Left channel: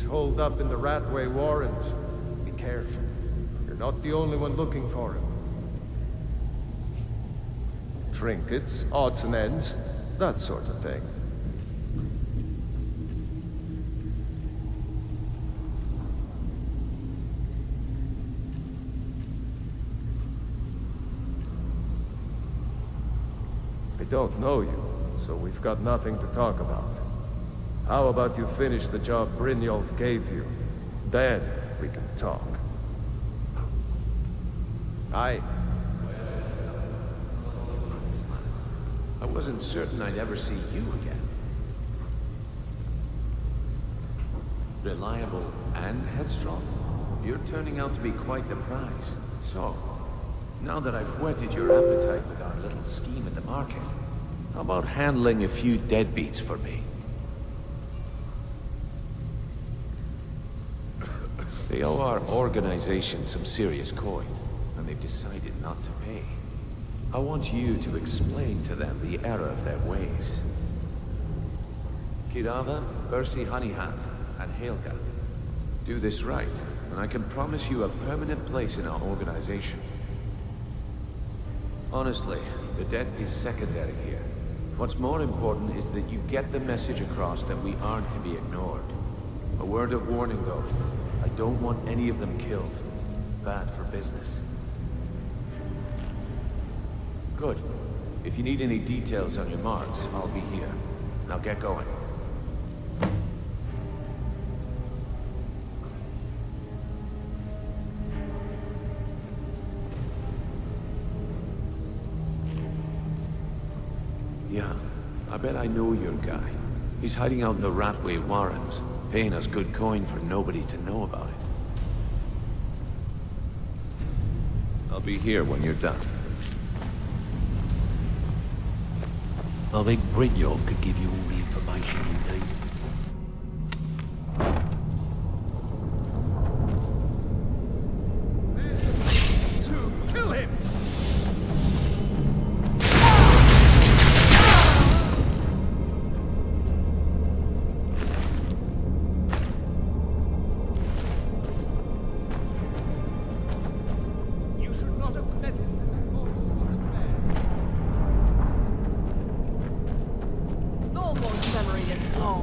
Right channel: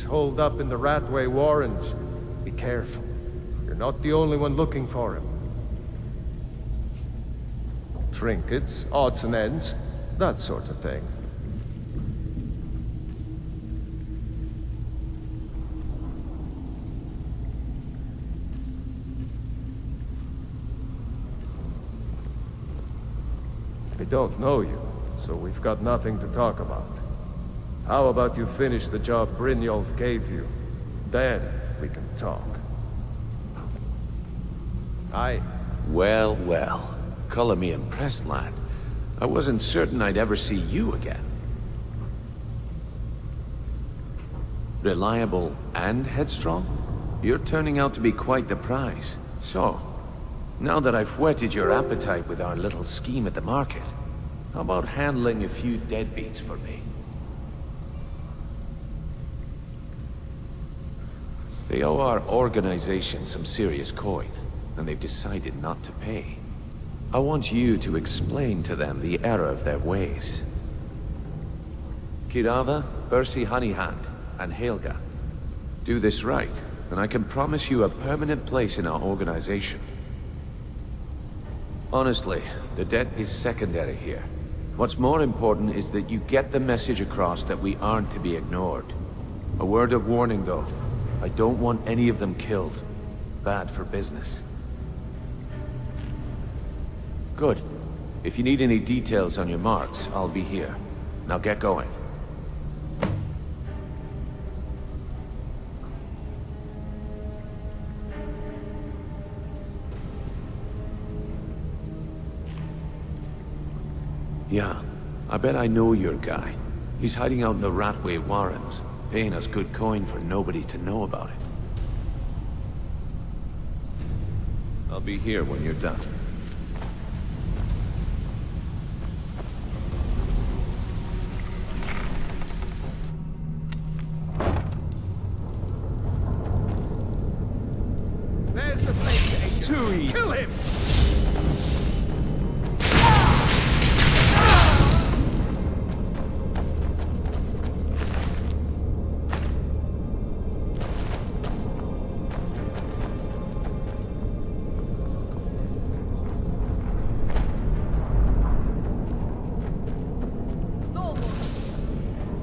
He's holed up in the Ratway Warrens. Be careful. You're not the only one looking for him. Trinkets, odds and ends, that sort of thing. I don't know you, so we've got nothing to talk about. How about you finish the job Brynjolf gave you? Then we can talk. Well, well. Color me impressed, lad. I wasn't certain I'd ever see you again. Reliable and headstrong? You're turning out to be quite the prize. So, now that I've whetted your appetite with our little scheme at the market, how about handling a few deadbeats for me? They owe our organization some serious coin, and they've decided not to pay. I want you to explain to them the error of their ways. Kirava, Percy Honeyhand, and Helga. Do this right, and I can promise you a permanent place in our organization. Honestly, the debt is secondary here. What's more important is that you get the message across that we aren't to be ignored. A word of warning, though. I don't want any of them killed. Bad for business. Good. If you need any details on your marks, I'll be here. Now get going. Yeah, I bet I know your guy. He's hiding out in the Ratway Warrens, paying us good coin for nobody to know about it. I'll be here when you're done. I think Brynjolf could give you all the information you need. There's the place. Too easy. Kill him! You should not have let him. Thorborg's memory is long.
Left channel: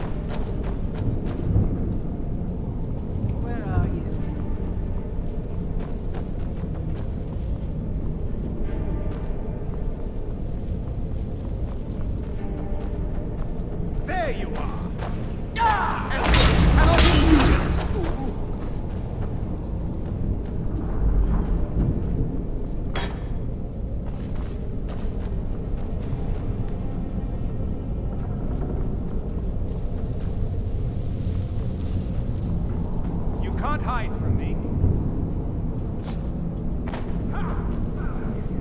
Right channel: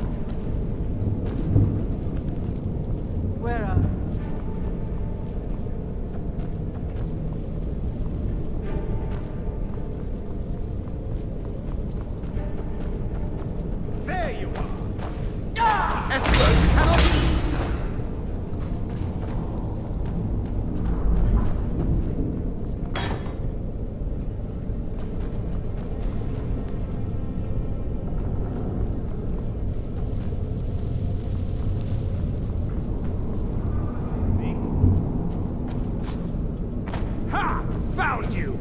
Where are you? There you are! Ah! Esther cannot lose! You can't hide from me. Ha! Found you!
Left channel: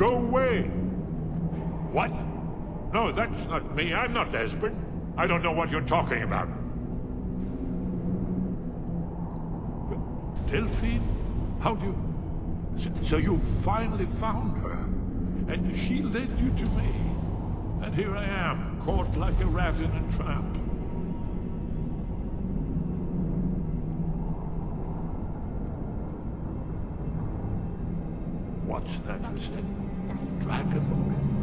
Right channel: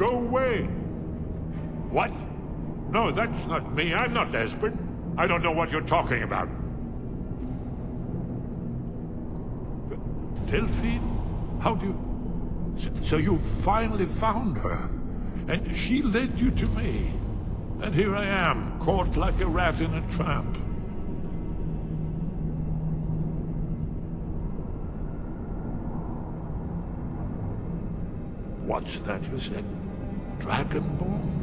Go away! What? No, that's not me. I'm not Esbern. I don't know what you're talking about. Delphine? How do you... So you finally found her, and she led you to me. And here I am, caught like a rat in a trap. What's that you said? Dragonborn?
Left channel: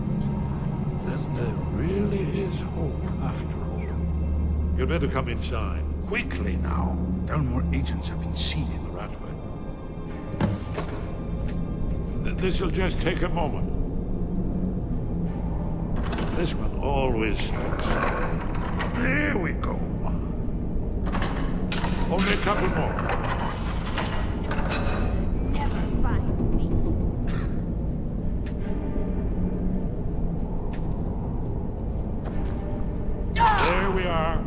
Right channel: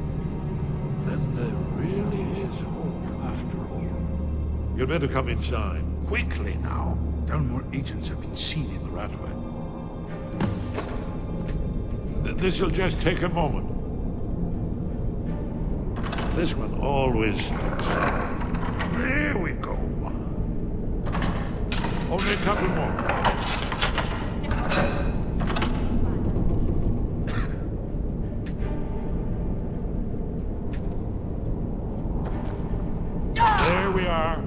Then there really is hope after all. You'd better come inside. Quickly now. Downmore agents have been seen in The Ratway. This'll just take a moment. This one always sticks. There we go. Only a couple more. There we are.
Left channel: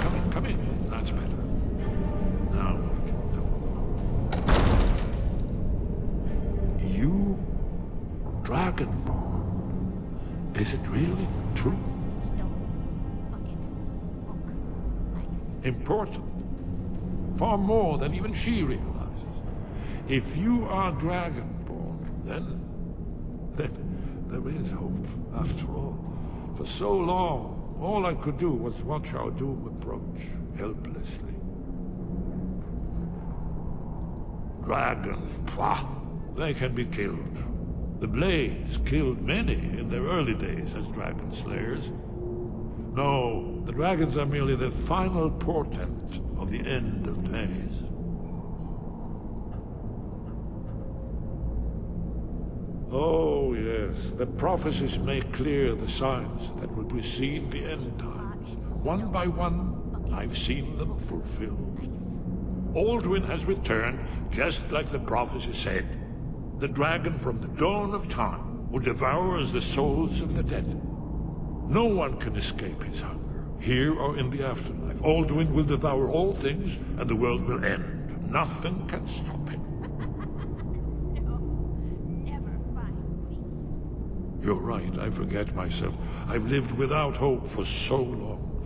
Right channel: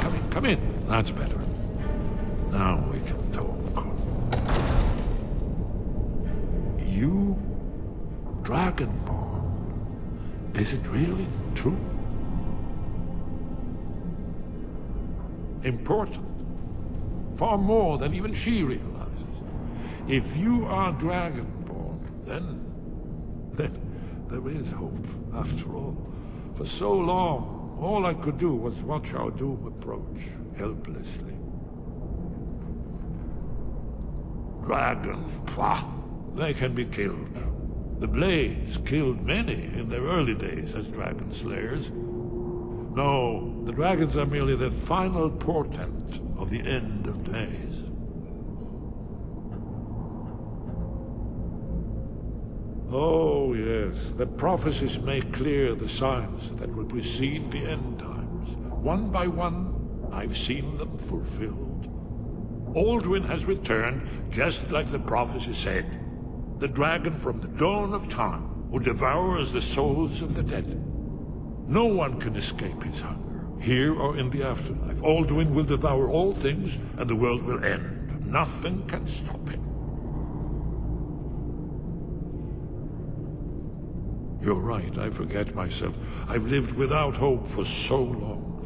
Come in, come in. That's better. Now we can talk. You, Dragonborn. Is it really true? Important. Far more than even she realizes. If you are Dragonborn, then there is hope, after all. For so long, all I could do was watch our doom approach, helplessly. Dragons, pah! They can be killed. The Blades killed many in their early days as dragon slayers. No, the dragons are merely the final portent of the end of days. Oh, yes, the prophecies make clear the signs that will precede the end times. One by one, I've seen them fulfilled. Alduin has returned, just like the prophecy said. The dragon from the dawn of time, who devours the souls of the dead. No one can escape his hunger, here or in the afterlife. Alduin will devour all things, and the world will end. Nothing can stop him. You're right, I forget myself. I've lived without hope for so long.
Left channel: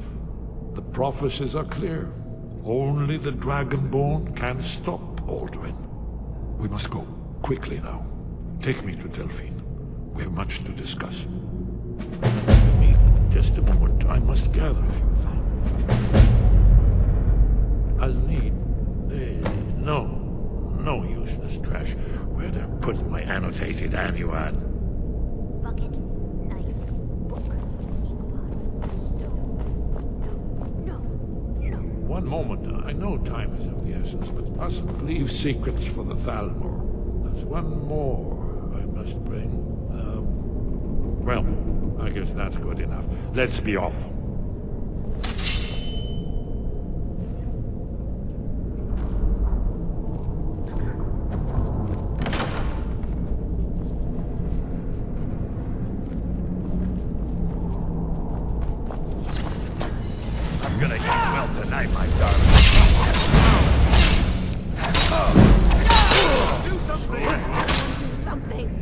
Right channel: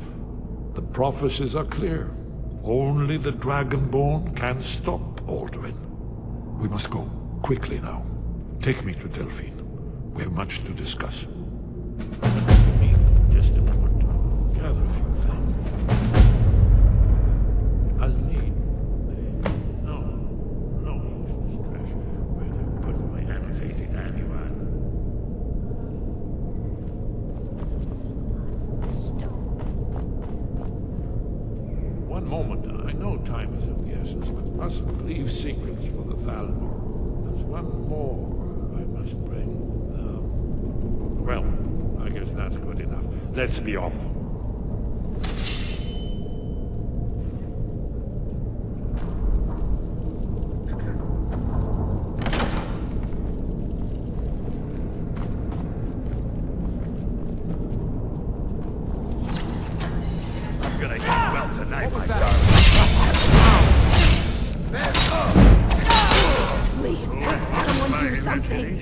The prophecies are clear. Only the Dragonborn can stop Alduin. We must go. Quickly now. Take me to Delphine. We have much to discuss. Give me just a moment. I must gather a few things. I'll need... no useless trash. Where'd I put my annotated annuad? Bucket, knife, book, inkpot, stone. No. One moment. I know time is of the essence, but mustn't leave secrets for the Thalmor. There's one more I must bring. Well, I guess that's good enough. Let's be off. I'm gonna eat well tonight, my darling. Someone do something!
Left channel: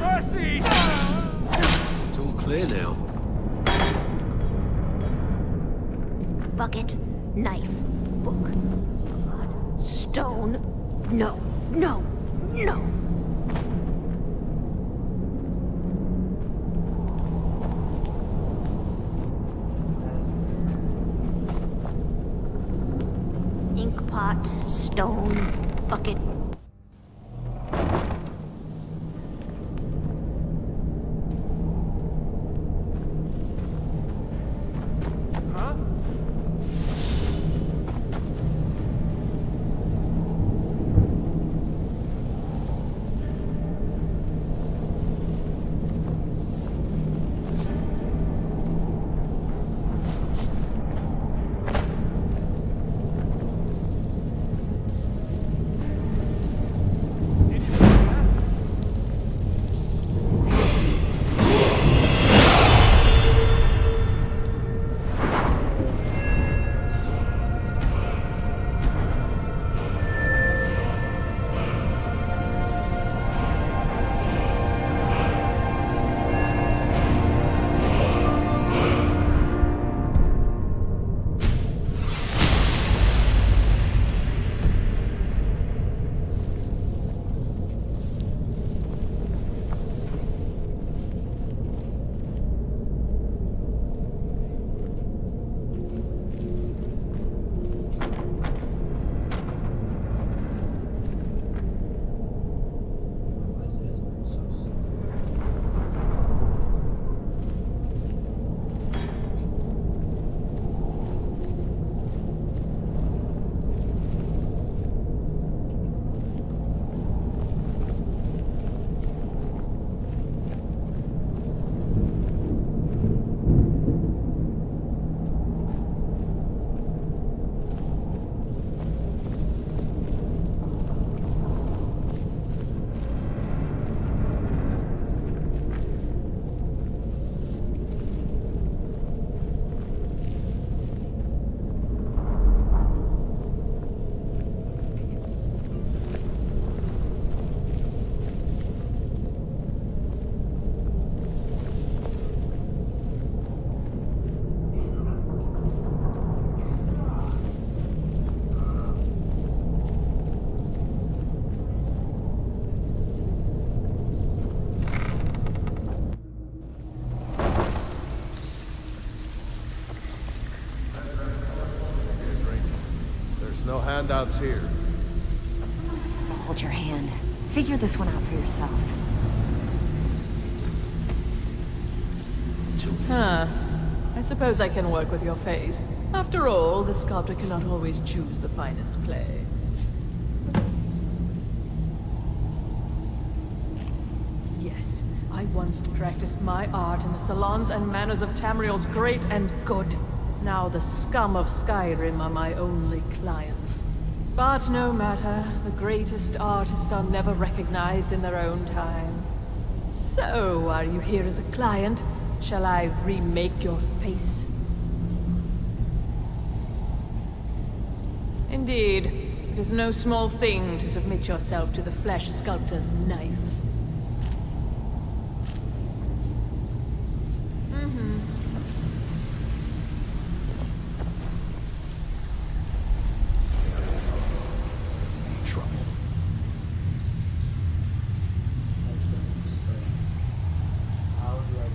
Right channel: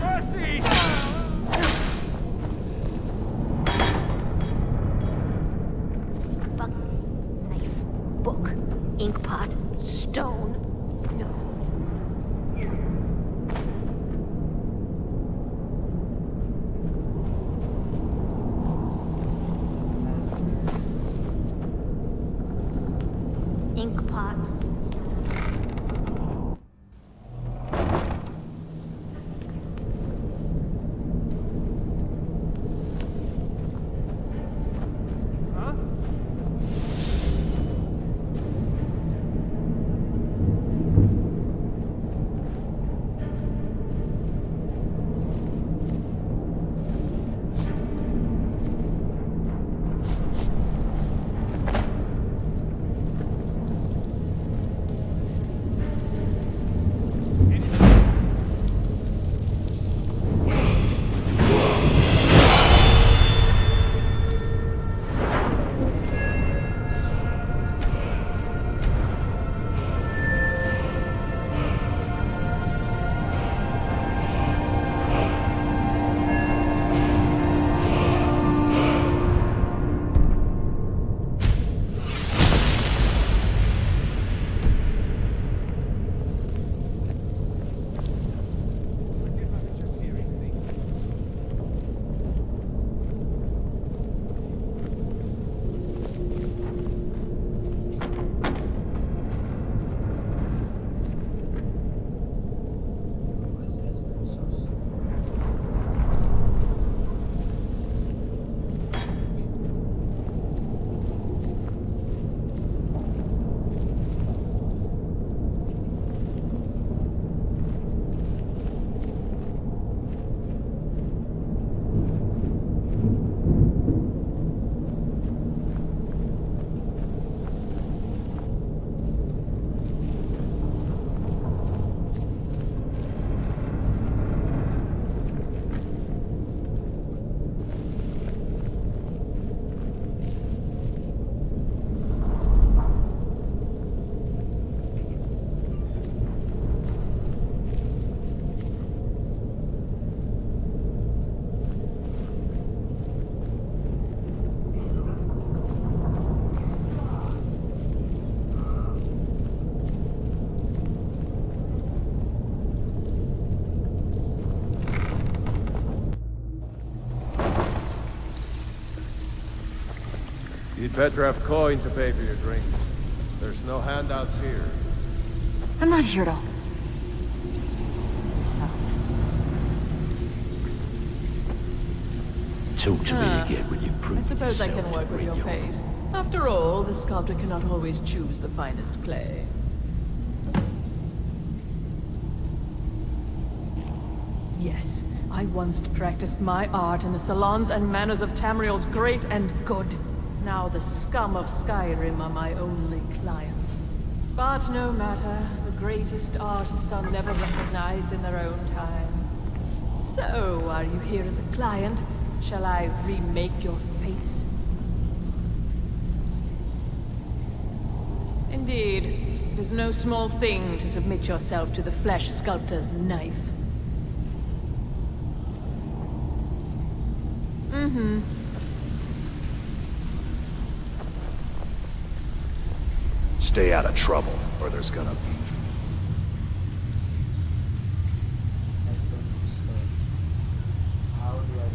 Mercy! It's all clear now. Bucket, knife, book, inkpot, stone. No. Inkpot, stone, bucket. Huh? better have coin to pay for your drinks. There's no handouts here. I'm not here to hold your hand. Figure this one out for yourself. Talk to me again when you prove I suppose I can work with your face. After all, the sculptor cannot always choose the finest clay. Yes, I once practiced my art in the salons and manners of Tamriel's great and good. Now the scum of Skyrim are my only clients. But no matter, the greatest artists are never recognized in their own time. So, are you here as a client? Shall I remake your face? Indeed, it is no small thing to submit yourself to the flesh sculptor's knife. Stay out of trouble, or there's gonna be trouble. How do I get?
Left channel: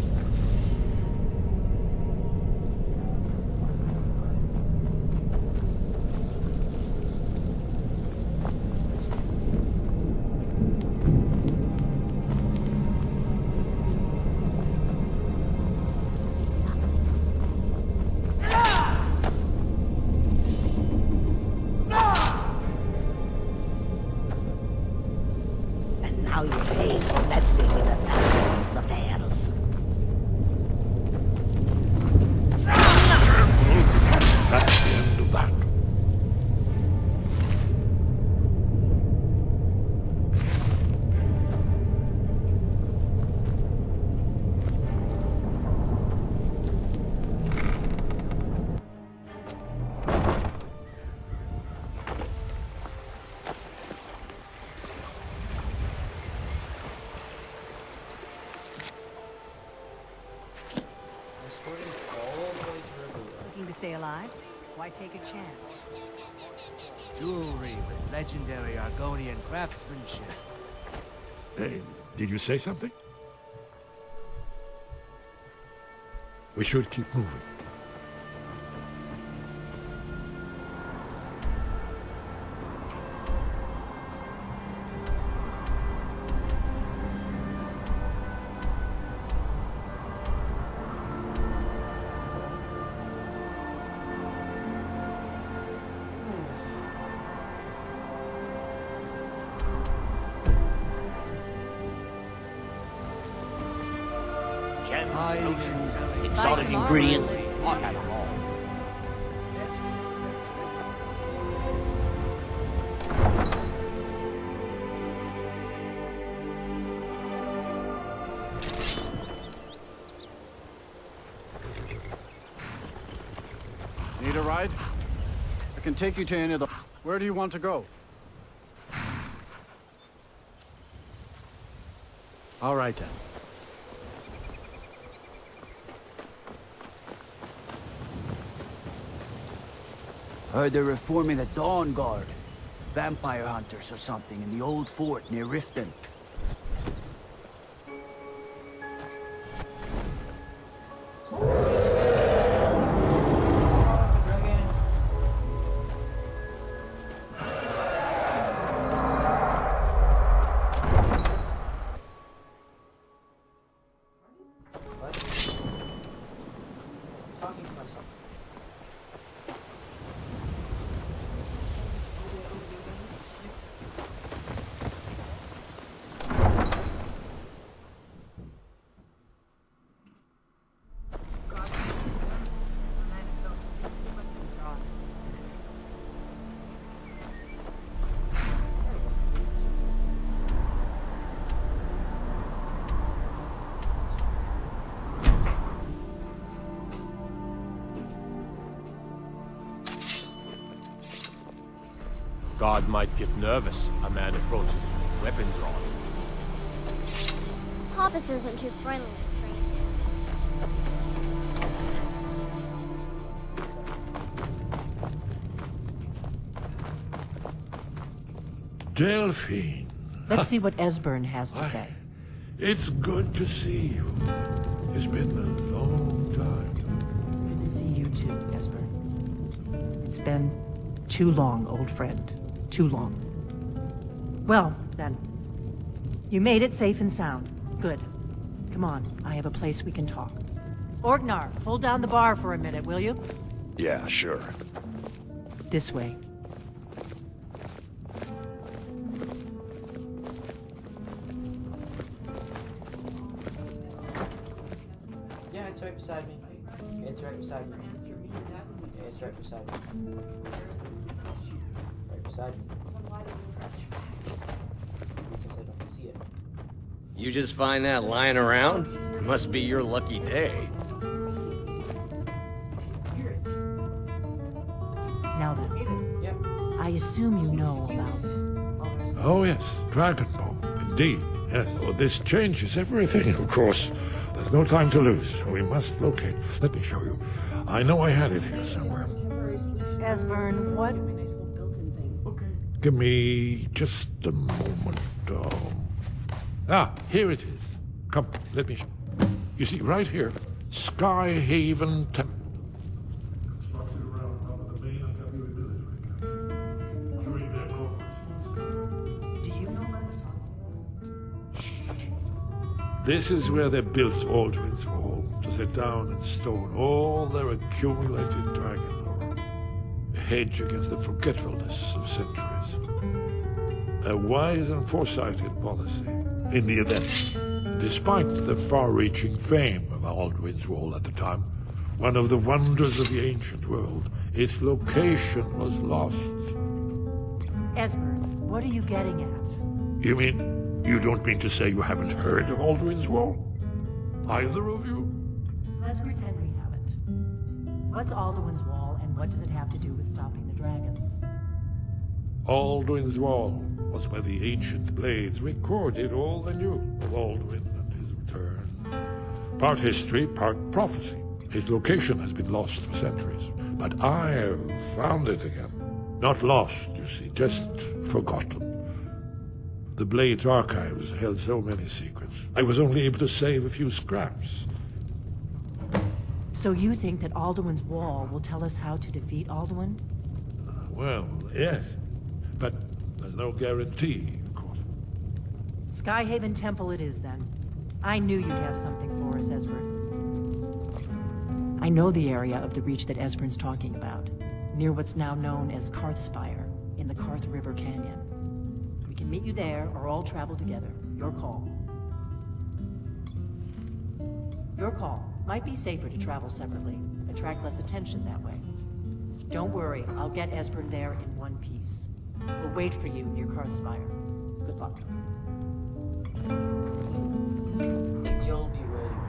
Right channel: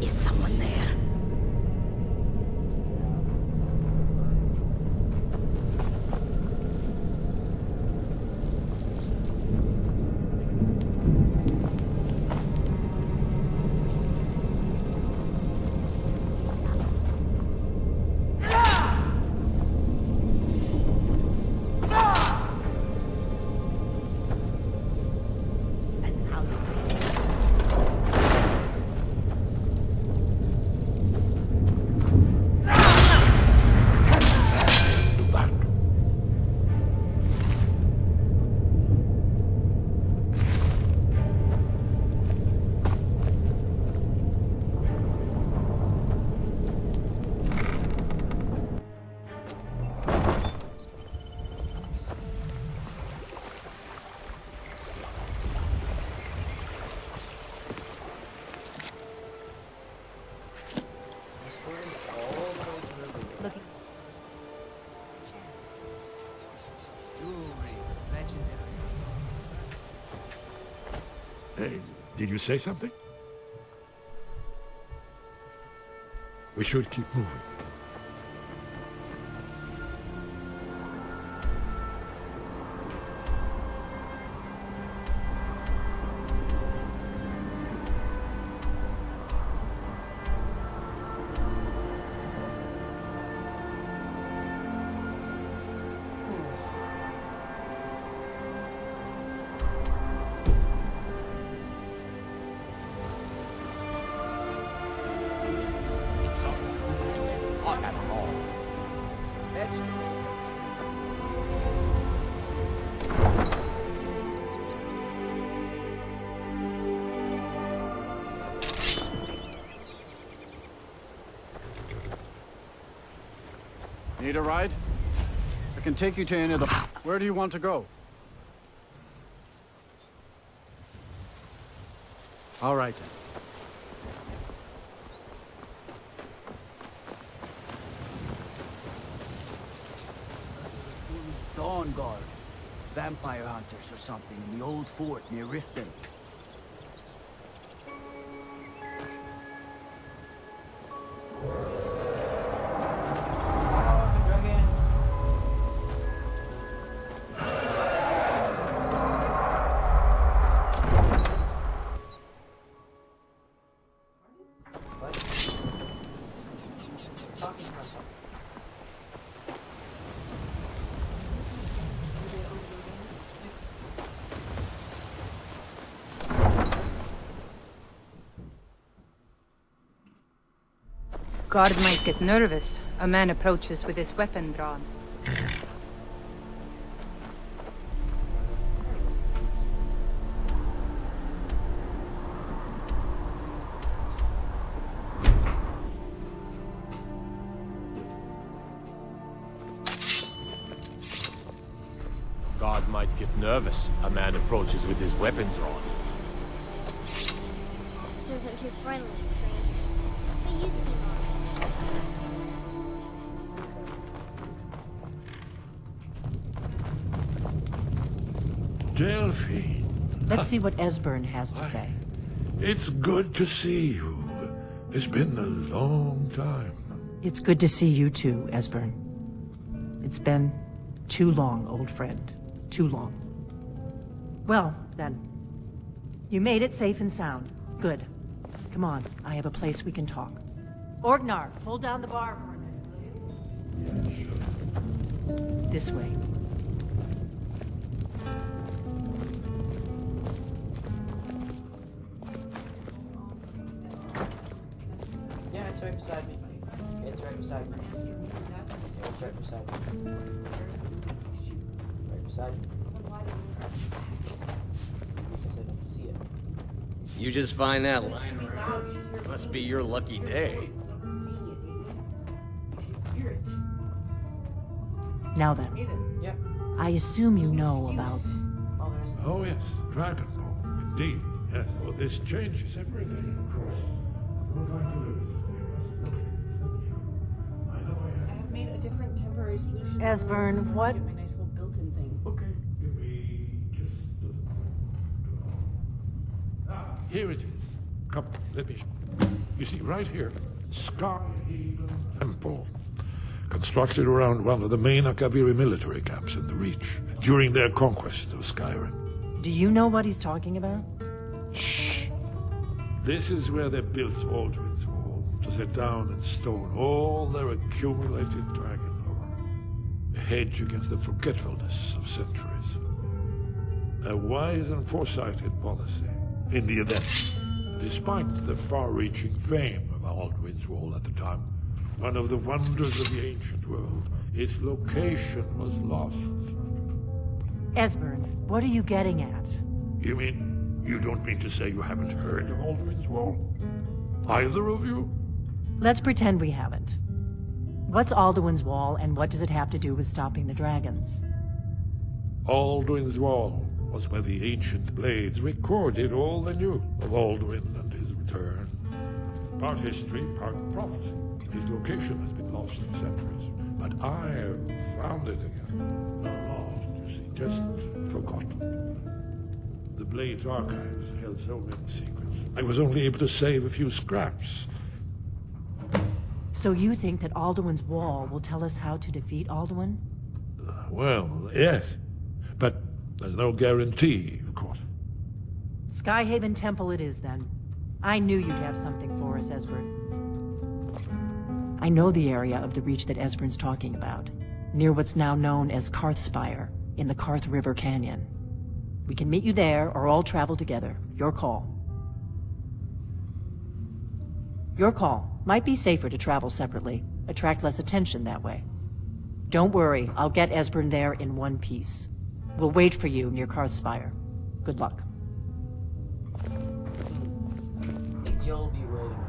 Is someone there? And now you pay that affairs. That's the end of that. Escorting all the way to Riverwood. Looking to stay alive? Why take a chance? Jewelry with legendary Argonian craftsmanship. Hey, did you say something? We should keep moving. Potions, exotic ingredients, I have them all. Need a ride? I can take you to any of the... Where do you want to go? All right, then. Heard they're reforming the Dawn Guard. Vampire hunters or something in the old fort near Riften. Guard might get nervous. A man approaches with his weapon drawn. Guard might get nervous. A man approaches with his weapon drawn. Pappas isn't too friendly with strangers. Delphine. Let's see what Esbern has to say. It's good to see you. It's been a long time. It's good to see you too, Esbern. It's been too long, old friend. Too long. Well, then. You made it safe and sound. Good. Come on, I have a place we can talk. Orgnar, hold down the bar for a minute, will you? Yeah, sure. This way. Yeah, it's right beside me. It's right beside me. Yeah, it's right beside me. Right beside me. Because I don't see it. You just find that lying around? Must be your lucky day. Now then. I assume you know about... Oh yes, Dragonbow. Indeed, yes. Oh, this changes everything, of course. There's no time to lose. We must locate. Let me show you. I know I had it here somewhere. Esbern, what? Give me just a moment. Here it is. Come, let me show. You see, right here, Skyhaven Temple. Constructed around one of the main Akaviri military camps in the Reach during their conquest of Skyrim. Do you know what he's talking about? Shh. This is where they built Aldwin's Wall, to set down in stone all their accumulated dragon lore. A hedge against the forgetfulness of centuries. A wise and foresighted policy. In the event, despite the far-reaching fame of Aldwin's Wall at the time, one of the wonders of the ancient world, its location was lost. Esbern, what are you getting at? You mean, you don't mean to say you haven't heard of Aldwin's Wall? Either of you? Let's pretend we haven't. What's Alduin's Wall, and what does it have to do with stopping the dragons? Alduin's Wall was where the ancient blades recorded all they knew of Alduin and his return. Part history, part prophecy. His location has been lost for centuries, but I've found it again. Not lost, you see, just forgotten. The Blade's archives held so many secrets. I was only able to save a few scraps. So you think that Alduin's Wall will tell us how to defeat Alduin? Well, yes. But there's no guarantee, of course. Skyhaven Temple it is, then. I knew you'd have something for us, Esbern. I know the area of the Reach that Esbern's talking about, near what's now known as Karthspire, in the Karth River Canyon. We can meet you there, or all travel together. Your call. Your call. Might be safer to travel separately. Attract less attention that way. Don't worry, I'll get Esbern there in one piece. We'll wait for you near Karthspire. Good luck. You'll be waiting for me.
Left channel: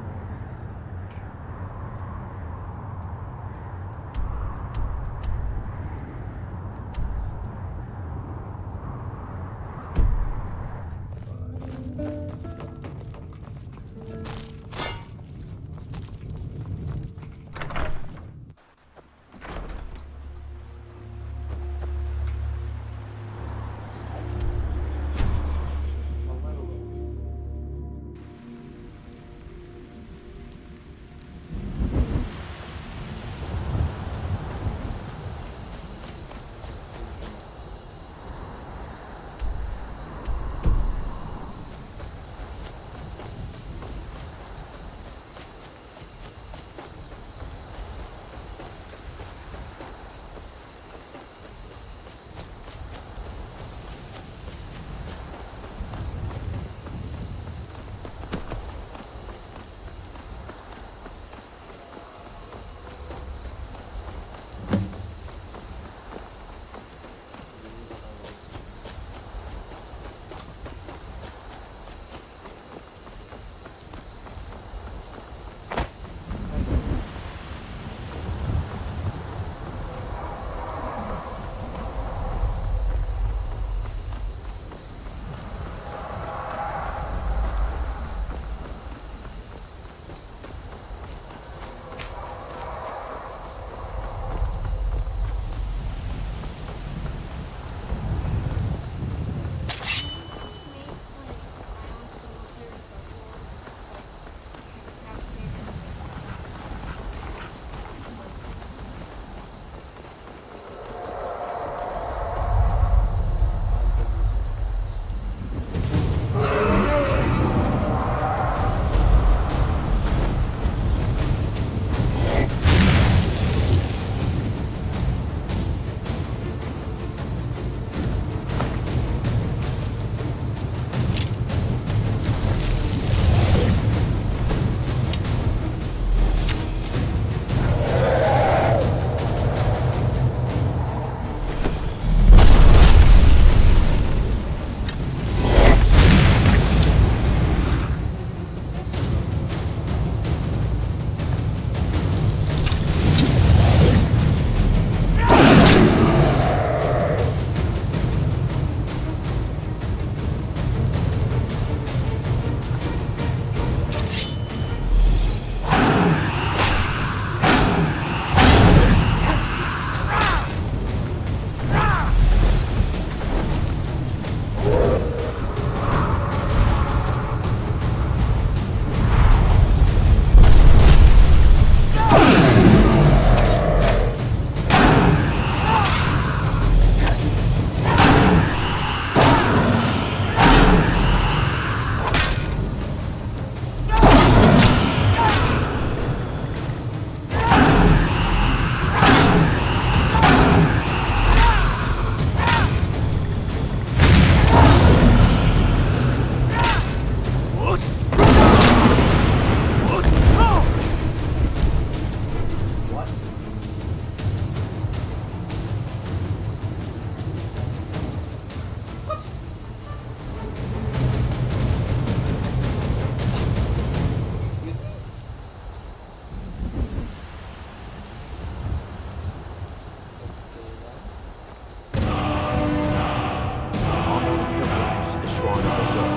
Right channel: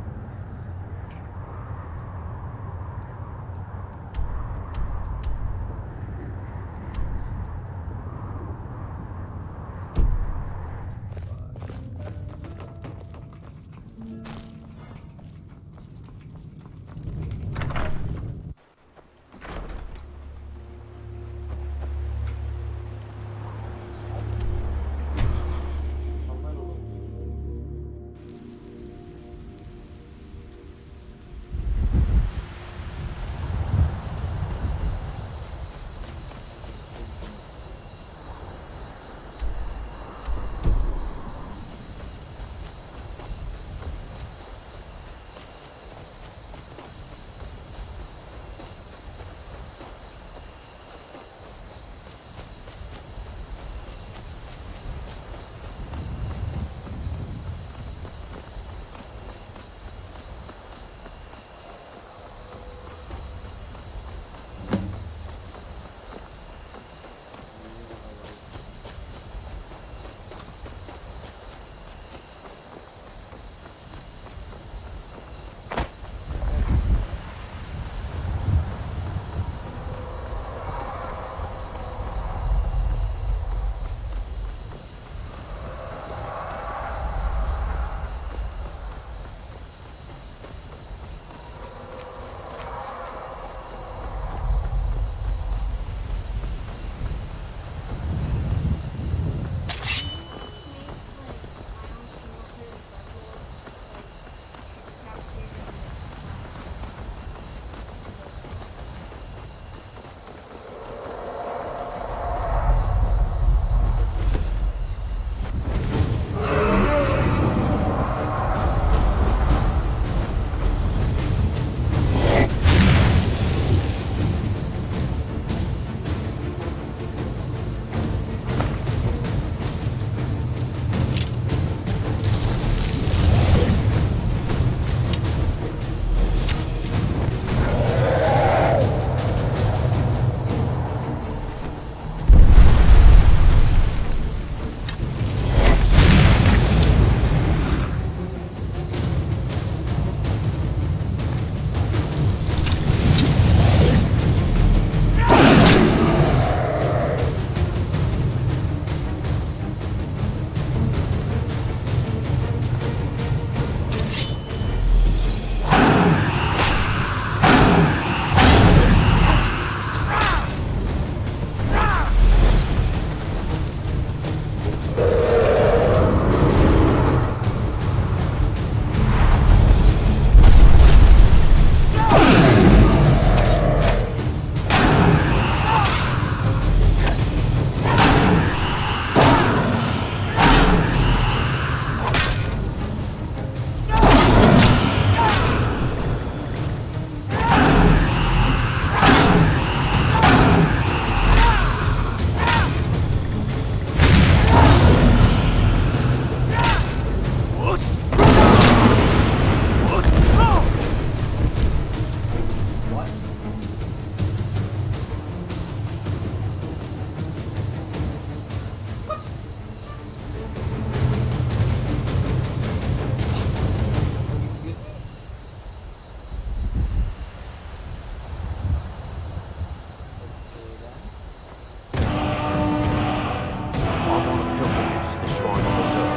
pilgrimage is the Shrine of Azure,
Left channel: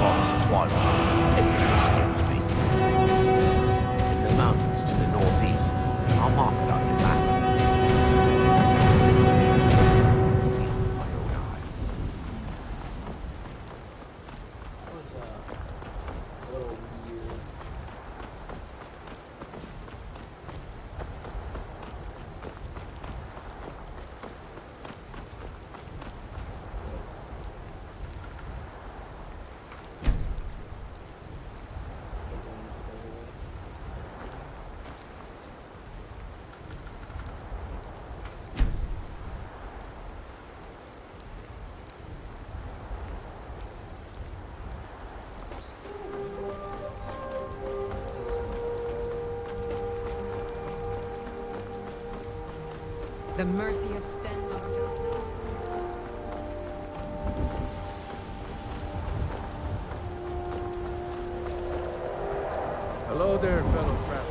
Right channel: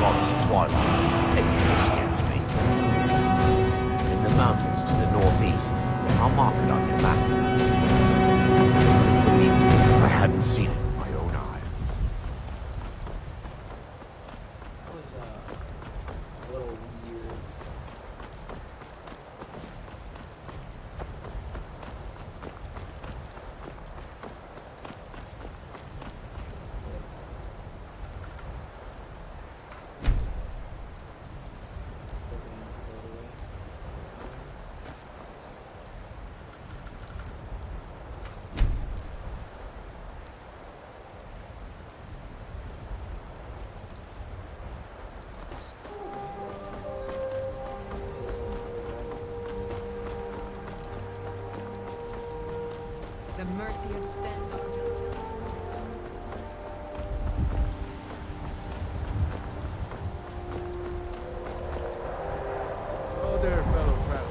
goddess of twilight, if you'll excuse me. In the mountains to the northeast. I'll mark it on your map. Believe me, if I hadn't seen it with my own eyes. That was a little weird. The mercy of Stendarr does not. Hello there, fellow traveler.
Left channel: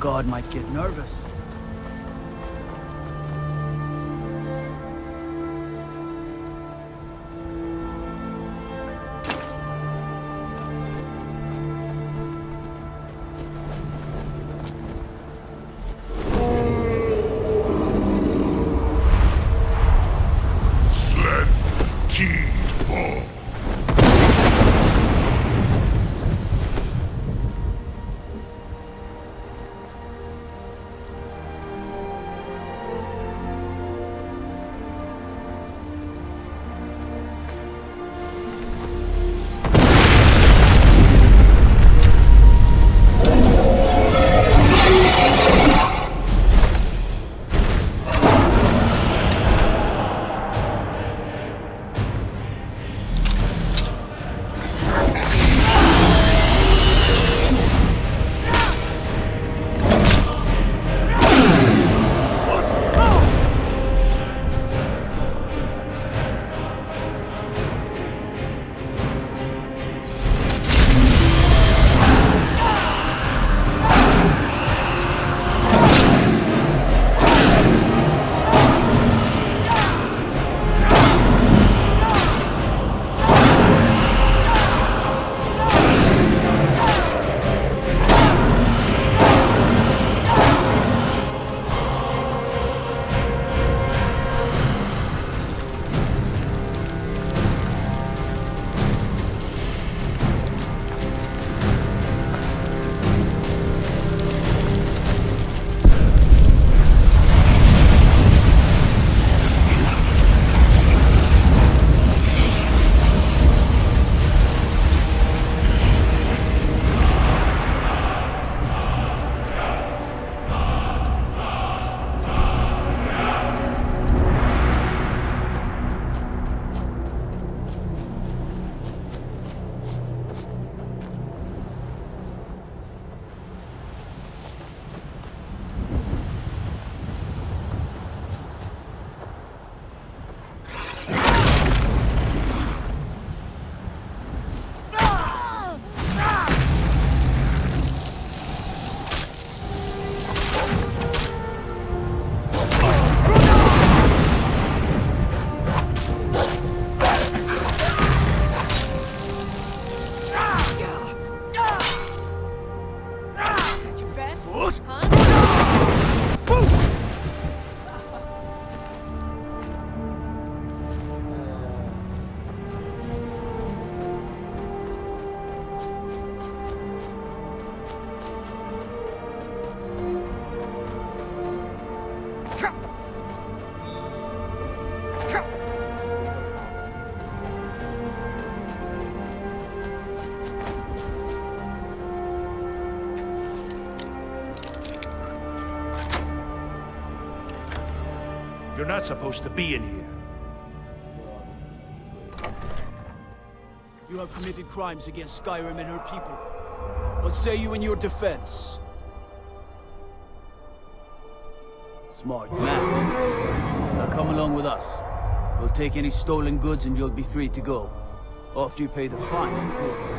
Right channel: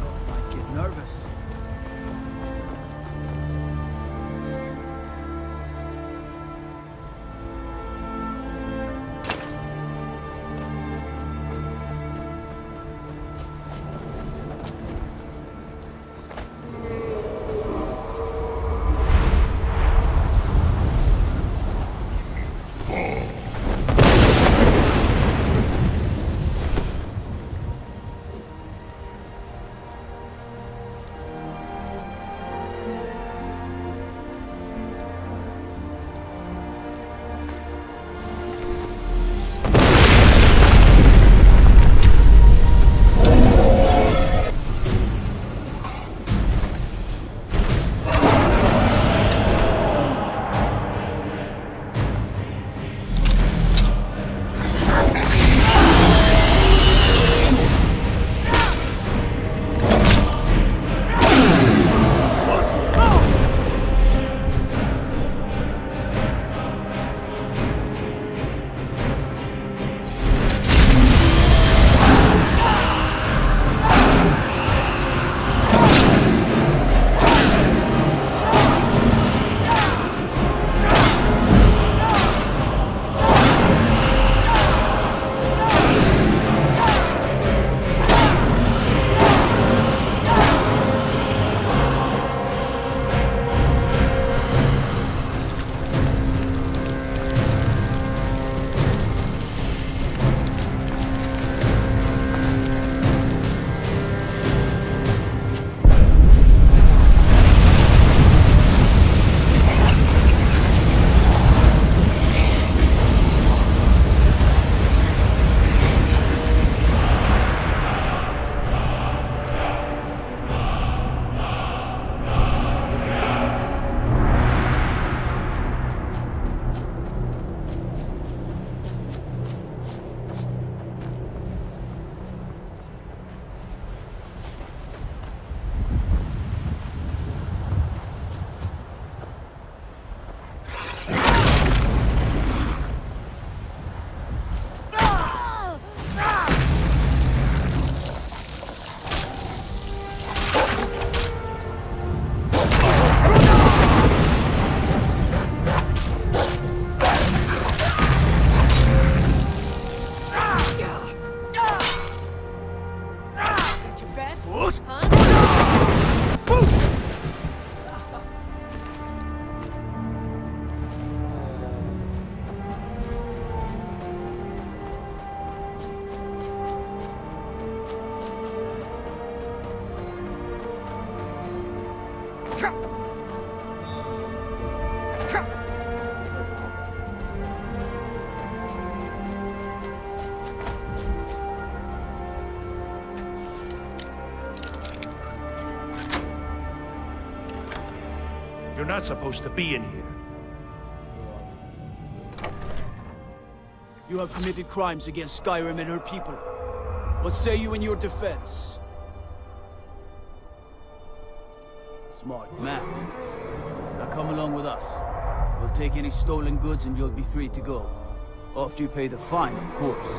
God might get nervous. You're not supposed to be in here. You have committed crimes against Skyrim and her people. What say you in your defense? Smart man. Now come along with us. We'll take any stolen goods and you'll be free to go. After you pay the fine, of course.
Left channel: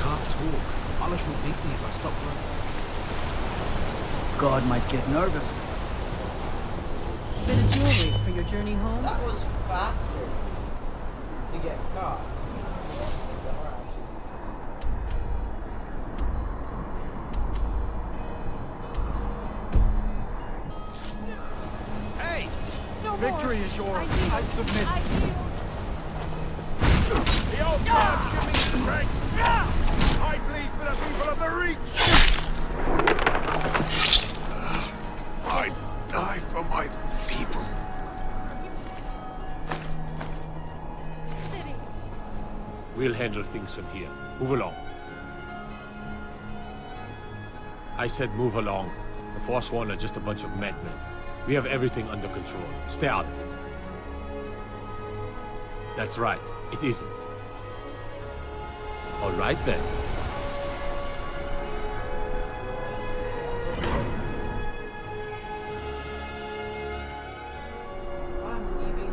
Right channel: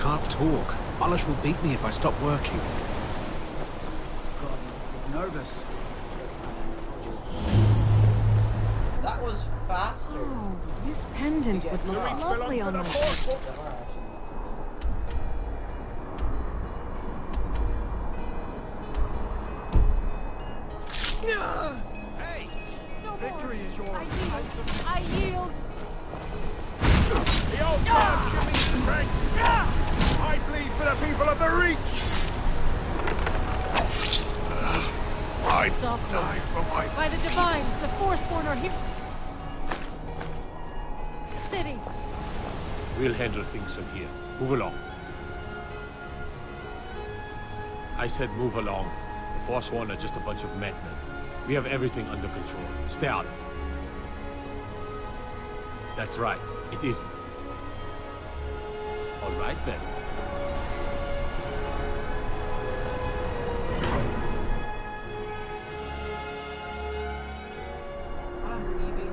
Can't talk. Alish will beat me if I stop working. God might get nervous. For your journey home? That was faster. Oh, this pendant would look lovely on my wrist. Hey! No Victory more. is yours. I yield. I submit. I yield. The old gods give me strength! I bleed for the people of the Reach! I die for my By the divines, the Forsworn are here. City. We'll handle things from here. Move along. I said move along. The Forsworn are just a bunch of madmen. We have everything under control. Stay out of it. That's right. It isn't. All right then. I'm leaving.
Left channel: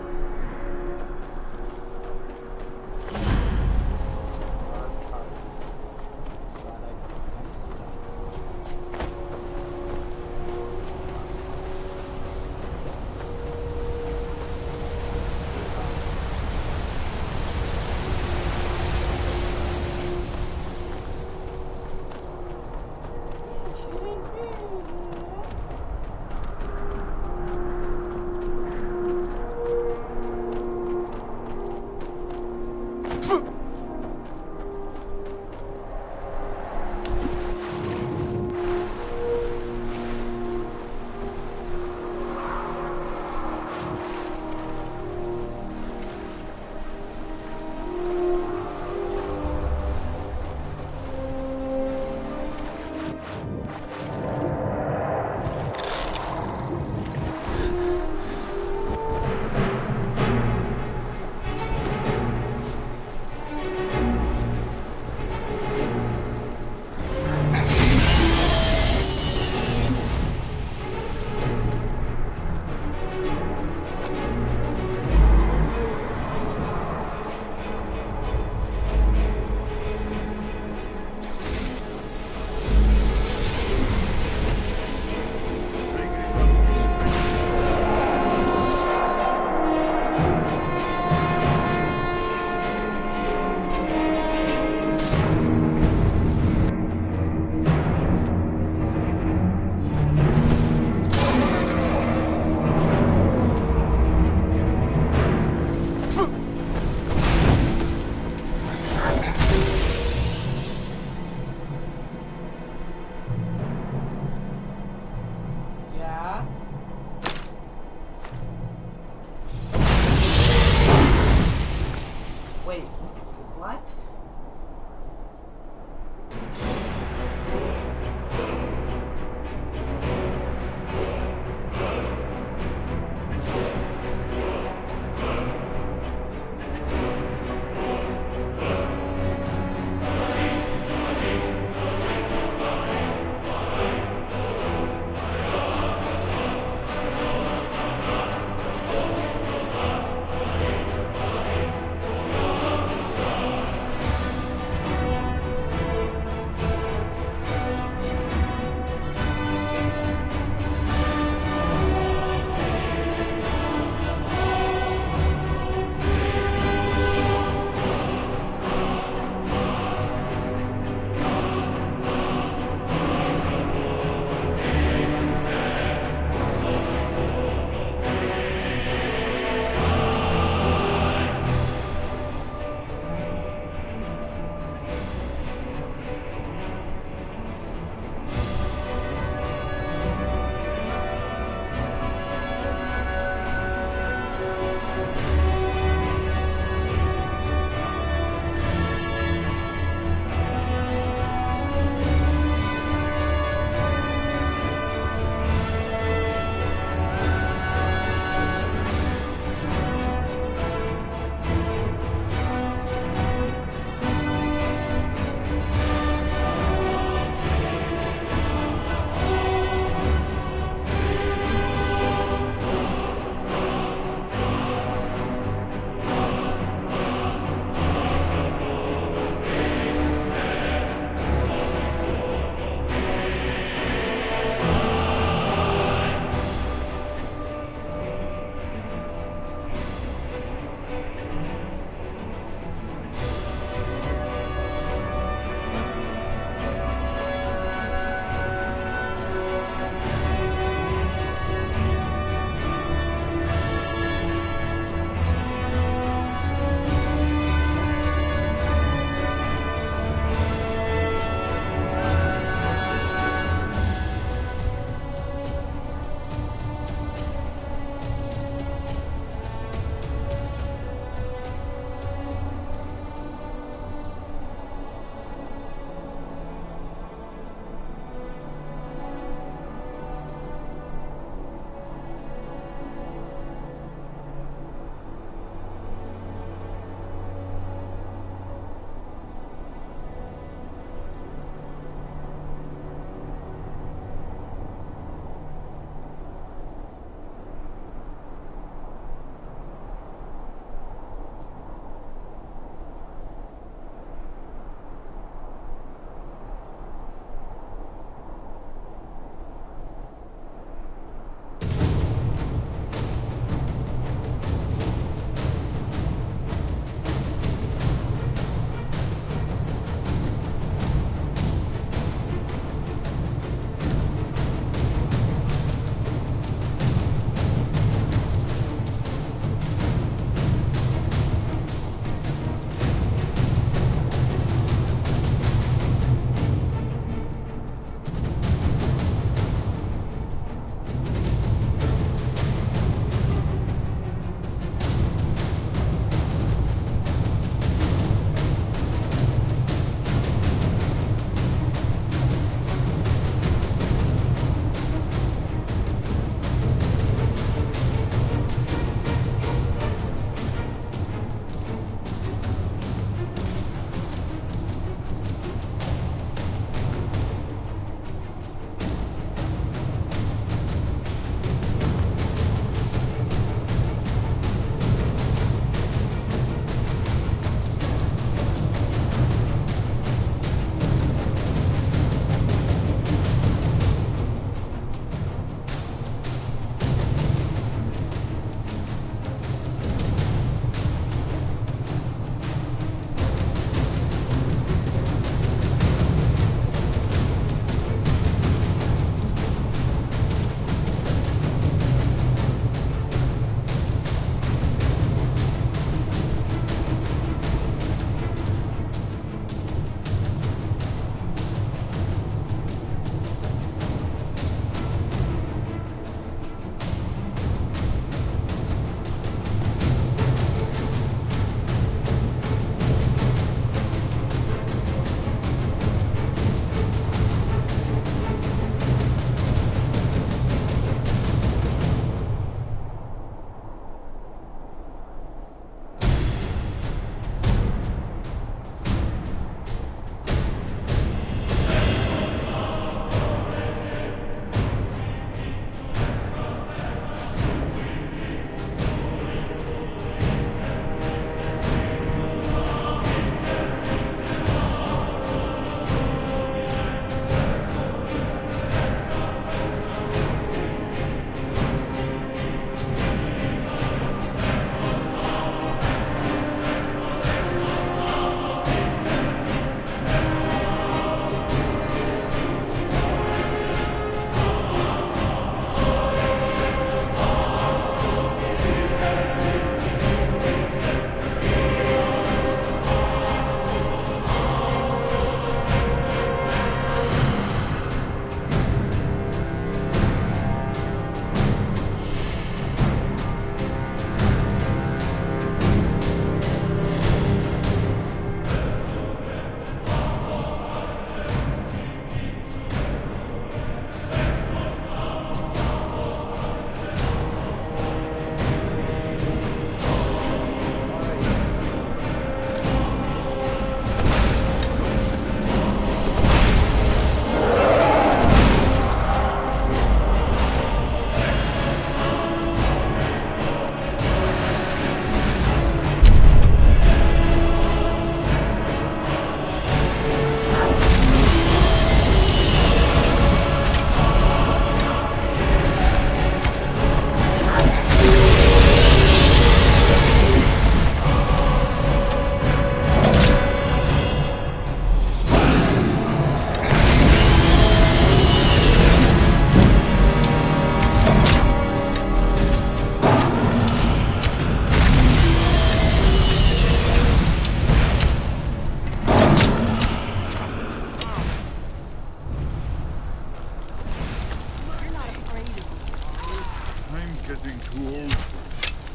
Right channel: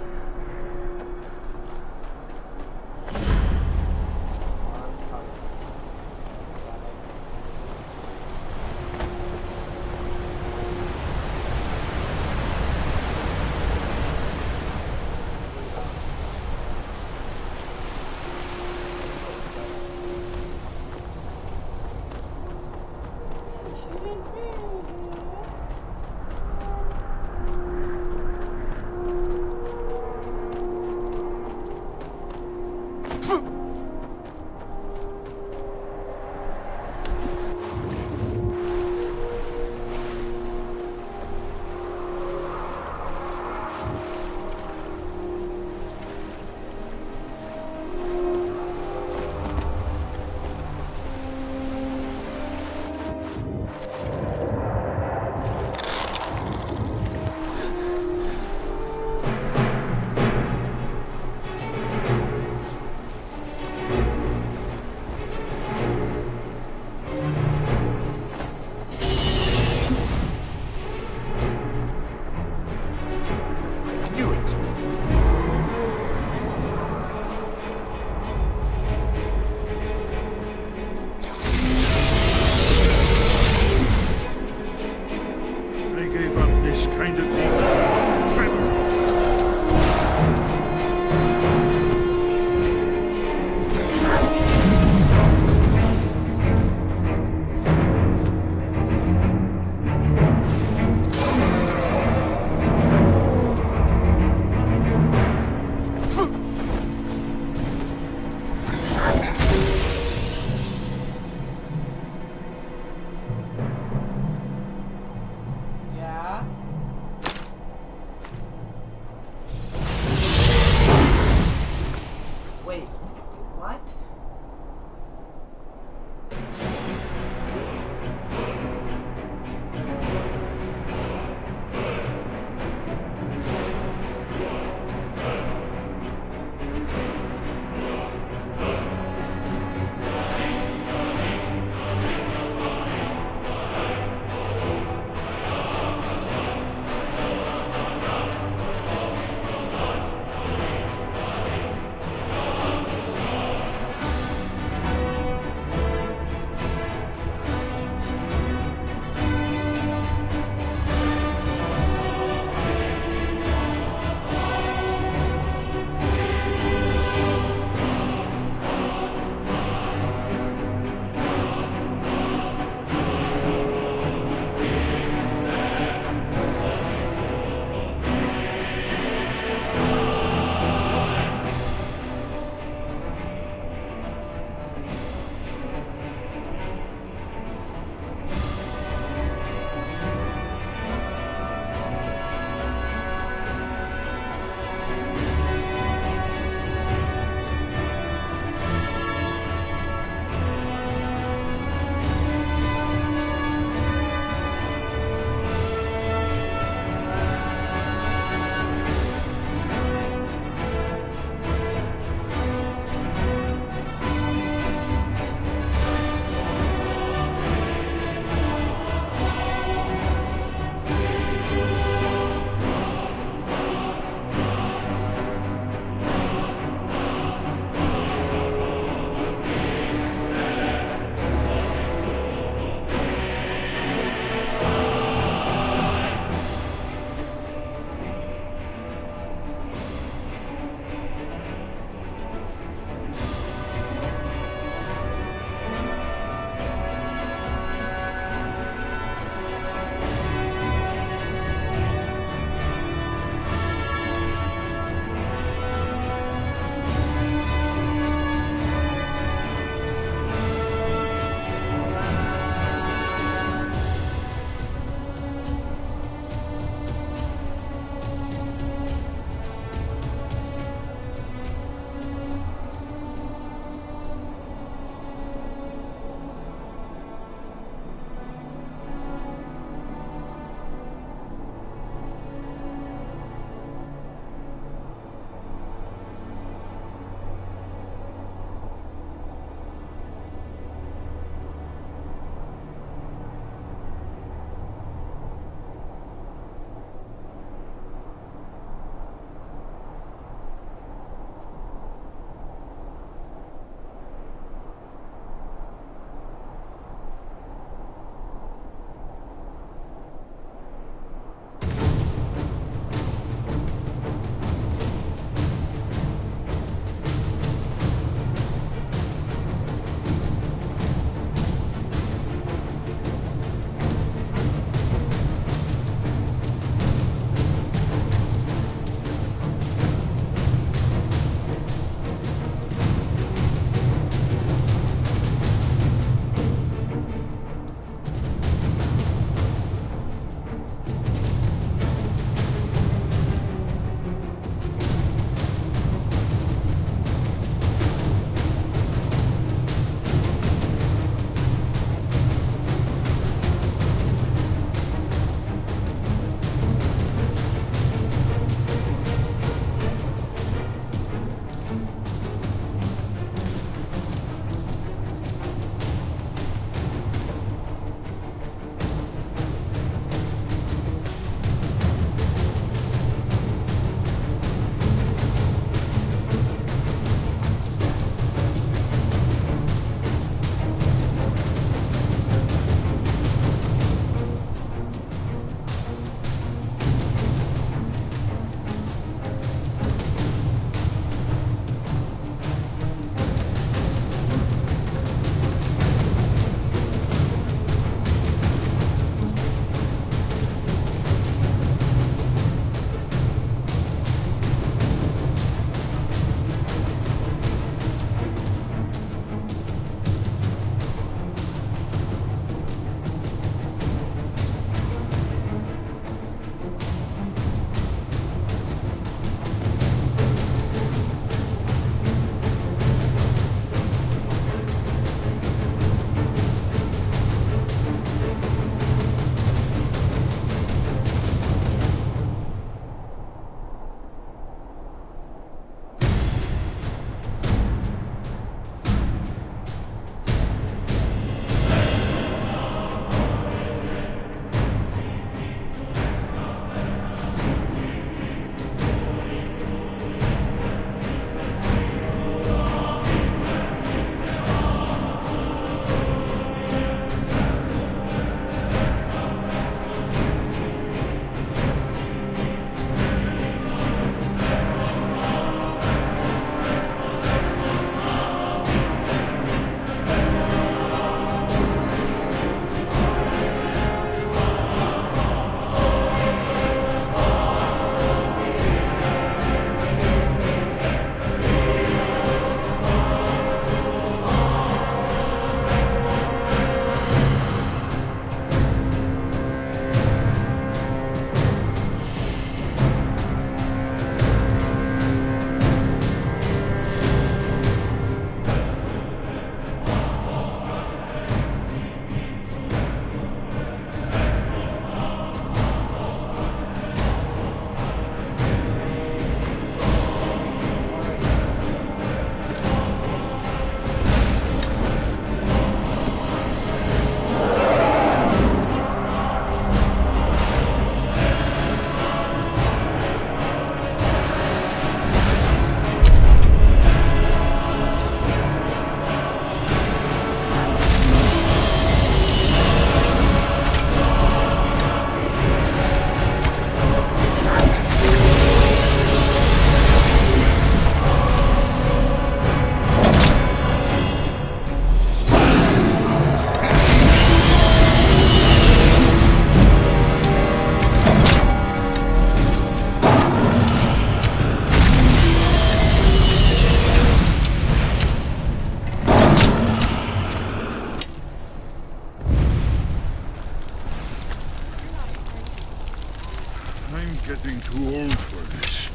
old furnace.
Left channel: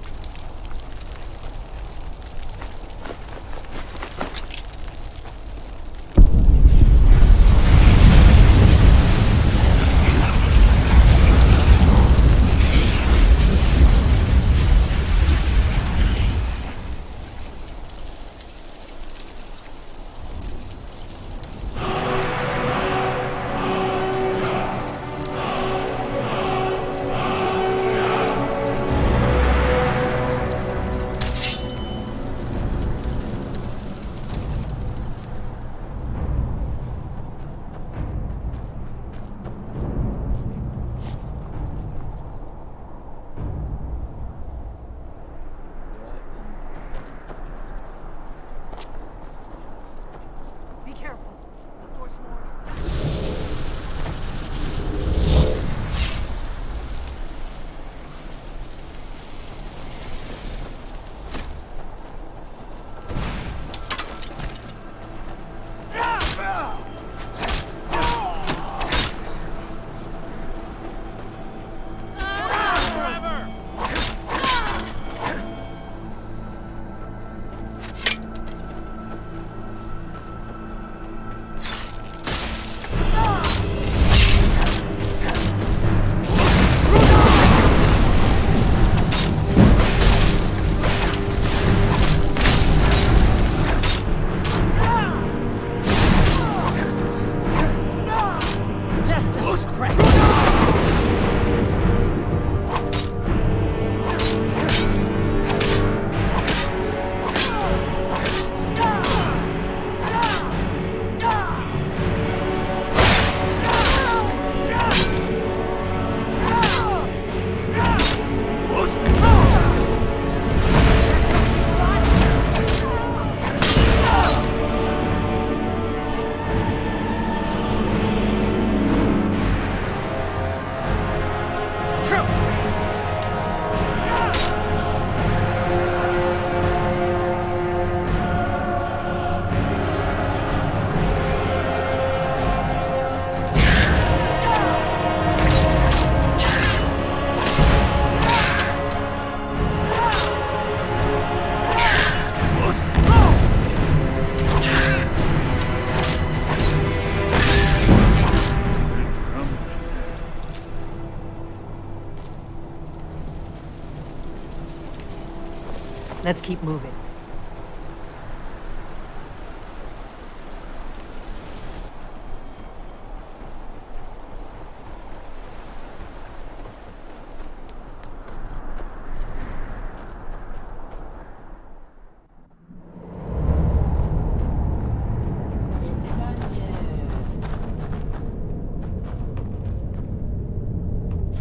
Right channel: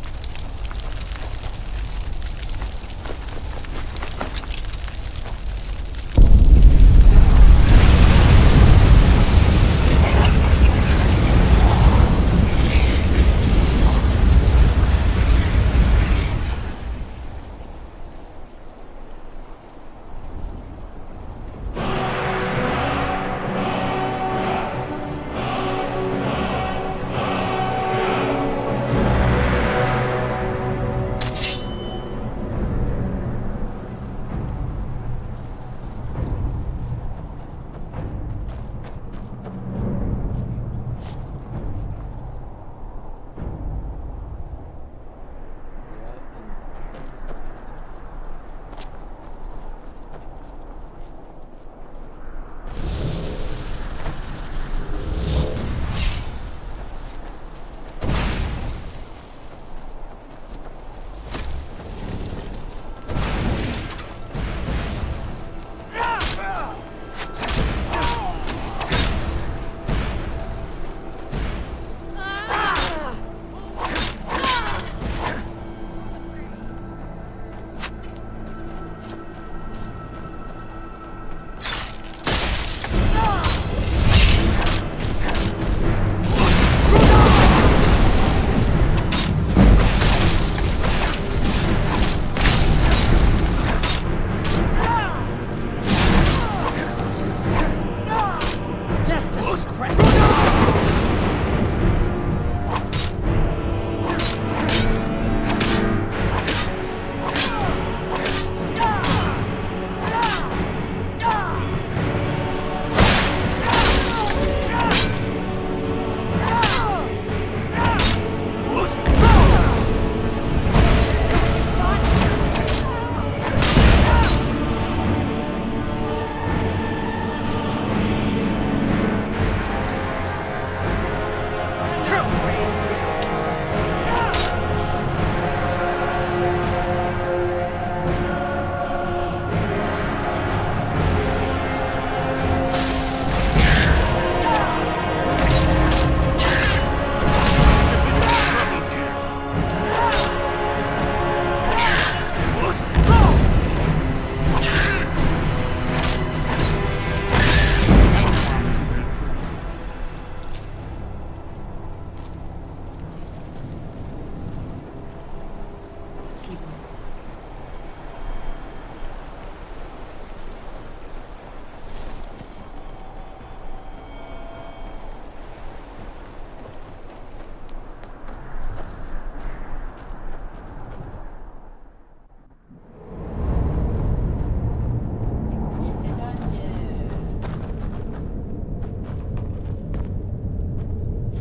Let's keep moving.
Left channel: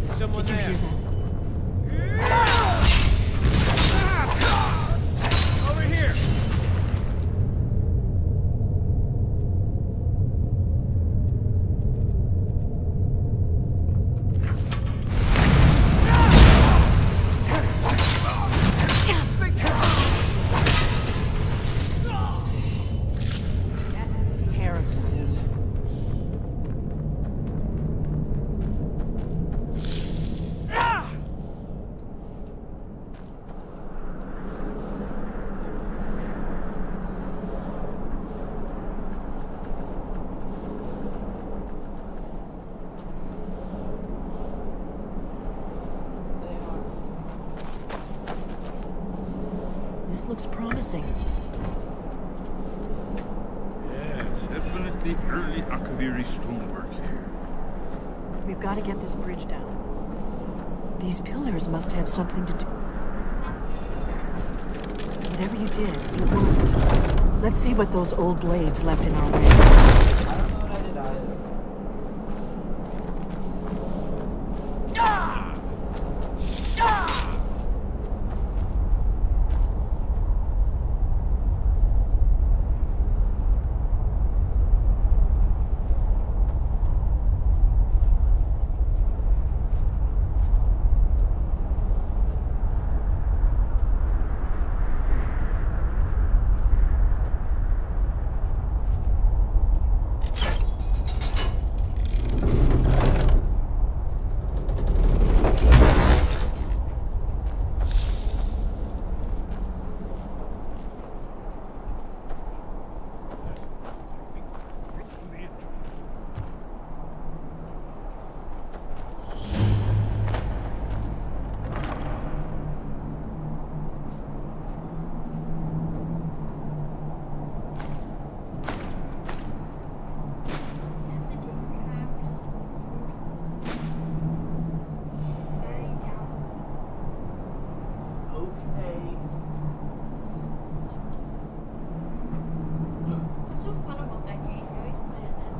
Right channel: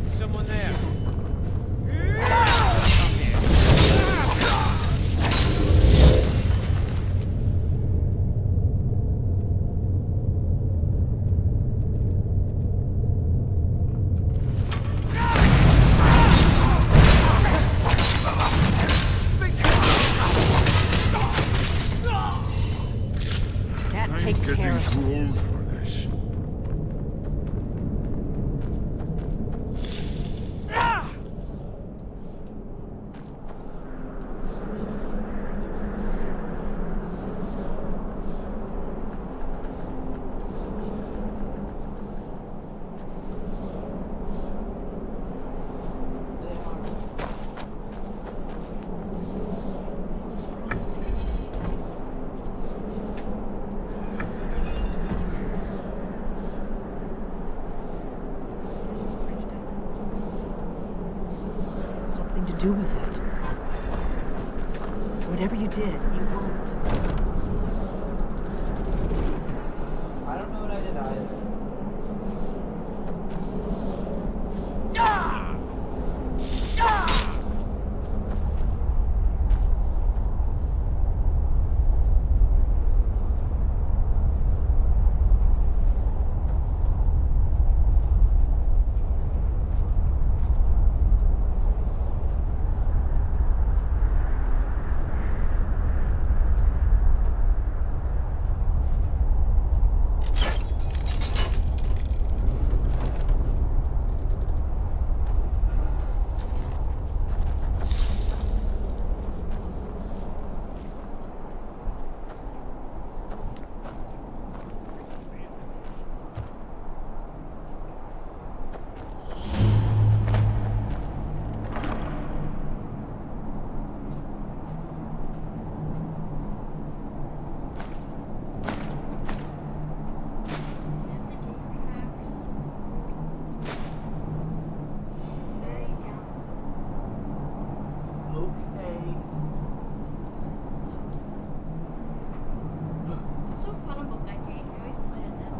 Someone there. Over here. That takes care of it. This looks promising. Yes, definitely early Akaviri stonework here. We've got to get this bridge down. These pillars must have something to do with it. Whatever you did, it worked. Let's see what those old blades left in our way. I don't know what I did either. Okay. What's so fun about that game? You always play it now.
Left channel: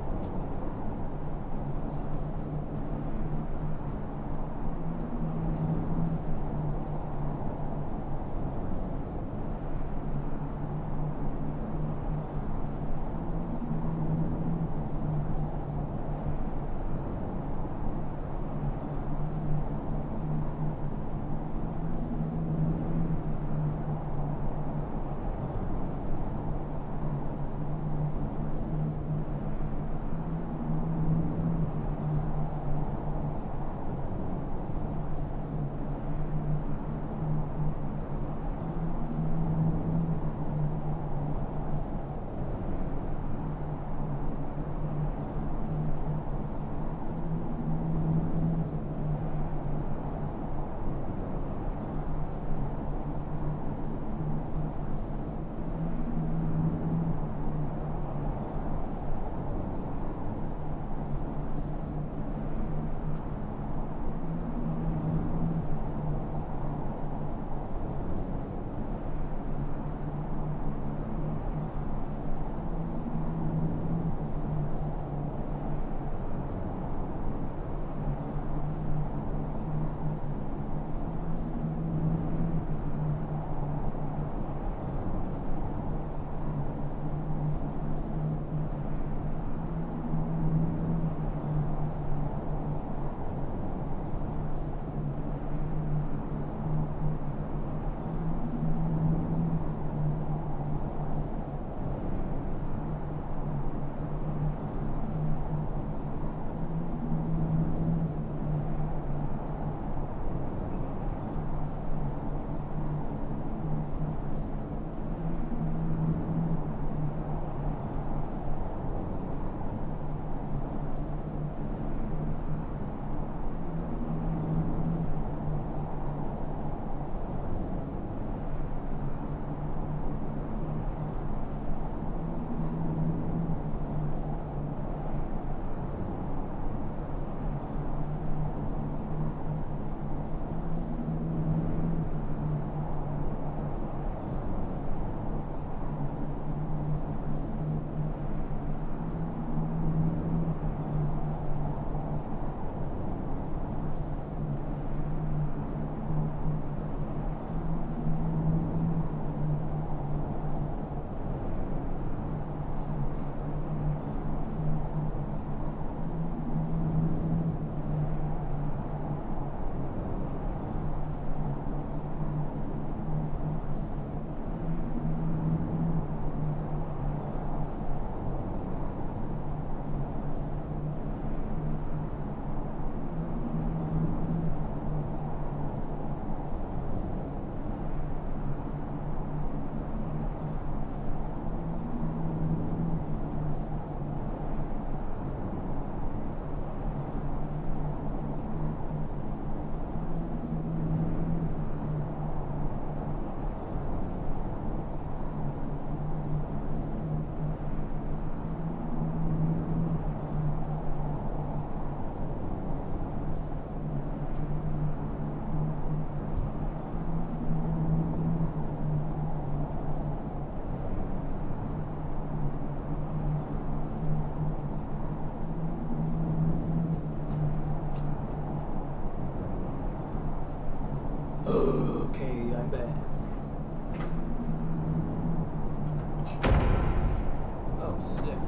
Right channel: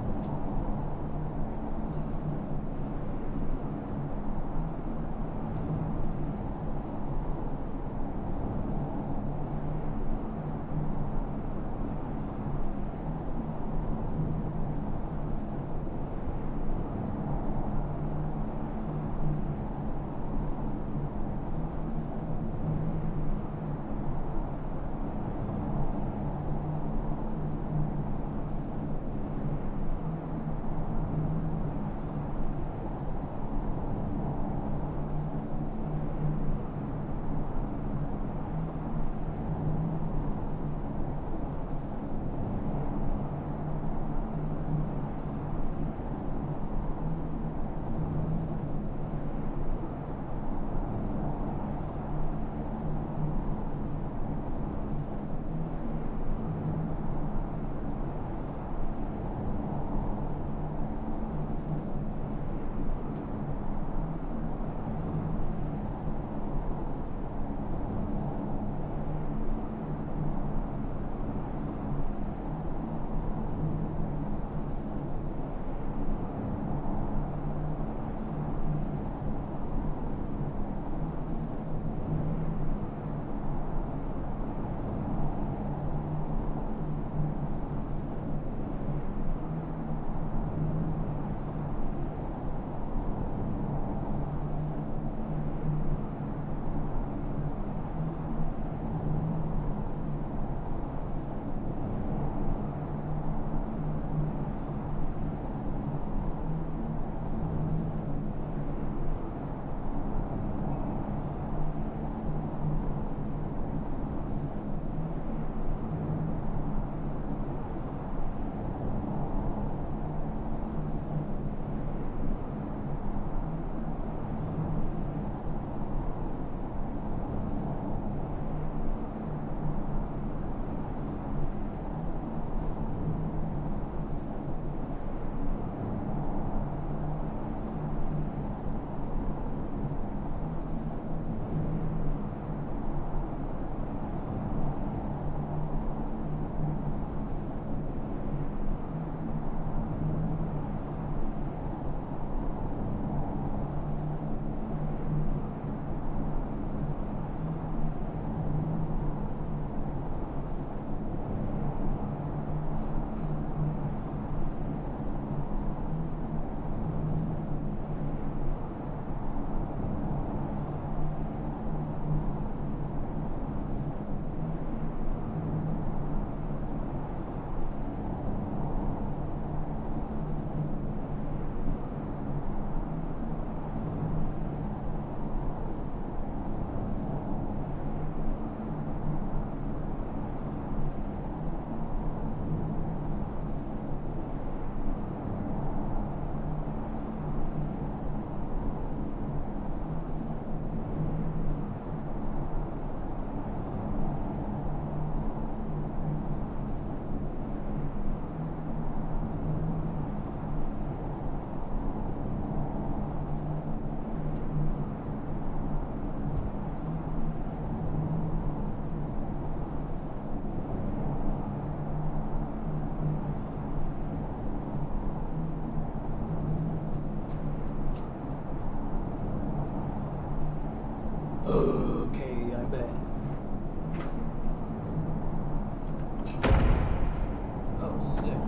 Okay, I'm back. Oh, sick.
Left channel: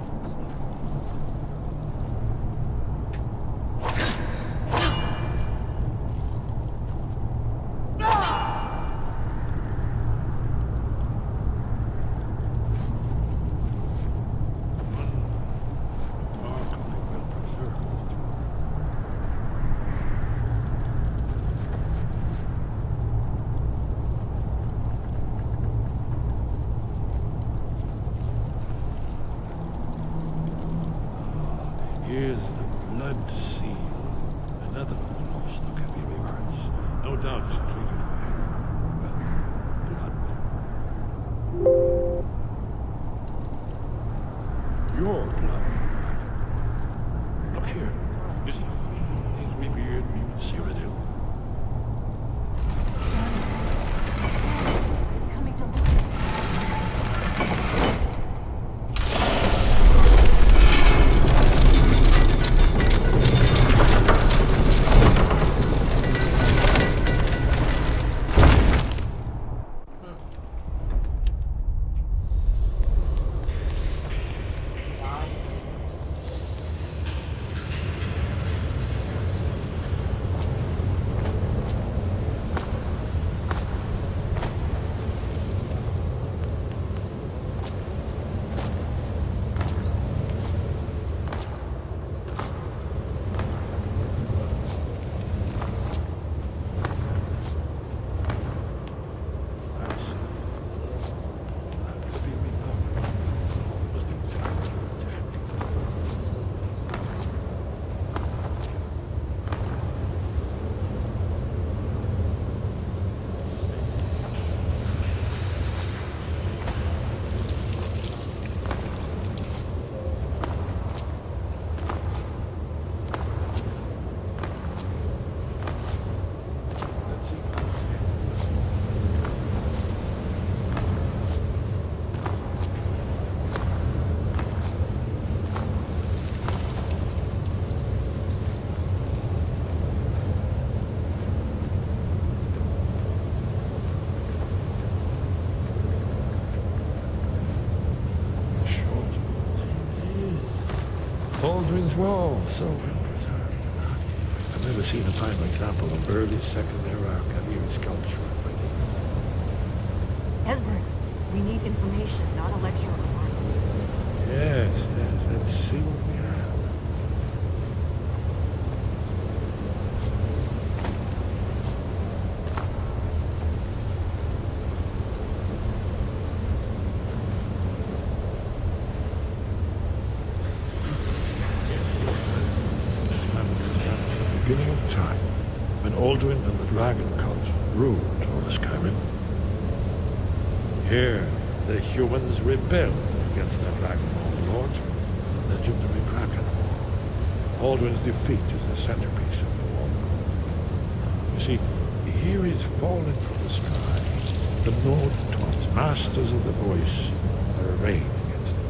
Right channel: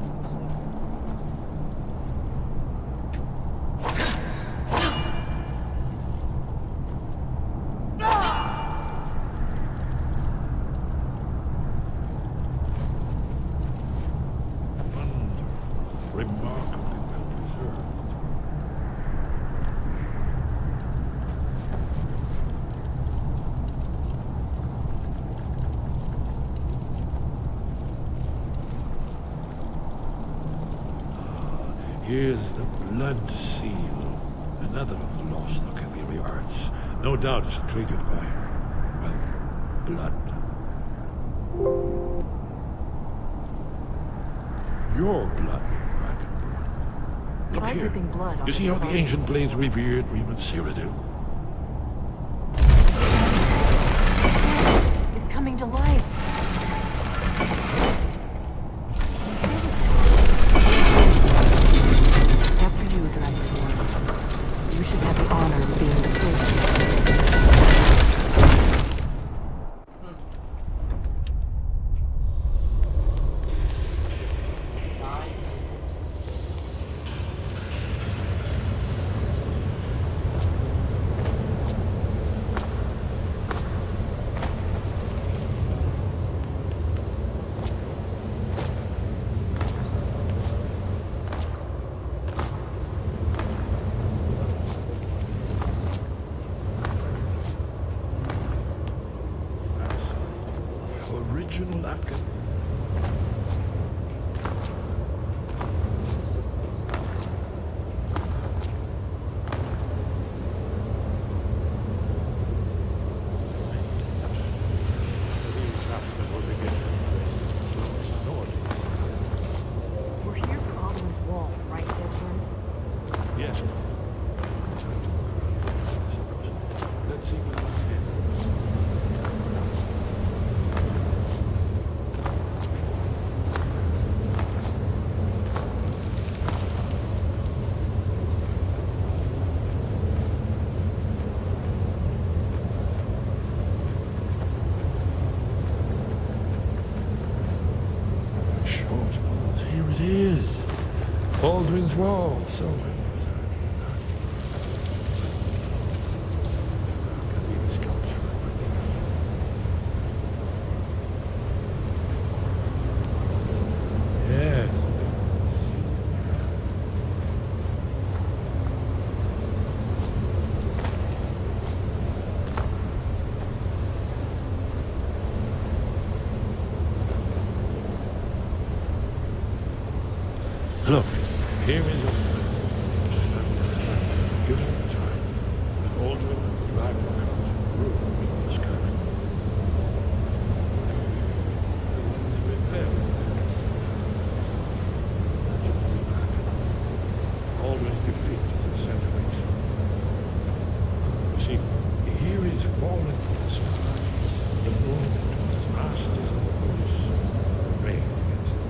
Remarkably well preserved. Here's the blood seal, another of the lost Akaviri arts. No doubt it's triggered by, well, blood. Your blood, Dragonborn. Look here. You see how the ancient blades revered Reman Cyrodiil? Aldrin's Wall, so well preserved. I've never seen a fine example of early Second Era Kaviri sculpture and relief. Esbern, we need information, not a lecture on arts. Yes, let's see what we have. Look, here is a man. This man goes back to the beginning of time, when Aldrin and the Dragon Cult ruled over Skyrim. Here, the humans rebelled against their Dragon Lord, legendary Kraken. Aldrin's defeat is the centerpiece of the war. You see, here is fallen from the sky. The Nord-Twats, masters of the voice, are arrayed against him.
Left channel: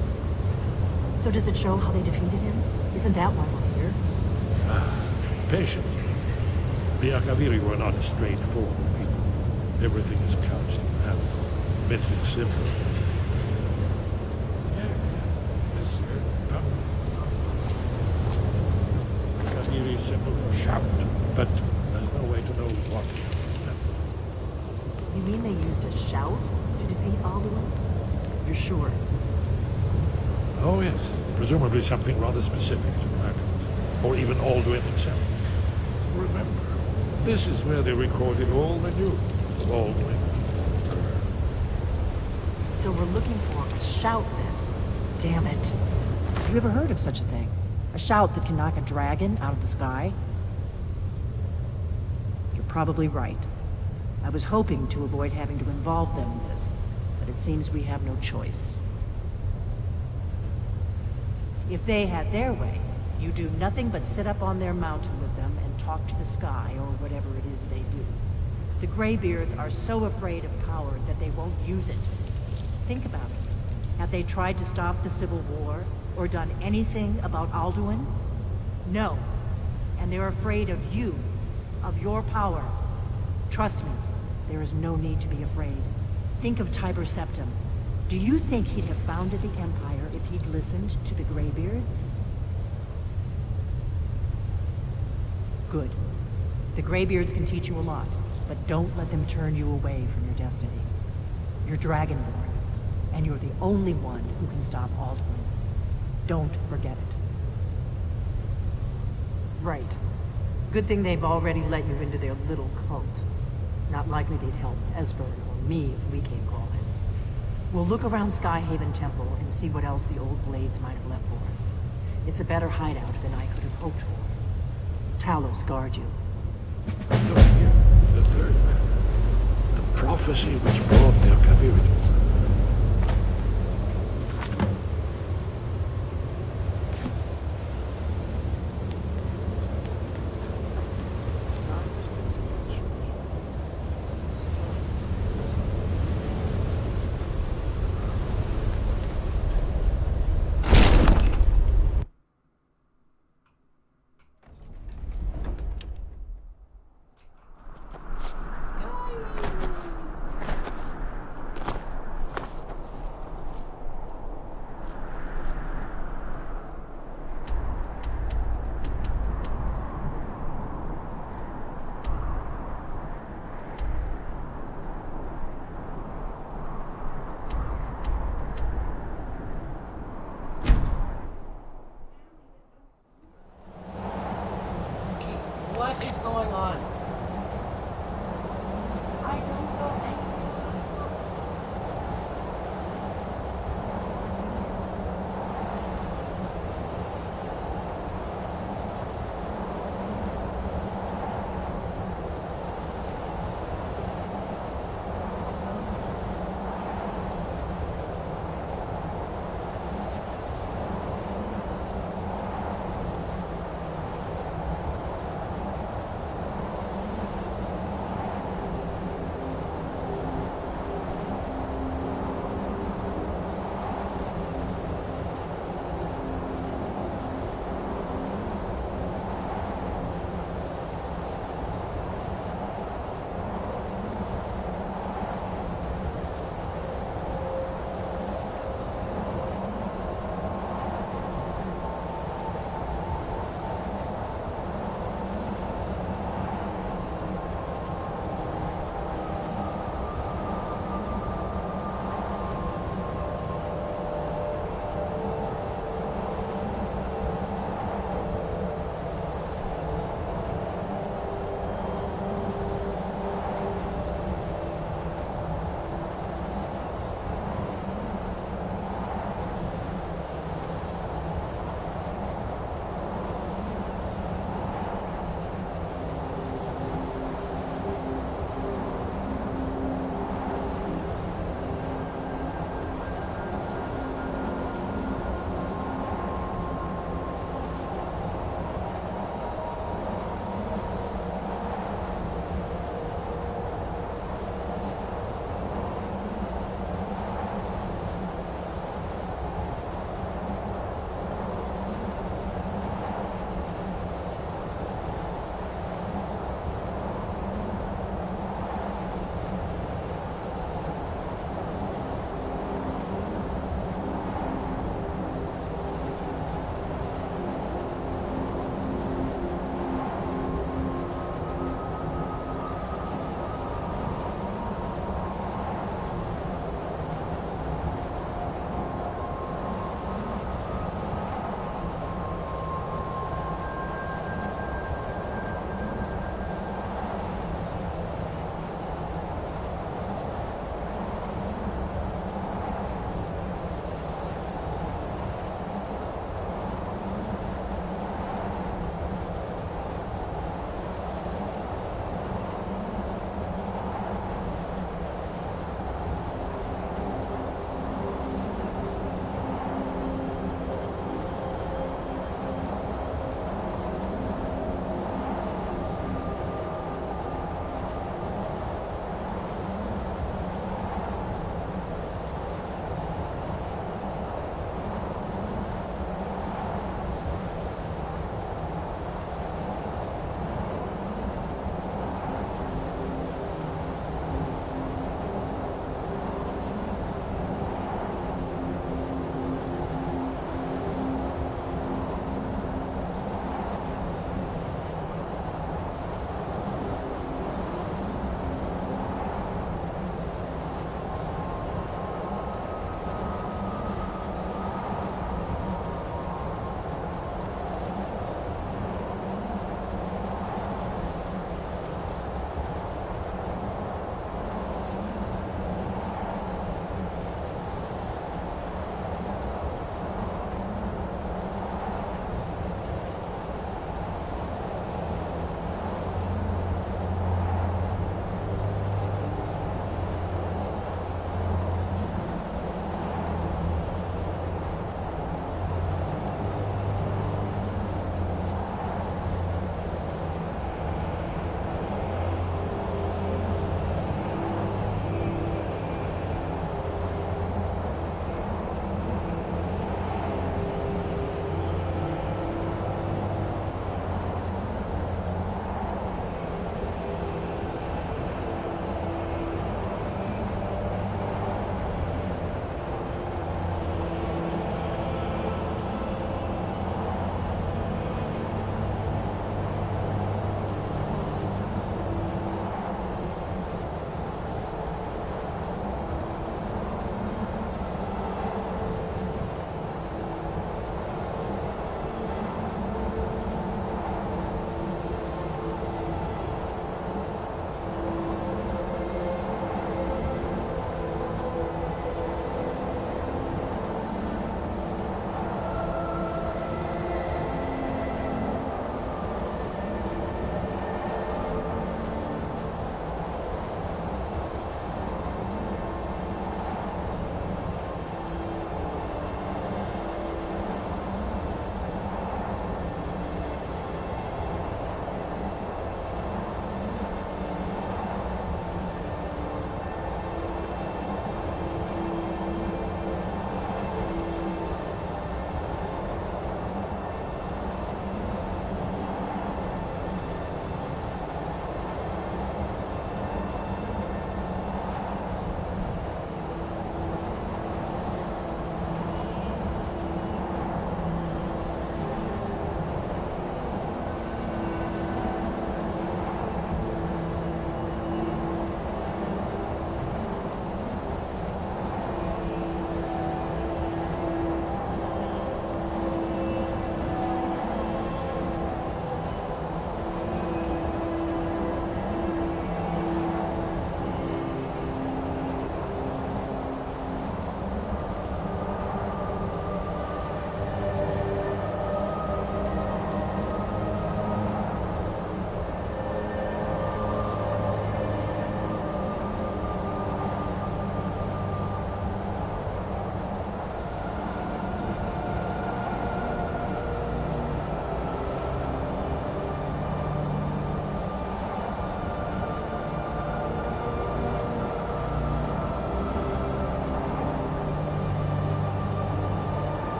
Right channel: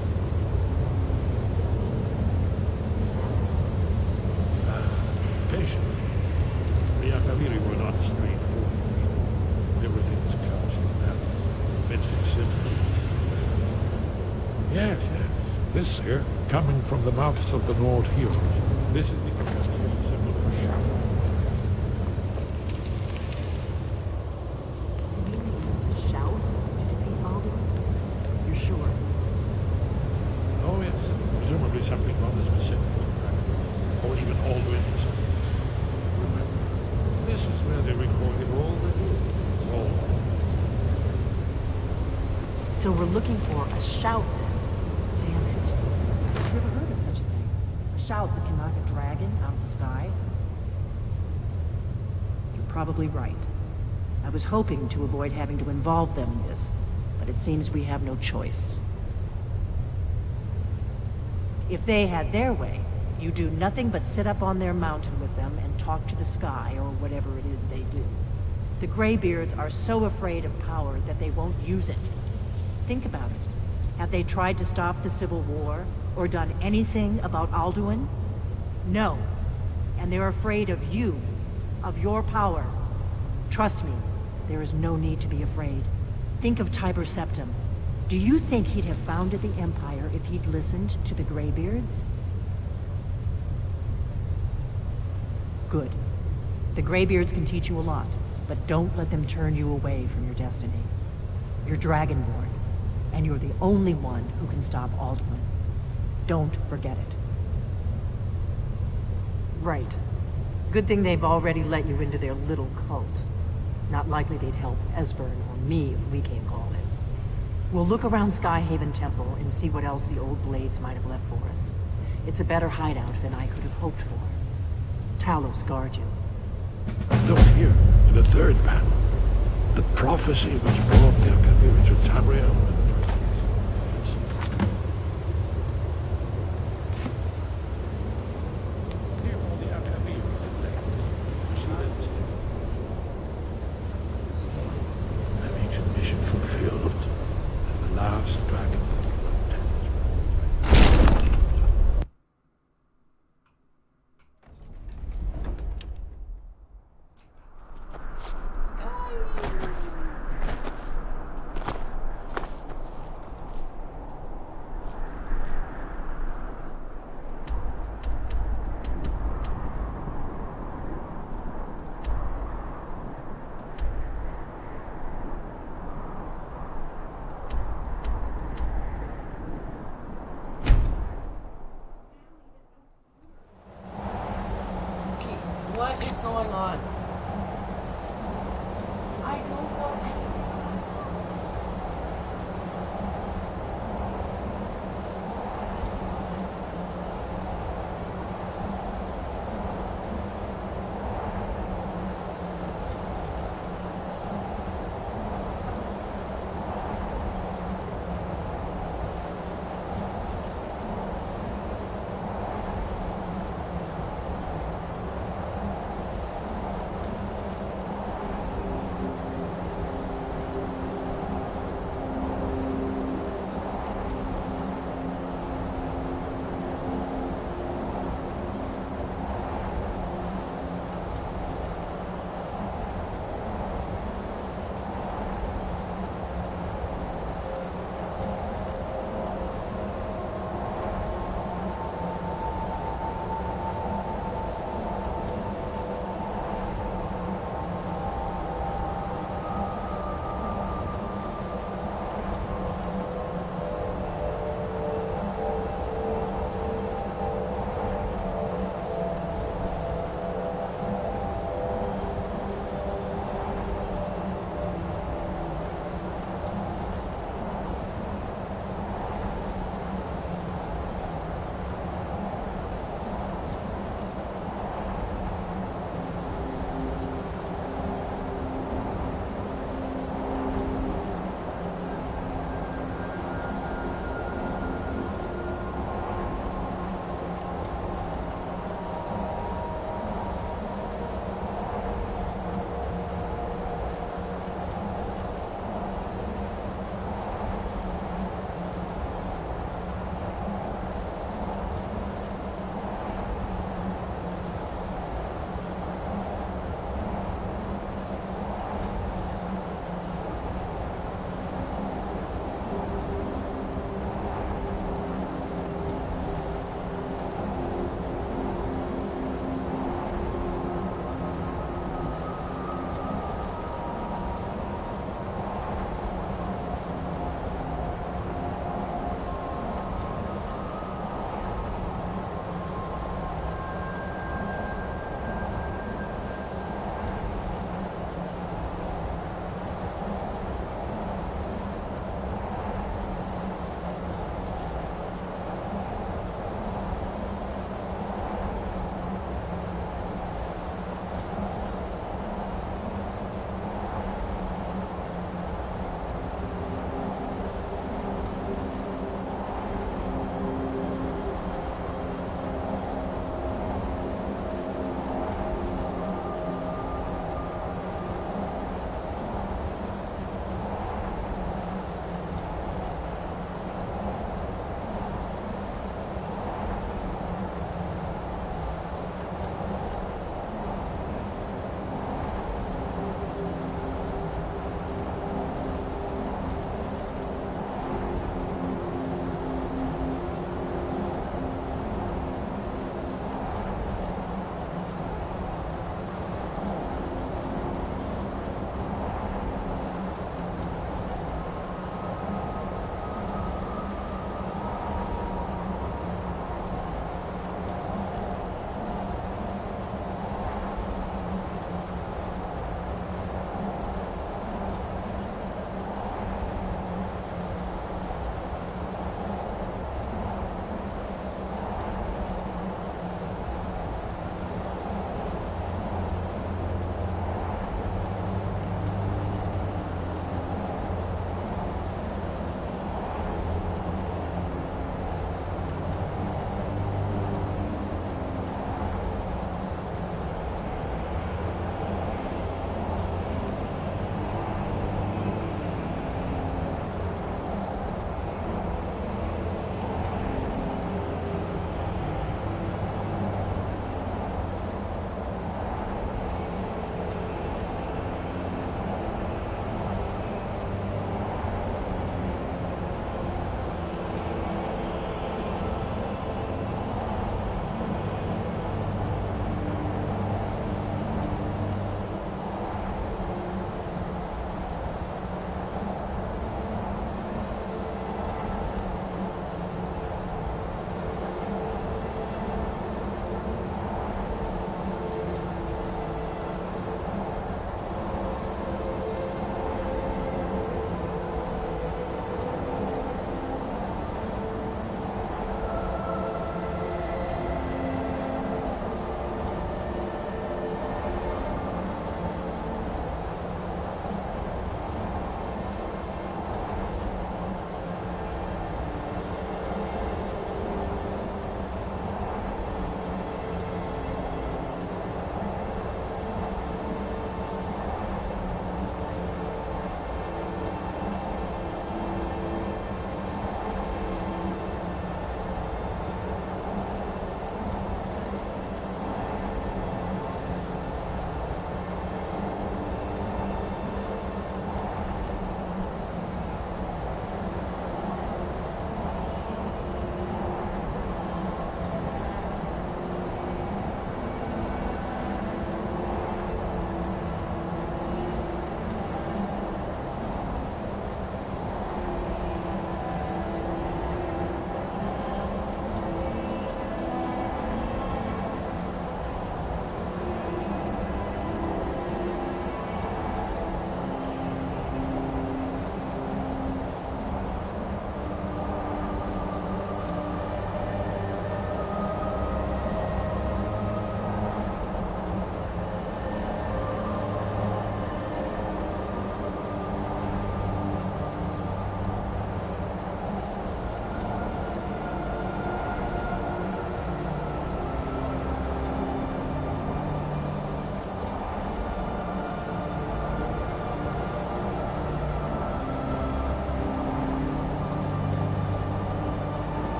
So does it show how they defeated him? Isn't that why we're here? Patient. The Akaviri were not a straightforward people. Everything is couched in heaven, mythic symbol. Yes. This here, coming from the mouths of the Nord heroes. This is the Akaviri symbol for shout, but there's no way to know what. You mean they used a shout to defeat Alduin? You're sure? Oh yes, presumably something rather specific to dragons, or even Alduin himself. Remember, this is where they recorded all they knew of Alduin. So we're looking for a shout then. Damn it. Have you ever heard of such a thing? A shout that can knock a dragon out of the sky? You're probably right. I was hoping to avoid having to involve them in this, but it seems we have no choice. If they had their way, you do nothing but sit up on their mountain with them and talk to the sky, or whatever it is they do. The Greybeards are so afraid of power that they won't use it. Think about it. Have they tried to stop the Civil War, or done anything about Alduin? No. And they're afraid of you, of your power. Trust me, there is no need to be afraid. Think of Tiber Septim. Do you think he'd have founded the Empire if he'd listened to the Greybeards? Good. The Greybeards can teach you a lot, but don't let them turn you away from your destiny. You're Dragonborn, and you're the only one who can stop Alduin. Don't forget it. Right. Good thing they've already let you into their little cult. Not likely they'd help Esbern or me if we came calling. We'll look around Skyhaven Temple and see what else the old Blades might have left for us. It's a better hideout than I could have hoped for. Talos guard you. Look here, in the third panel. The prophecy which brought the Akaviri to Tamriel. What is going on? I don't know anything about it.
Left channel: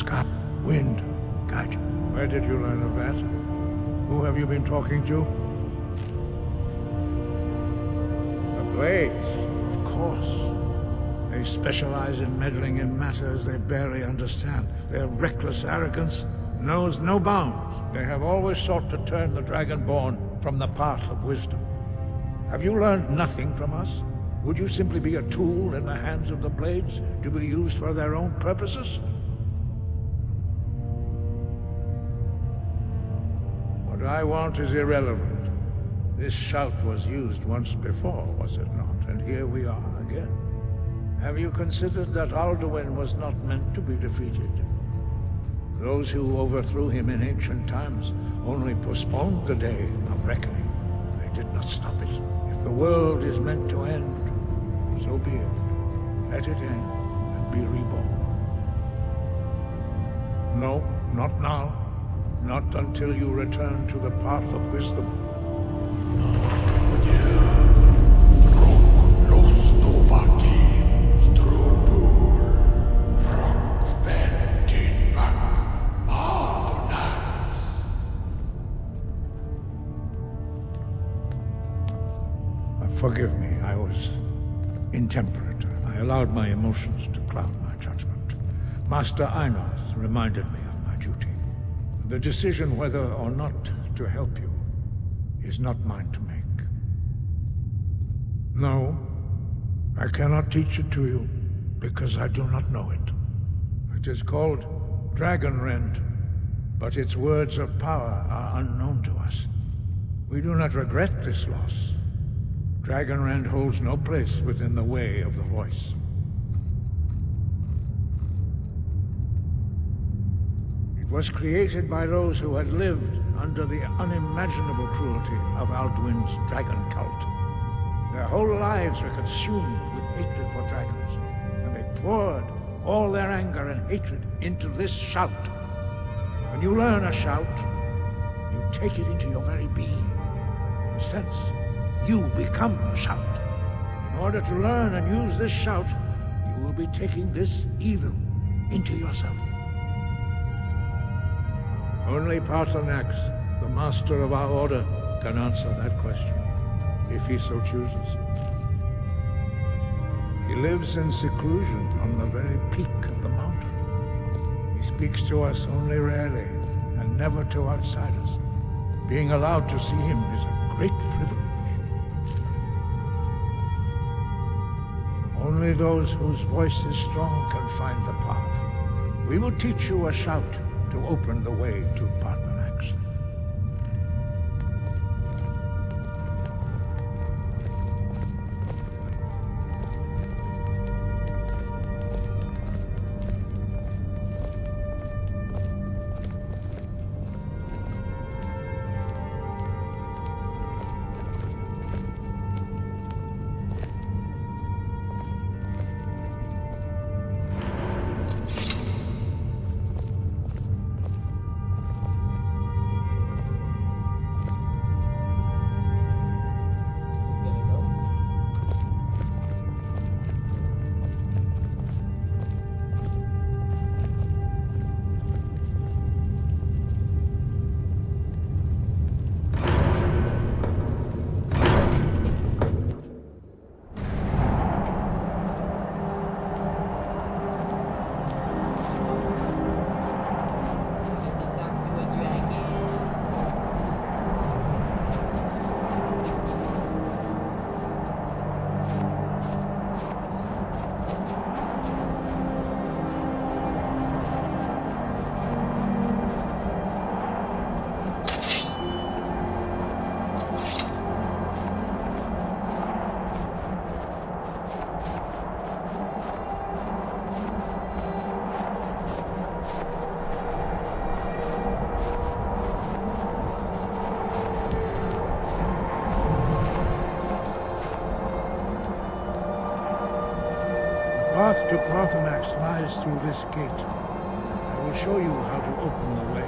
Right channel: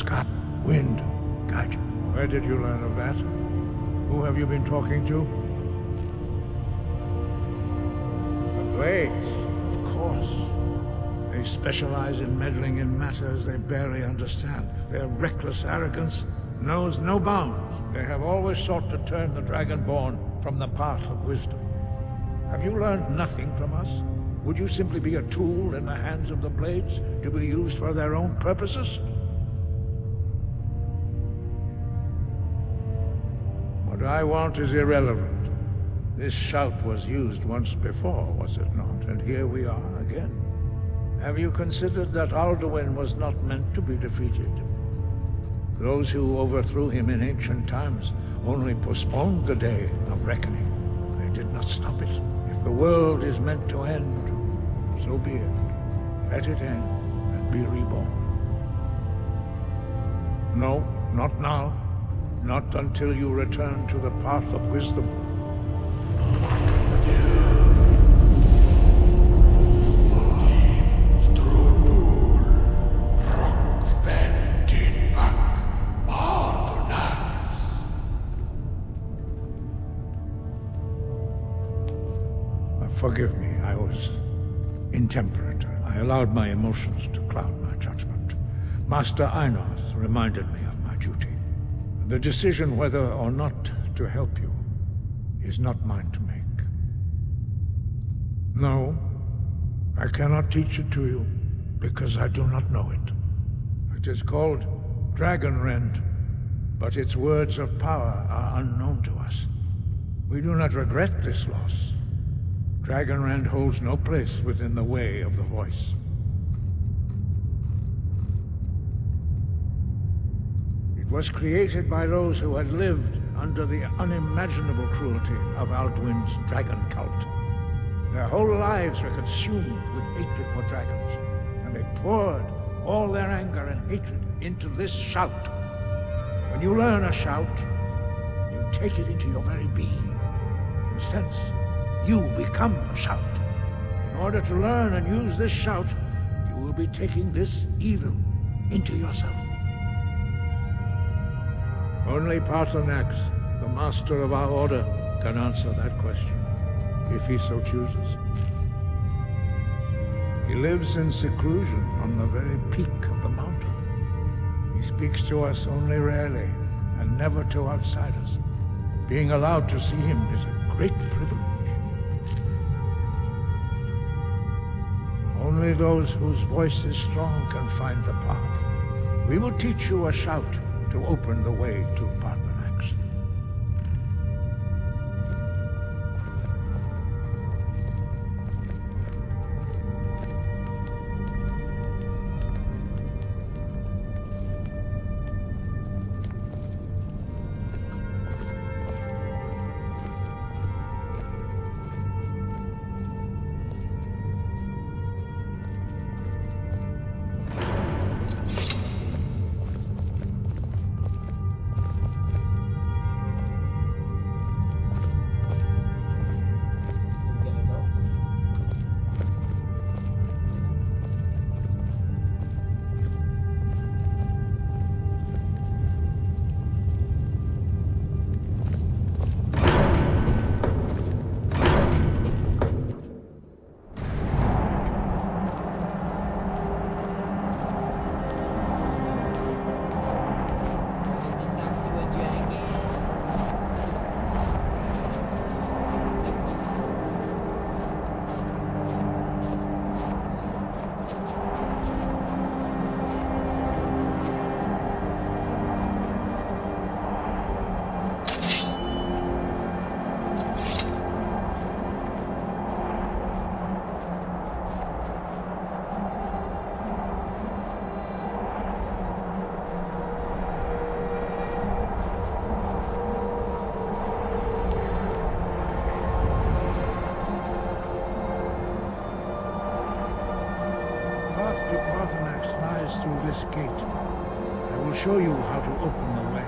sky, wind, guide you. Where did you learn of that? Who have you been talking to? The Blades, of course. They specialize in meddling in matters they barely understand. Their reckless arrogance knows no bounds. They have always sought to turn the Dragonborn from the path of wisdom. Have you learned nothing from us? Would you simply be a tool in the hands of the Blades to be used for their own purposes? What I want is irrelevant. This shout was used once before, was it not? And here we are again. Have you considered that Alduin was not meant to be defeated? Those who overthrew him in ancient times only postponed the day of reckoning. They did not stop it. If the world is meant to end, so be it. Let it end and be reborn. No, not now. Not until you return to the path of wisdom. Forgive me, I was intemperate. I allowed my emotions to cloud my judgment. Master Einarth reminded me of my duty. The decision whether or not to help you is not mine to make. No, I cannot teach it to you because I do not know it. It is called Dragonrend, but its words of power are unknown to us. We do not regret this loss. Dragonrend holds no place within the way of the voice. It was created by those who had lived under the unimaginable cruelty of Alduin's dragon cult. Their whole lives were consumed with hatred for dragons, and they poured all their anger and hatred into this shout. When you learn a shout, you take it into your very being. In a sense, you become a shout. In order to learn and use this shout, you will be taking this evil into yourself. Only Paarthurnax, the master of our order, can answer that question, if he so chooses. He lives in seclusion on the very peak of the mountain. He speaks to us only rarely, and never to outsiders. Being allowed to see him is a great privilege. Only those whose voice is strong can find the path. We will teach you a shout to open the way to Paarthurnax. The path to Paarthurnax lies through this gate. I will show you how to open the way.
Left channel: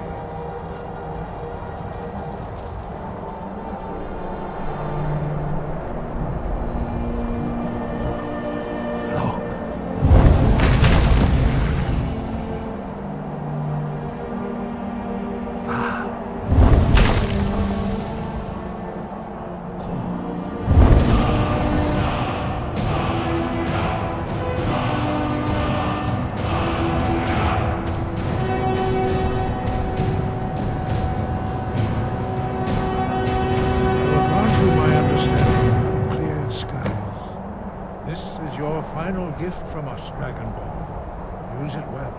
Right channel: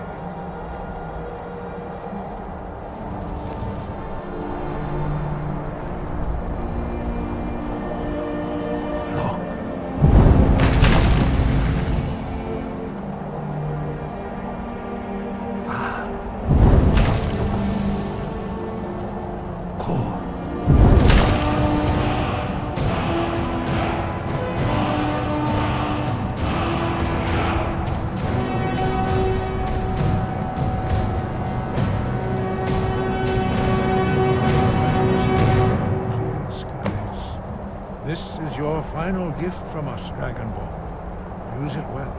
final gift from us, Dragonborn. Use it well.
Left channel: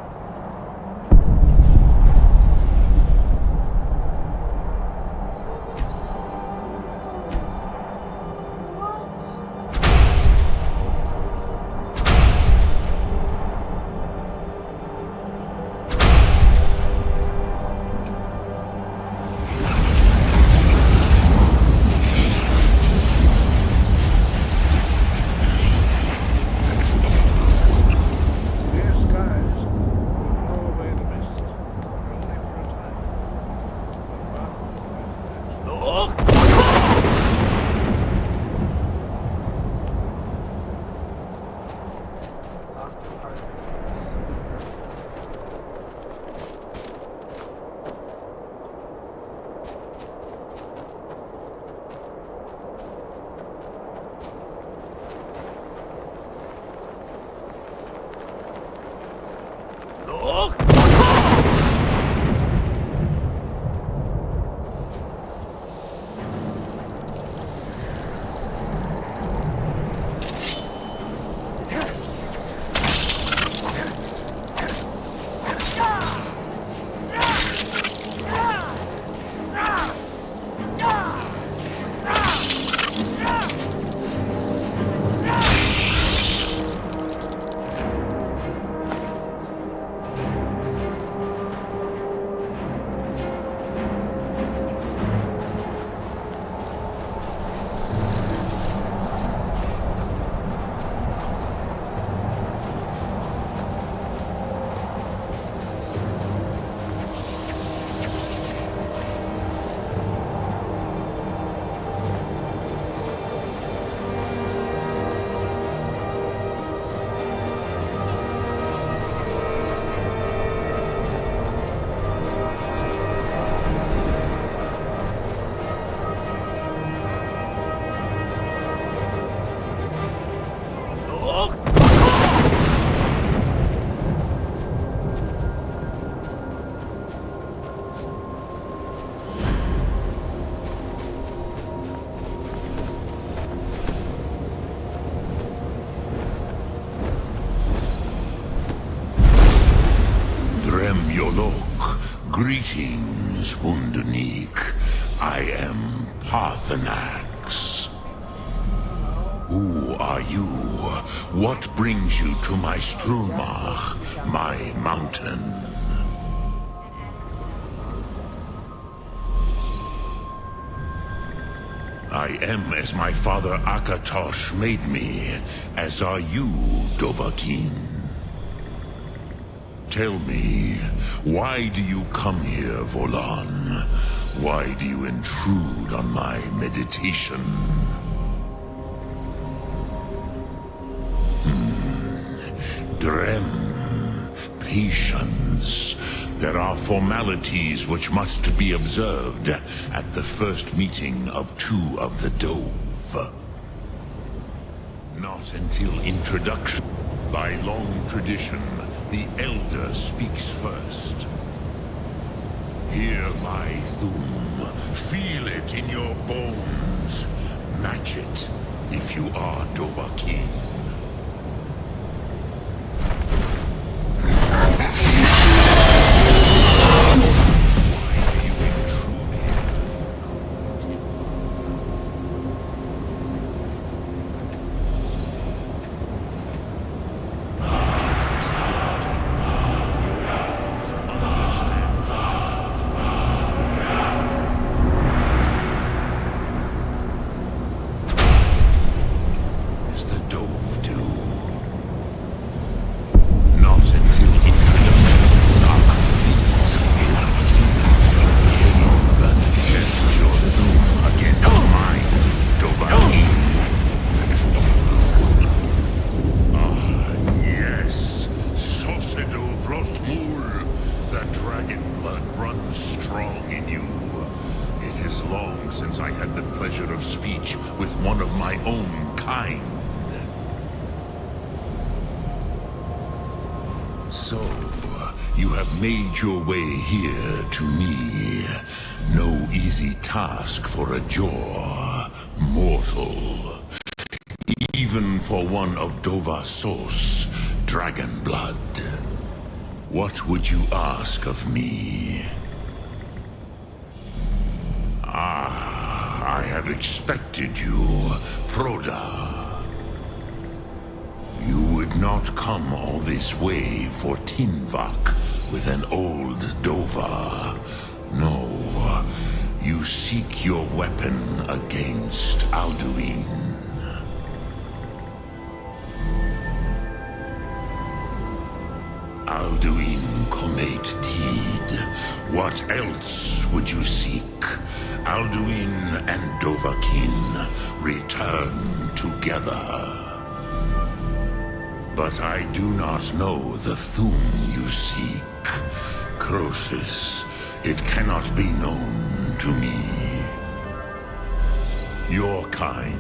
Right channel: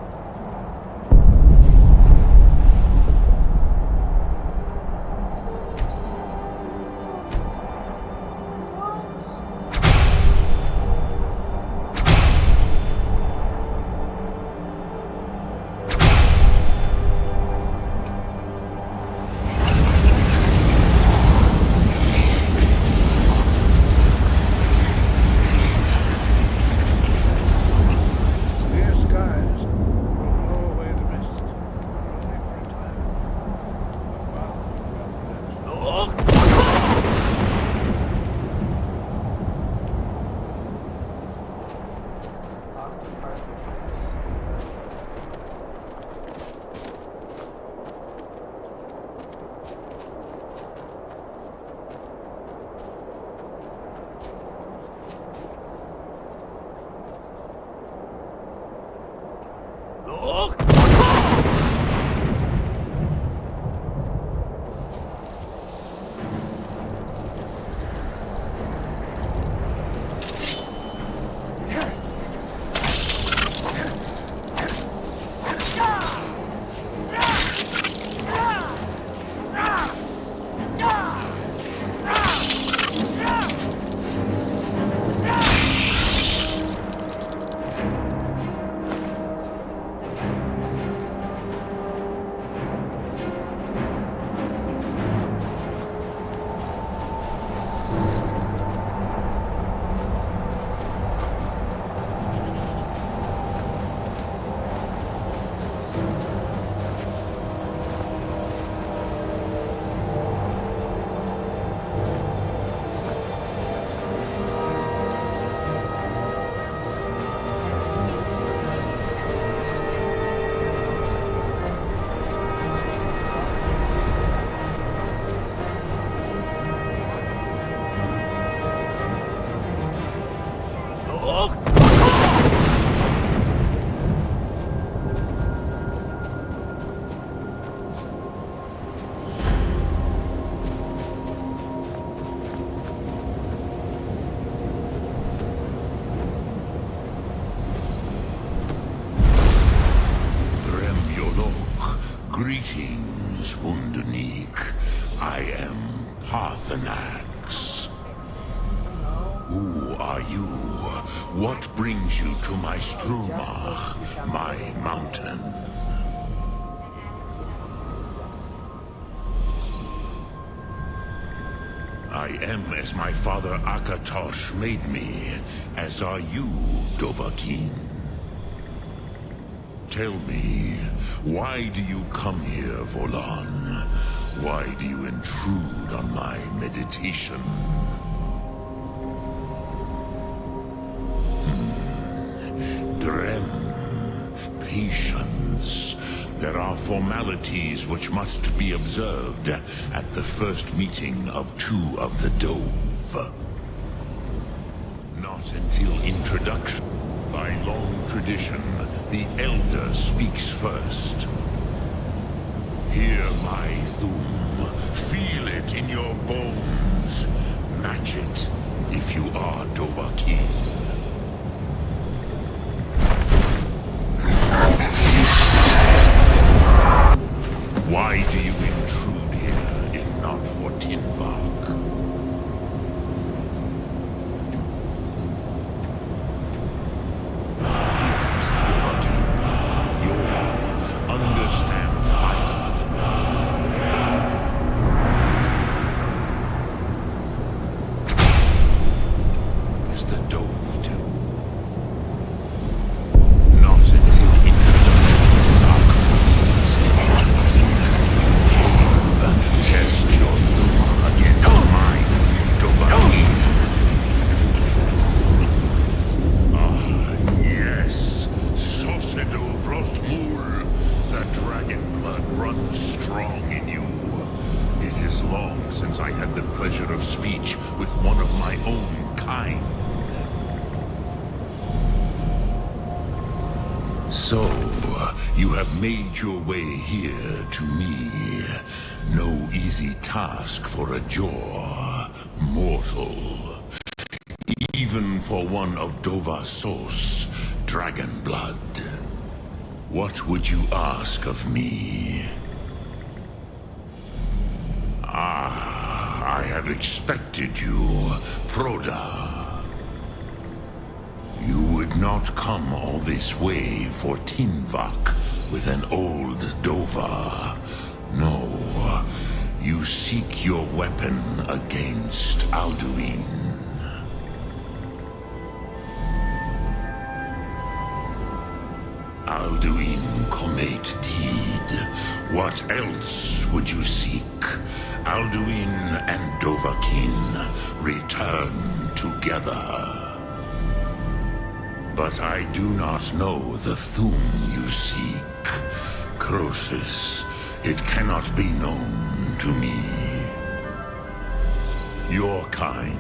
Greetings, Wunderneek. I am Parthenax. Who are you? What brings you to my Strumach, my mountain? I am as my father Akatosh made me, as are you, Dovahkiin. Tell me, why do you come here, Volan? Why do you intrude on my meditation? Drem, patience. There are formalities which must be observed at the first meeting of two of the Dove. Not until introduction. By long tradition, the Elder speaks first. Hear my Thum. Feel it in your bones. Match it if you are Dovahkiin. Why do you intrude here, if not for Tinvag? Since I had the pleasure of speech with one of my own kind. So, you have made your way here to me. No easy task for a jaw mortal. even for one of Dovasos, dragon blood. What would you ask of me? Ah, I have expected you, Proda. You would not come all this way for Tinvak with an old Dova. No, you seek your weapon against Alduin. Alduin Comet Tid. What else would you seek? Alduin and Dovahkiin return together. But I do not know the Thum you seek. Croesus, it cannot be known to me. Your kind,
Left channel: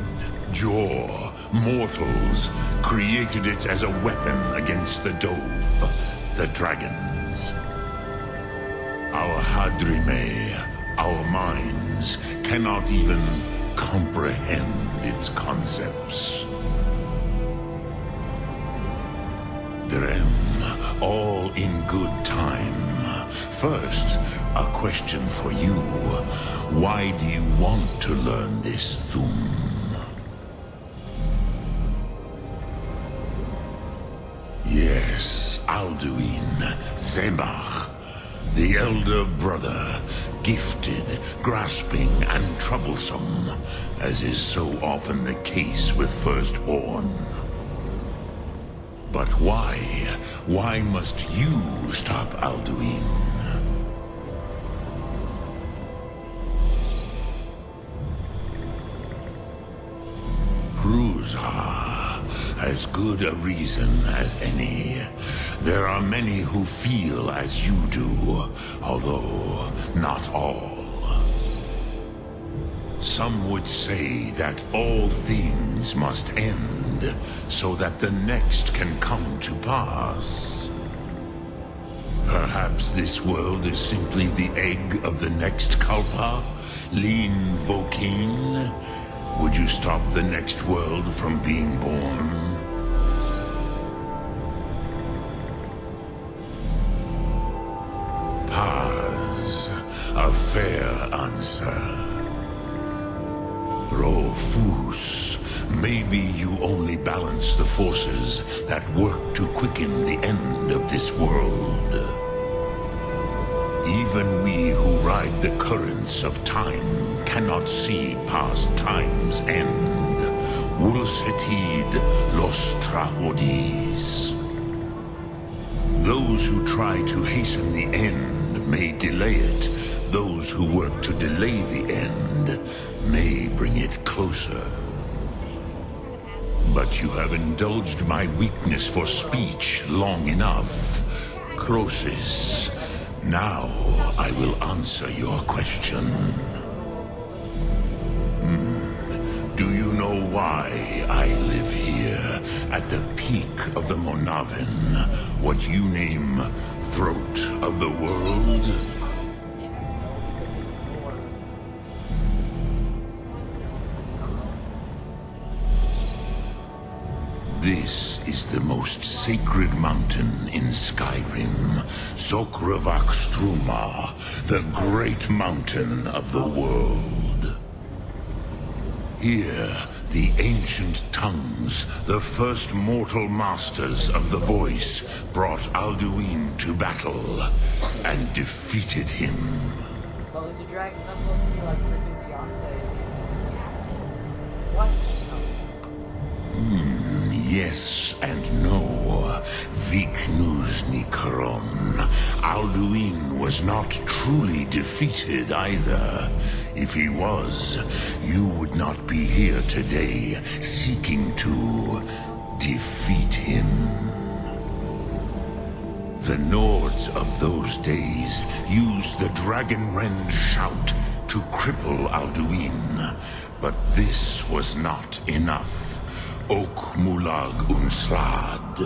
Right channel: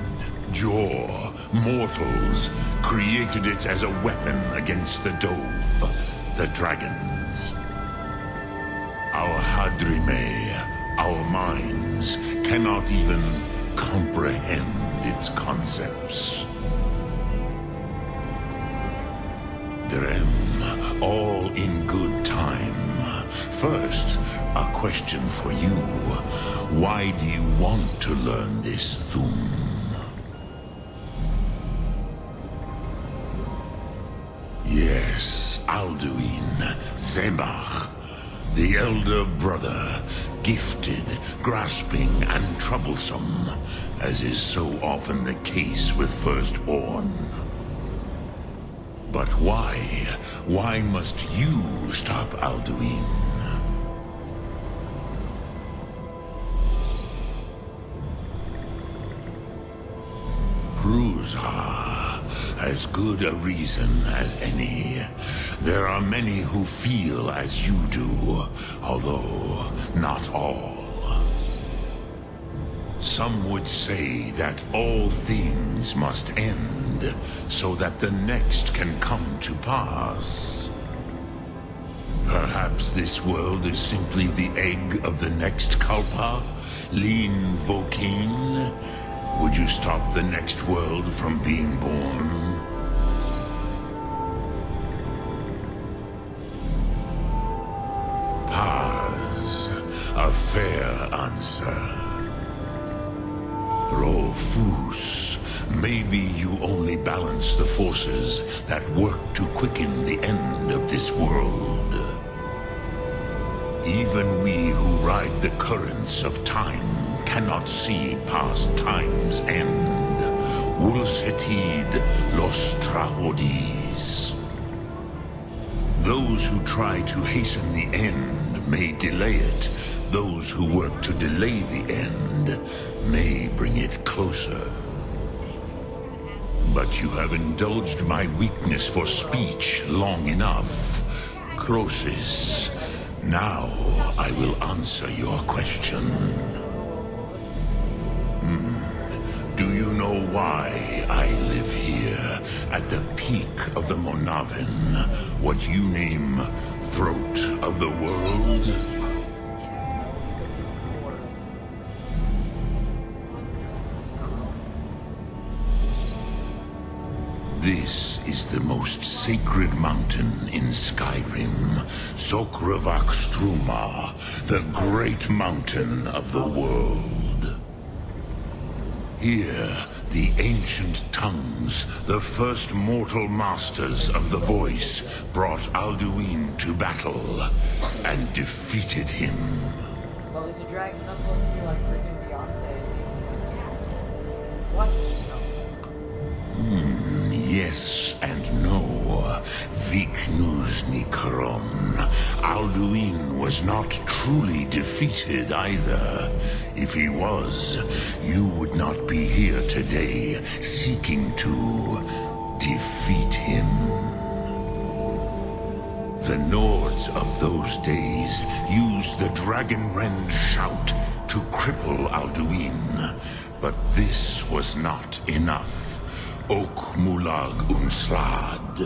Jor, mortals, created it as a weapon against the Dove, the dragons. Our Hadrime, our minds, cannot even comprehend its concepts. Drem, all in good time. First, a question for you. Why do you want to learn this Thum? Yes, Alduin, Zemach, the elder brother, gifted, grasping, and troublesome, as is so often the case with firstborn. But why? Why must you stop Alduin? Pruzha, as good a reason as any. There are many who feel as you do, although not all. Some would say that all things must end, so that the next can come to pass. Perhaps this world is simply the egg of the next Kalpa, Lin Vokin. Would you stop the next world from being born? Paz, a fair answer. Rofus, maybe you only balance the forces that work to quicken the end of this world. Even we who ride the currents of time cannot see past time's end. Wulsetid los trahodis. Those who try to hasten the end may delay it. Those who work to delay the end may bring it closer. But you have indulged my weakness for speech long enough. Croesus, now I will answer your question. Do you know why I live here, at the peak of the Monavin, what you name Throat of the World? This is the most sacred mountain in Skyrim, Sokravakstruma, the great mountain of the world. Here, the ancient tongues, the first mortal masters of the voice, brought Alduin to battle and defeated him. Well, is a dragon not supposed to be like freaking Beyonce, is he? What? Yes and no. Viknus Nikaron. Alduin was not truly defeated either. If he was, you would not be here today seeking to defeat him. The Nords of those days used the Dragonrend shout to cripple Alduin, but this was not enough. Ok Mulag Unslad.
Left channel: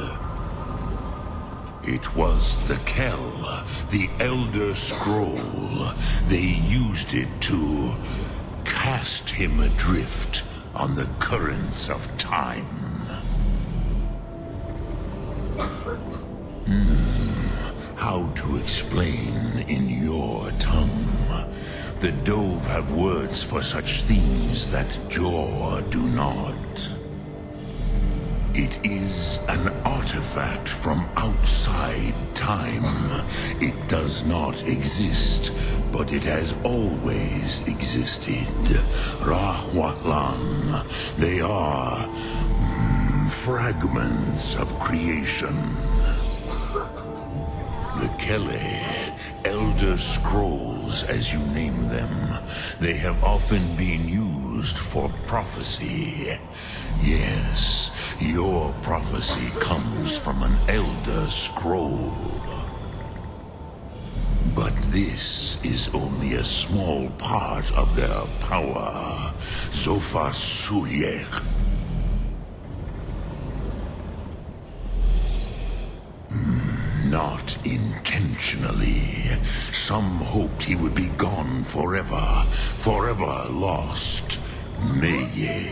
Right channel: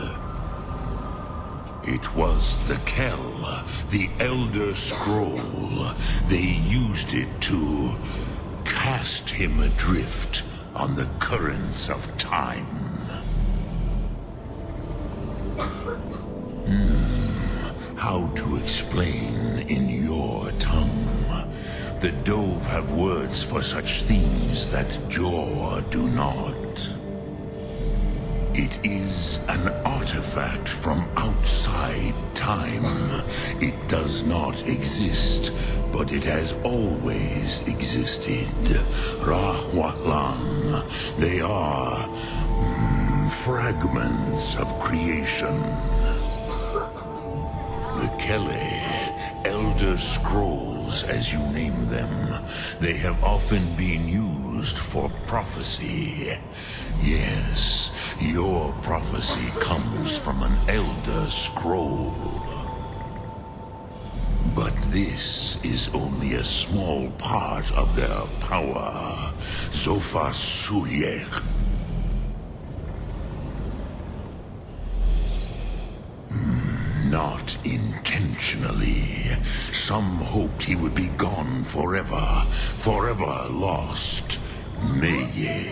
It was the Kell, the Elder Scroll. They used it to cast him adrift on the currents of time. How to explain in your tongue? The Dove have words for such themes that Jor do not. It is an artifact from outside time. It does not exist, but it has always existed. Rahwalan. They are fragments of creation. The Kele, Elder Scrolls, as you name them, they have often been used for prophecy. Yes, your prophecy comes from an Elder Scroll. But this is only a small part of their power. Zofa Suyek. Not intentionally. Some hoped he would be gone forever. Forever lost. Meye.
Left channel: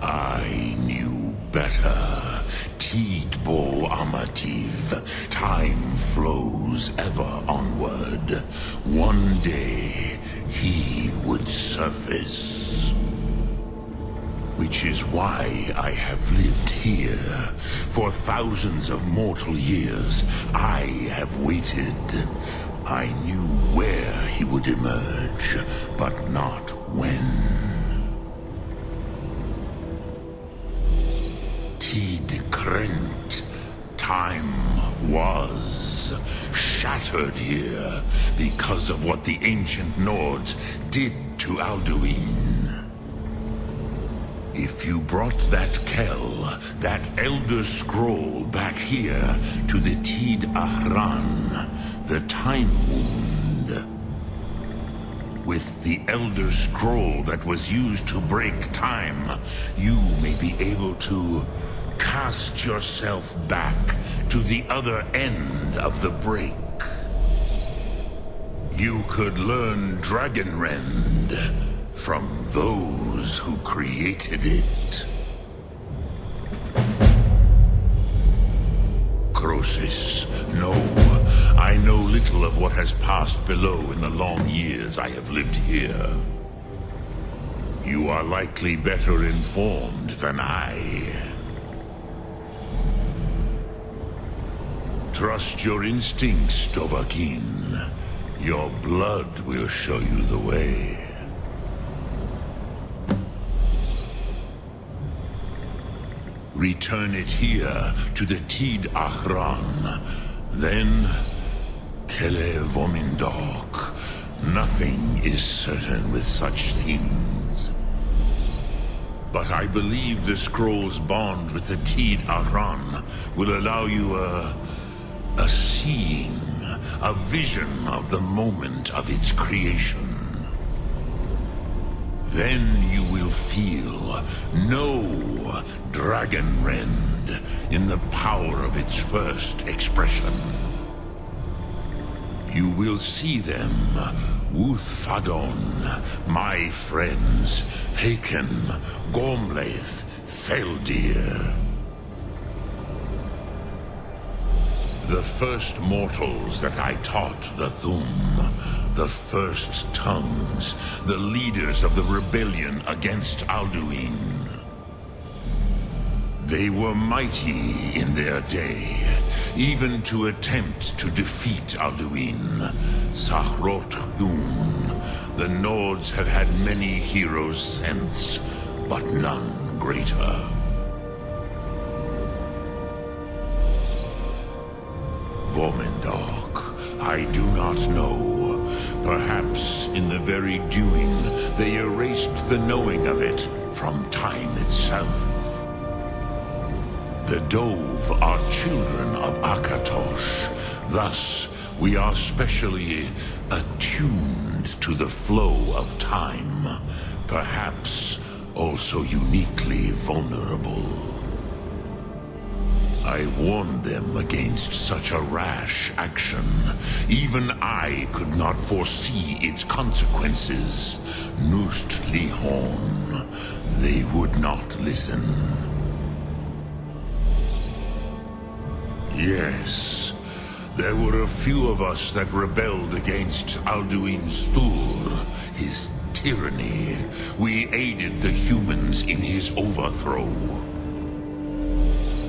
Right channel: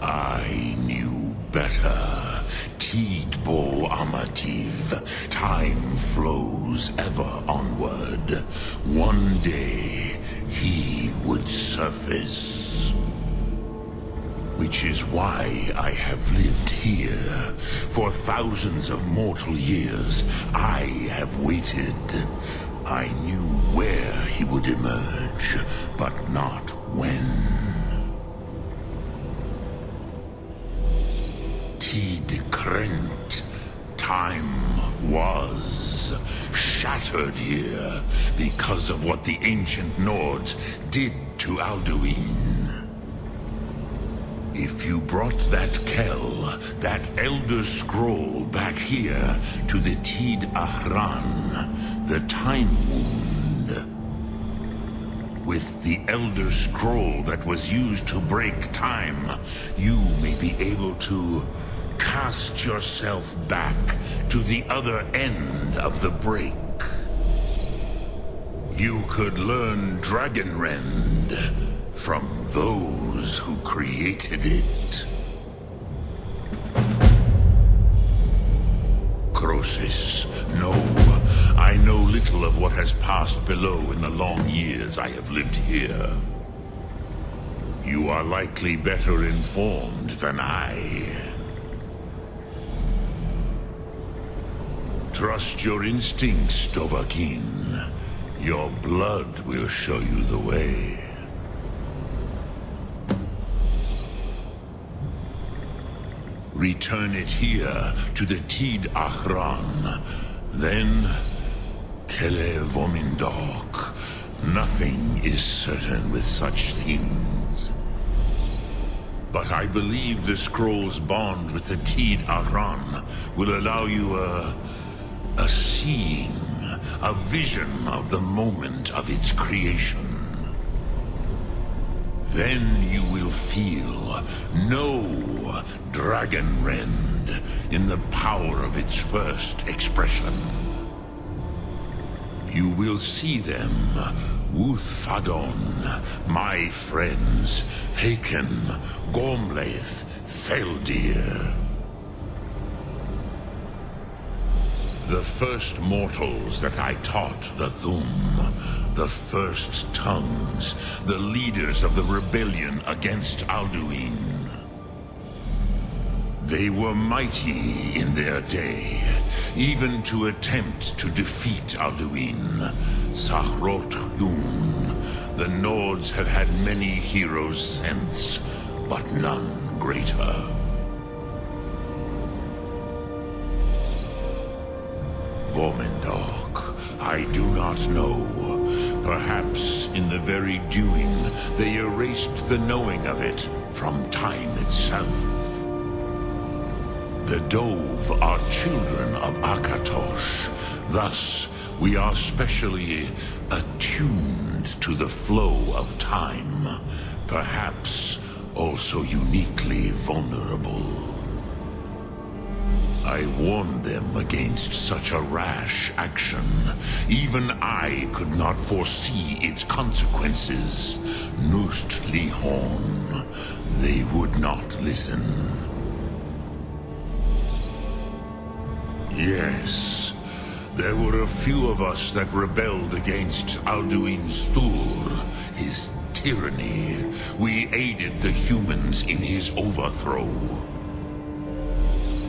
I knew better. Tidbo Amativ. Time flows ever onward. One day, he would surface. Which is why I have lived here. For thousands of mortal years, I have waited. I knew where he would emerge, but not when. Tid Krent. Time was shattered here because of what the ancient Nords did to Alduin. If you brought that Kel, that Elder Scroll back here to the Tid Ahran, the Time Wound, with the Elder Scroll that was used to break time, you may be able to cast yourself back to the other end of the break. You could learn Dragonrend from those who created it. Crosis, no. I know little of what has passed below in the long years I have lived here. You are likely better informed than I. Trust your instincts, Dovahkiin. Your blood will show you the way. Return it here to the Tid Ahran. Then, Kele Vomindok. Nothing is certain with such things. But I believe the scroll's bond with the Tid Ahran will allow you a seeing, a vision of the moment of its creation. Then you will feel, know Dragonrend in the power of its first expression. You will see them, Wuthfadon, my friends, Haken, Gormlaith, Feldir. The first mortals that I taught the Thum, the first tongues, the leaders of the rebellion against Alduin. They were mighty in their day, even to attempt to defeat Alduin. Sahrot Yun, the Nords have had many heroes since, but none greater. Vomindok, I do not know. Perhaps in the very doing, they erased the knowing of it from time itself. The Dove are children of Akatosh. Thus, we are specially attuned to the flow of time. Perhaps also uniquely vulnerable. I warned them against such a rash action. Even I could not foresee its consequences. Nust Lihon, they would not listen. Yes. There were a few of us that rebelled against Alduin Stur, his tyranny. We aided the humans in his overthrow.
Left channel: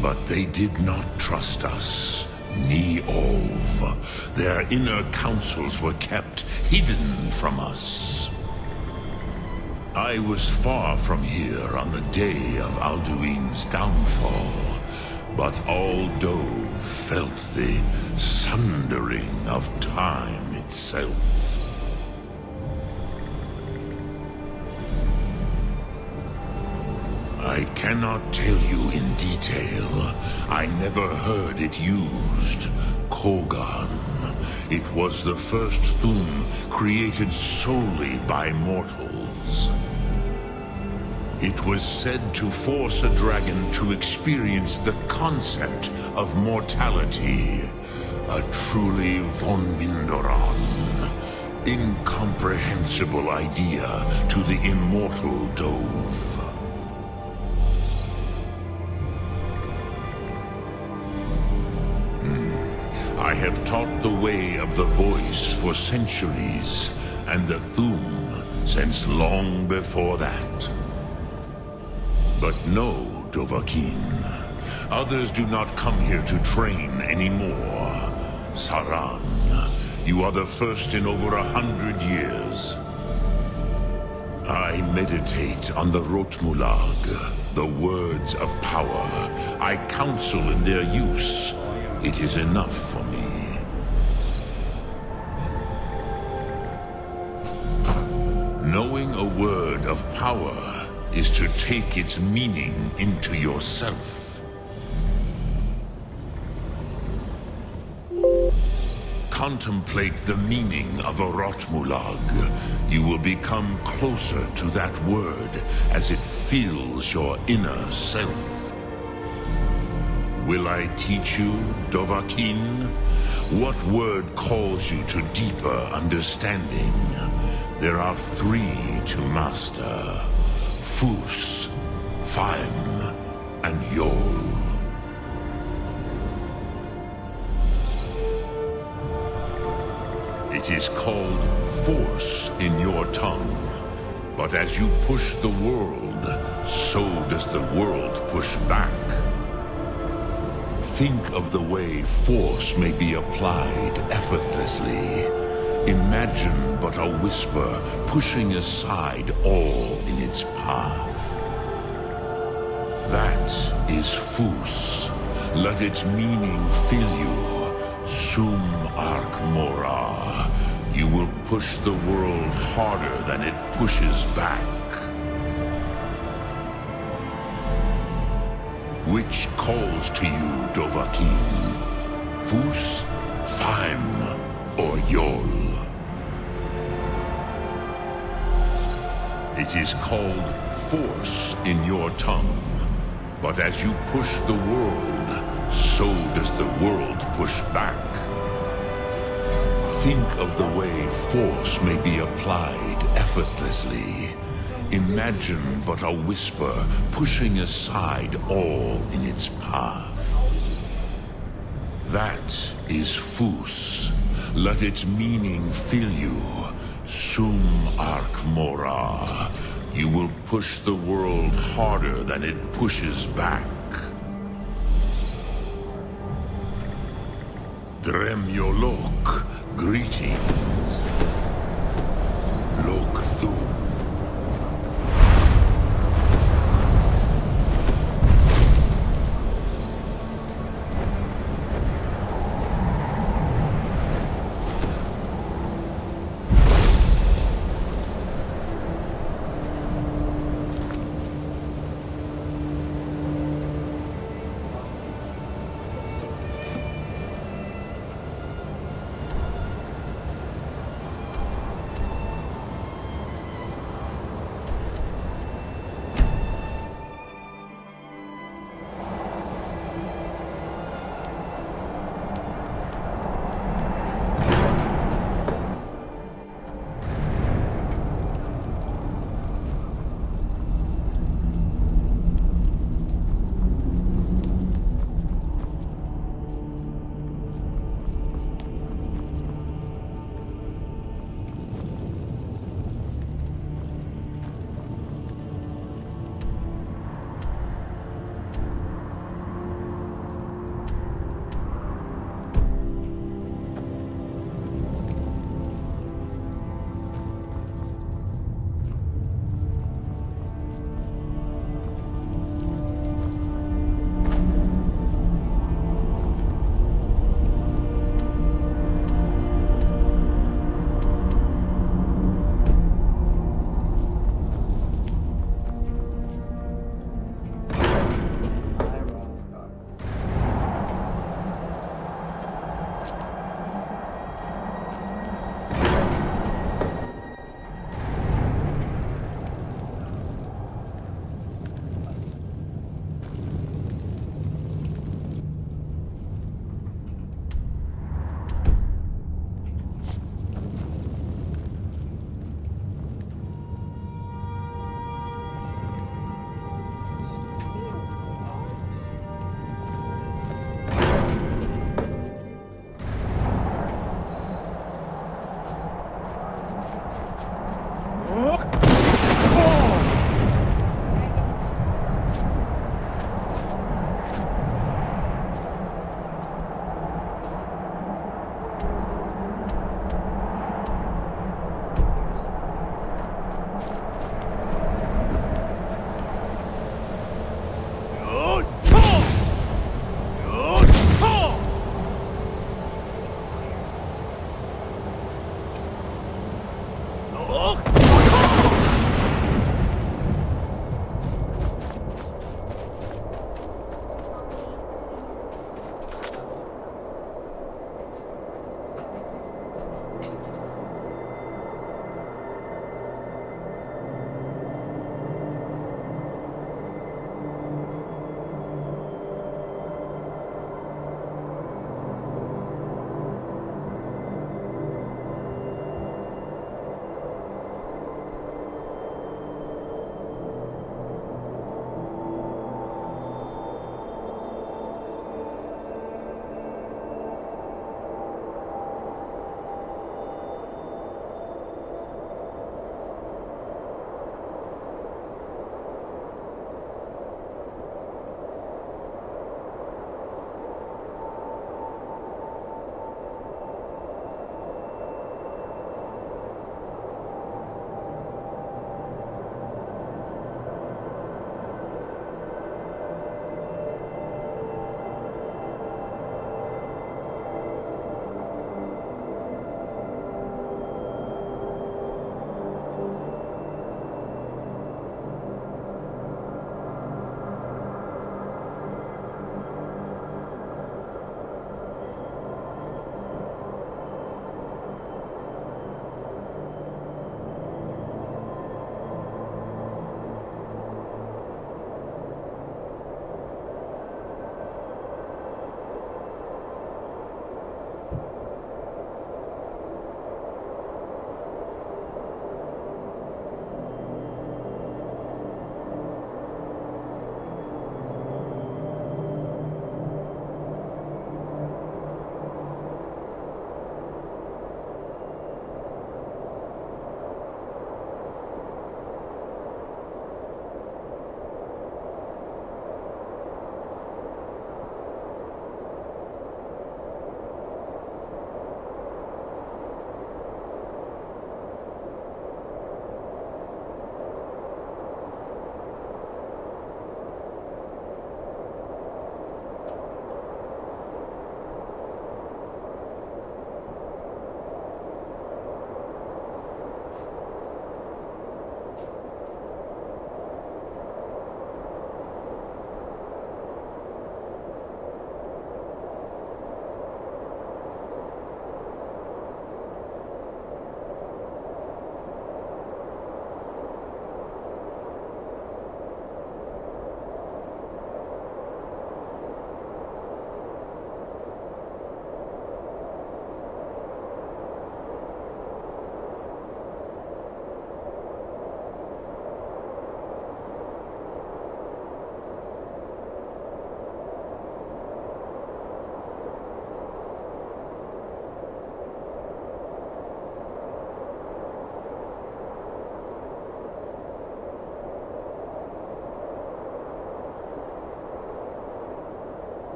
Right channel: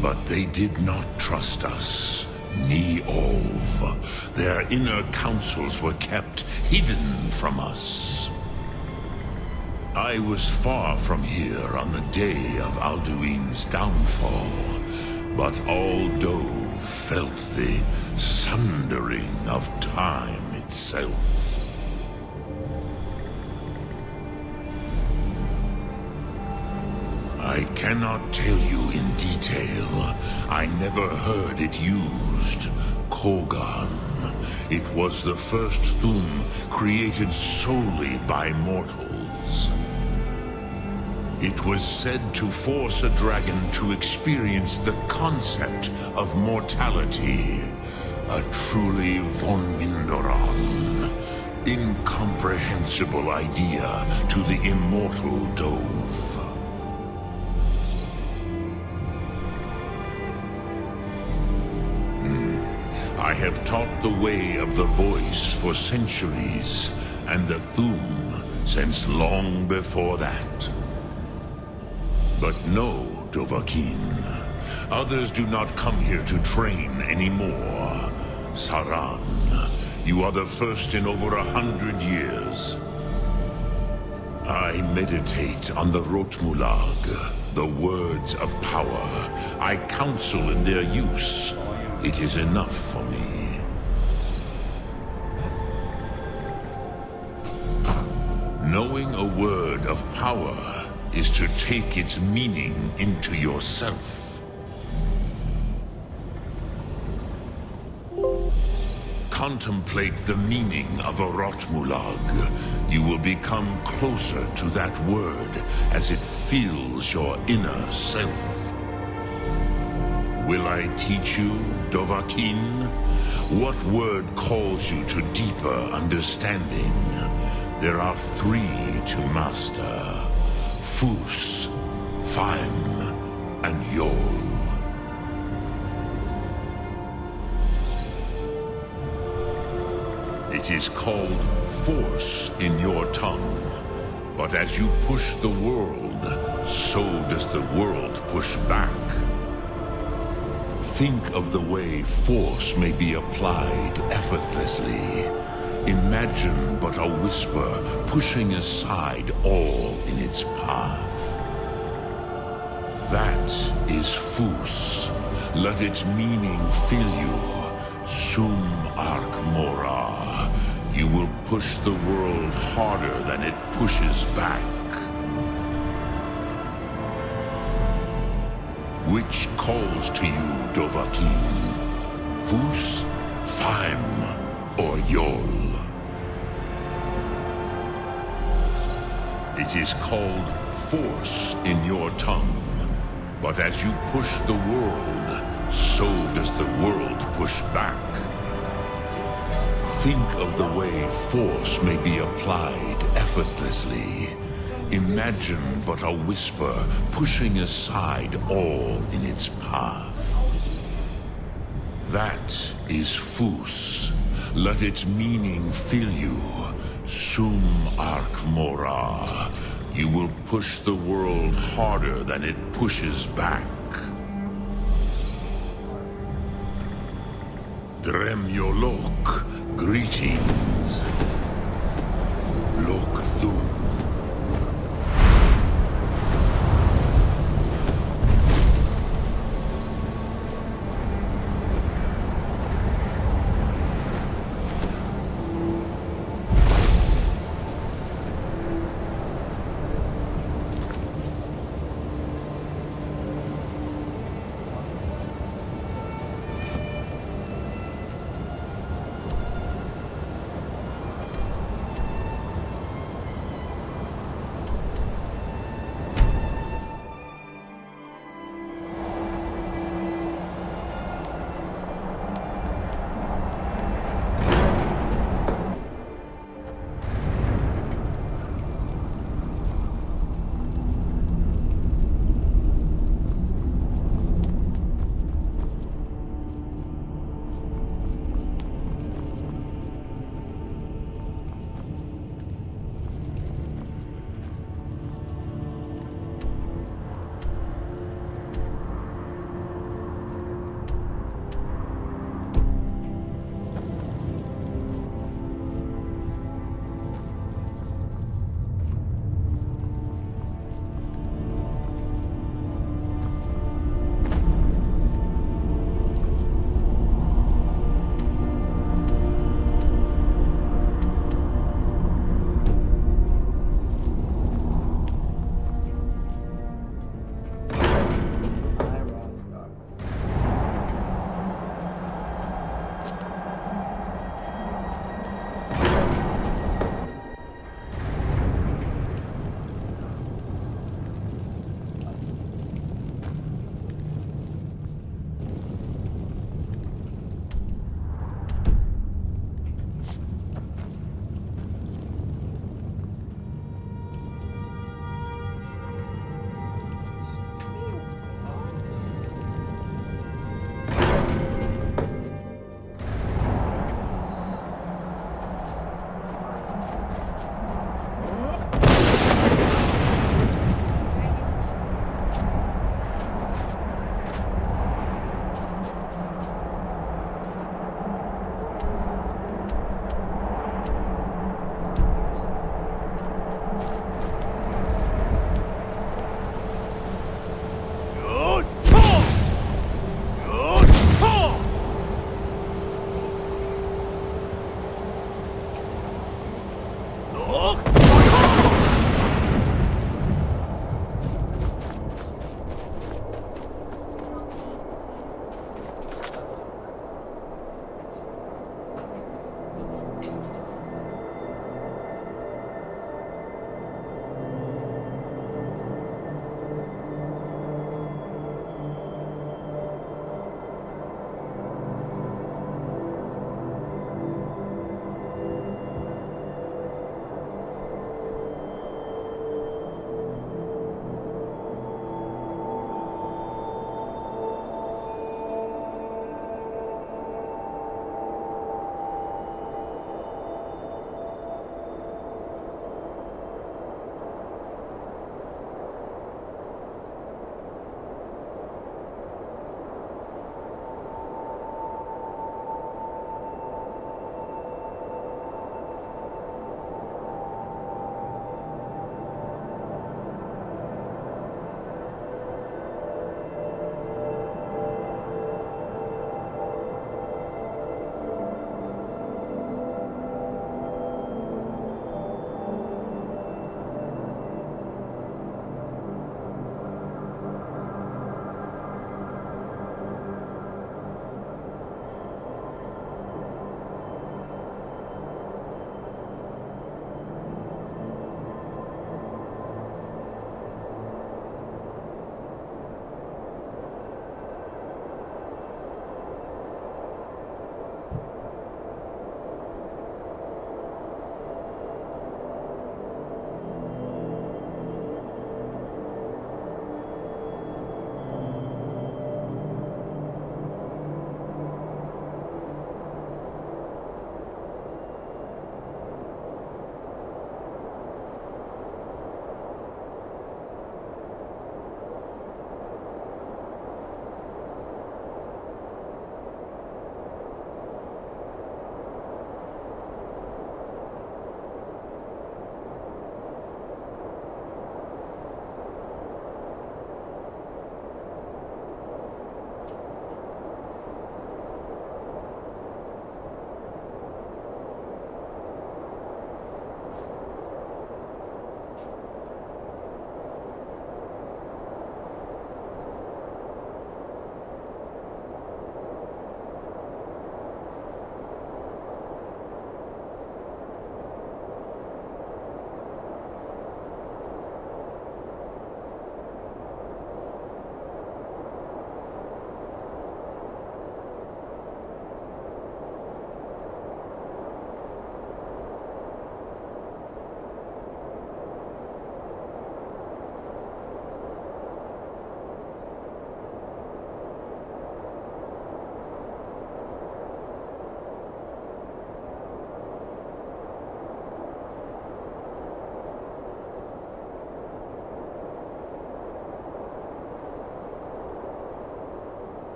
But they did not trust us. Ni Ov. Their inner councils were kept hidden from us. I was far from here on the day of Alduin's downfall, but all Dove felt the sundering of time itself. I cannot tell you in detail. I never heard it used. Kogan. It was the first Thum created solely by mortals. It was said to force a dragon to experience the concept of mortality. A truly von Mindoran. Incomprehensible idea to the immortal Dove. I have taught the way of the voice for centuries, and the Thum since long before that. But no, Dovahkiin. Others do not come here to train anymore. Saran, you are the first in over 100 years. I meditate on the Rotmulag, the words of power. I counsel in their use. It is enough for me. Knowing a word of power is to take its meaning into yourself. Contemplate the meaning of a Rotmulag. You will become closer to that word as it fills your inner self. Will I teach you, Dovahkiin? What word calls you to deeper understanding? There are 3 to master. Fus, Faim, and Yol. It is called force in your tongue. But as you push the world, so does the world push back. Think of the way force may be applied effortlessly. Imagine but a whisper pushing aside all in its path. That is Fus. Let its meaning fill you. Sum Ark Mora. You will push the world harder than it pushes back. Which calls to you, Dovahkiin? Fus, Faim, or Yol? It is called force in your tongue. But as you push the world, so does the world push back. Think of the way force may be applied effortlessly. Imagine but a whisper pushing aside all in its path. That is Fus. Let its meaning fill you. Sum Ark Mora. You will push the world harder than it pushes back. Dremyolok, greetings. Lok Thum.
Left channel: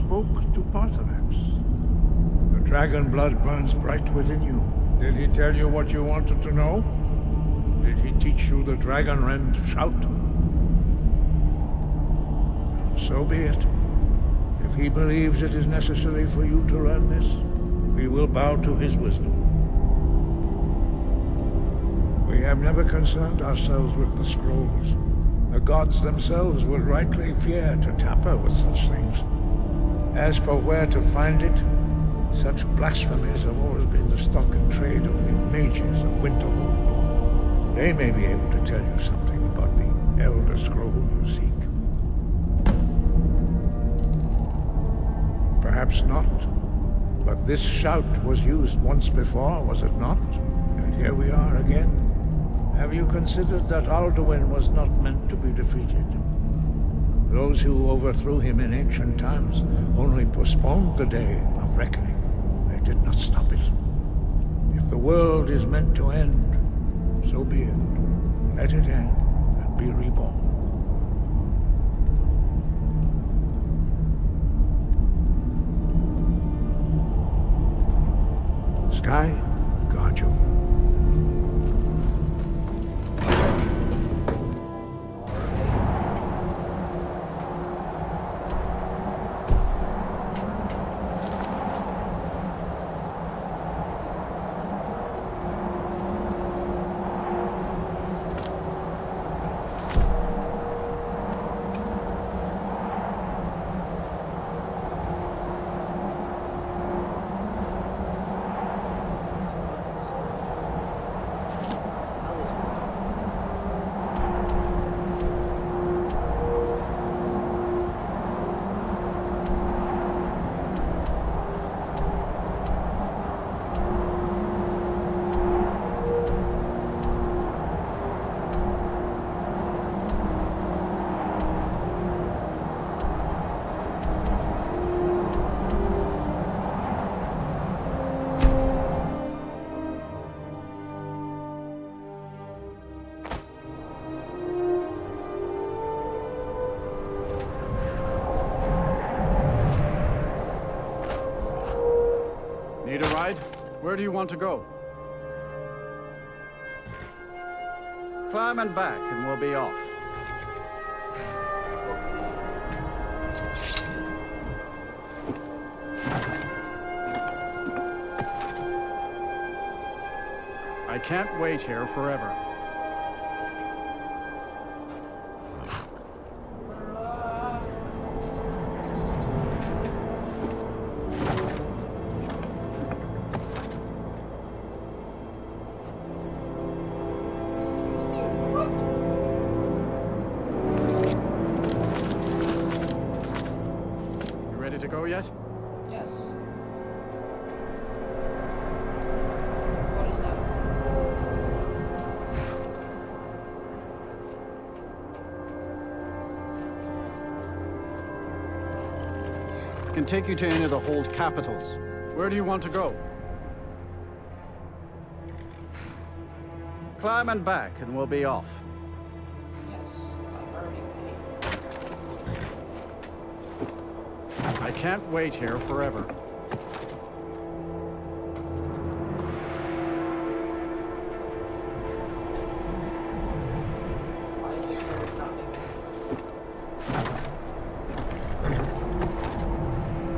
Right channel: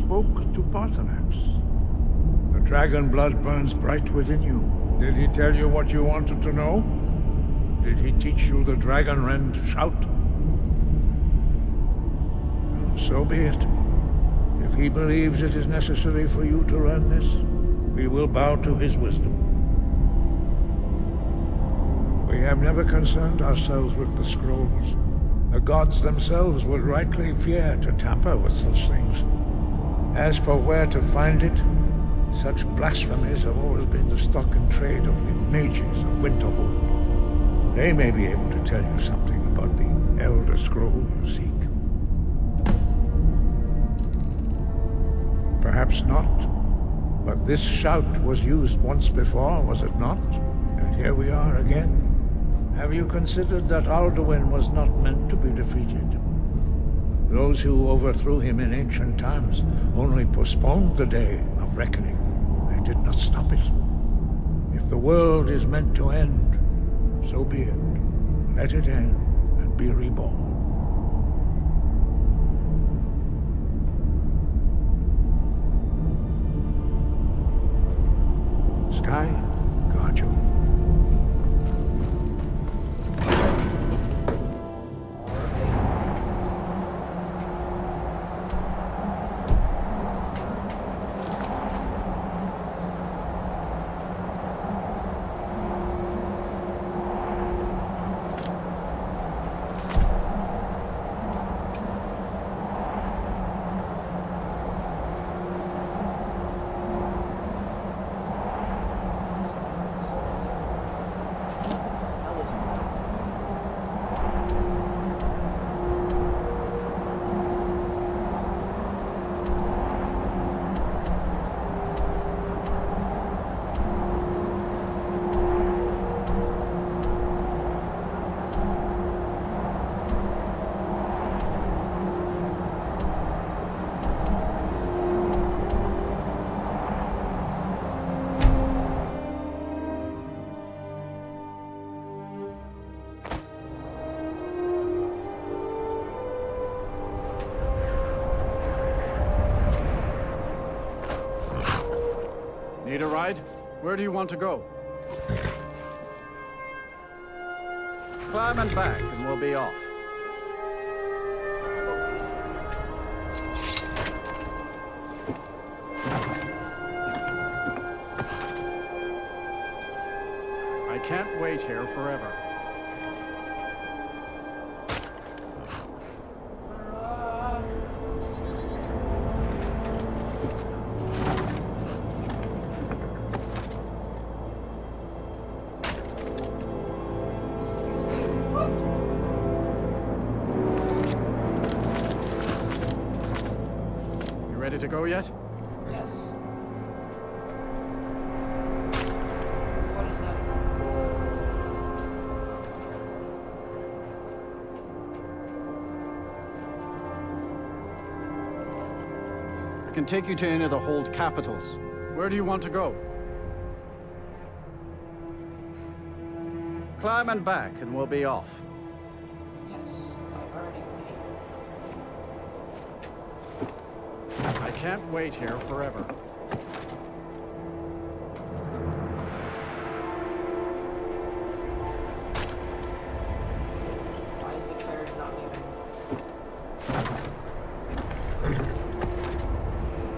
spoke to Parthenax. The dragon blood burns bright within you. Did he tell you what you wanted to know? Did he teach you the dragon rend shout? So be it. If he believes it is necessary for you to learn this, we will bow to his wisdom. We have never concerned ourselves with the scrolls. The gods themselves would rightly fear to tamper with such things. As for where to find it, such blasphemies have always been the stock and trade of the mages of Winterhold. They may be able to tell you something about the Elder Scroll you seek. Perhaps not, but this shout was used once before, was it not? And here we are again. Have you considered that Alduin was not meant to be defeated? Those who overthrew him in ancient times only postponed the day of reckoning. They did not stop it. If the world is meant to end, so be it. Let it end and be reborn. Sky, guard you. Need a ride? Where do you want to go? Climb and back, and we'll be off. I can't wait here forever. Ready to go yet? Yes. What is that? I can take you to any of the hold capitals. Where do you want to go? Climb and back, and we'll be off. Yes, I already paid. I can't wait here forever. Why is the carriage not leaving?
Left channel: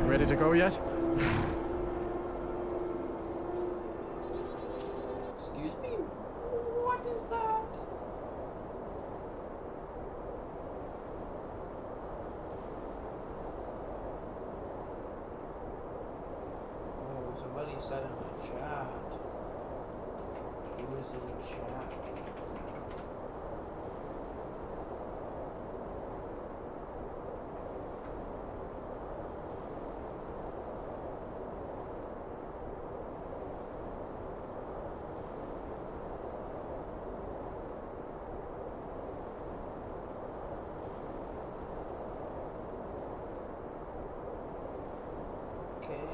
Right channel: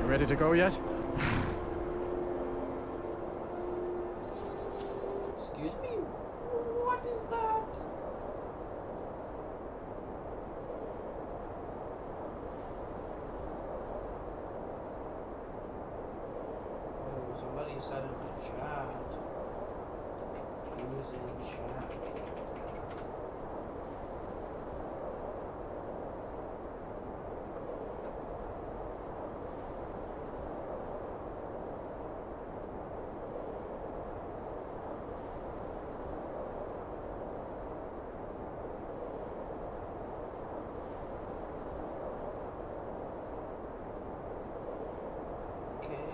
You ready to go yet? Excuse me? What is that? Oh, somebody said in my chat. Who's in chat? Okay.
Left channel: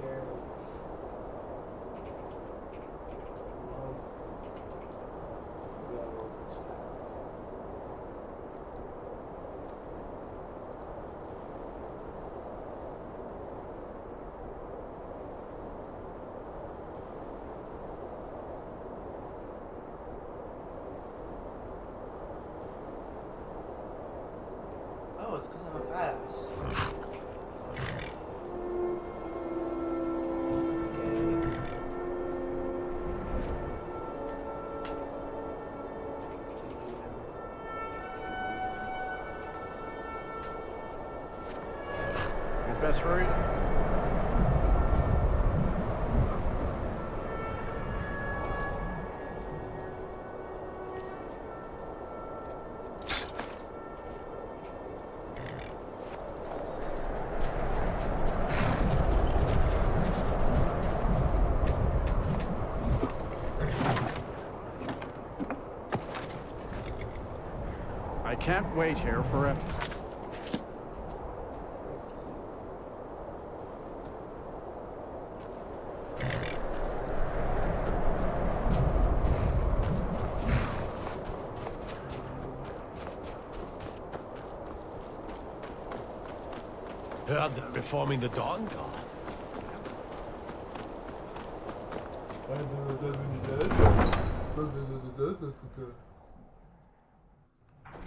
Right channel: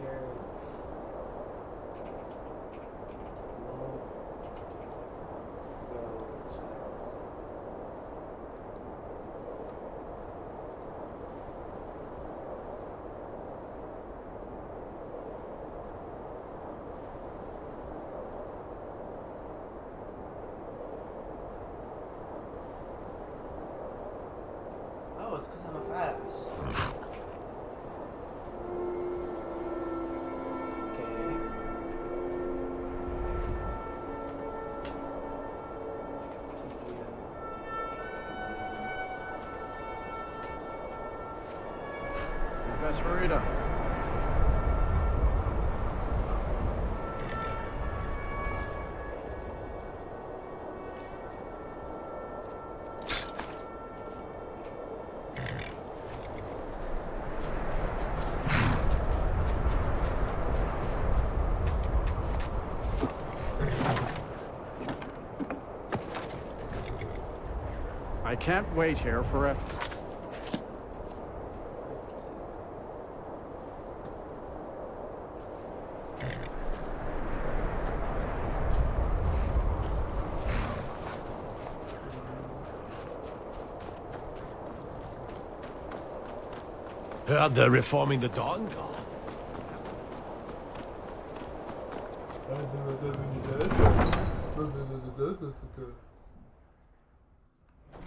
Carriage. it's because I'm a fat ass. You'd best hurry it up. I can't wait here forever. Heard they're reforming the Dawn Guard.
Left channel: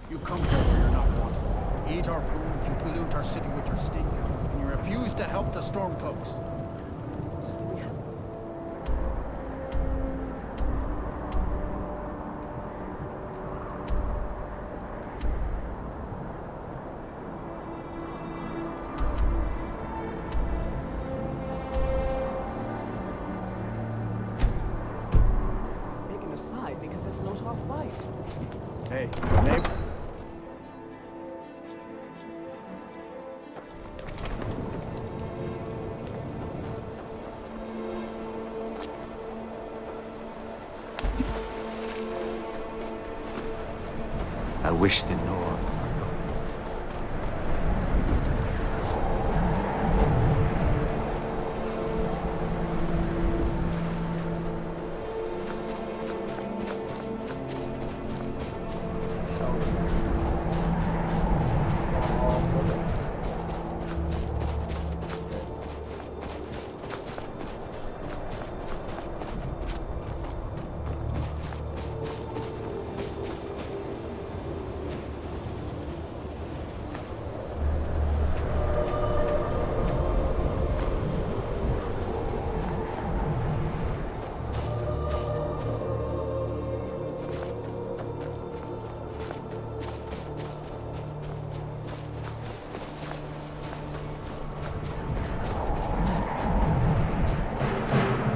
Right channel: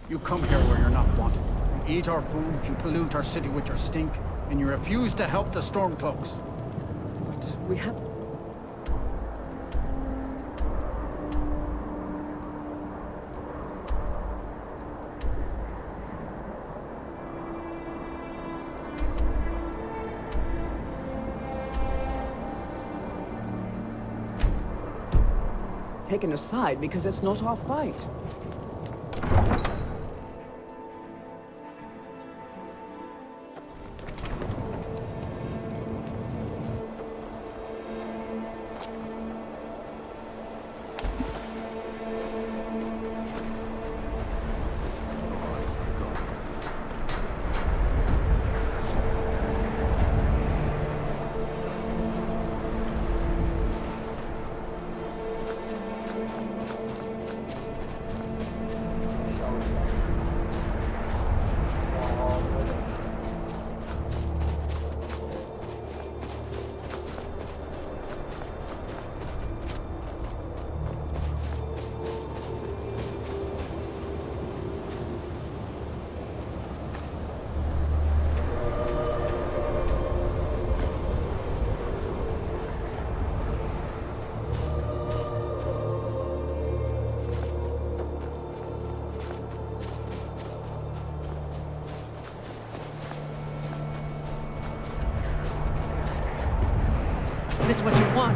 You come here where you're not wanted. You eat our food, you pollute our city with your stink, and you refuse to help the Stormcloaks. But we have... taken aside because it's not our fight. Hey. I wish the Nords are going. This is what you want.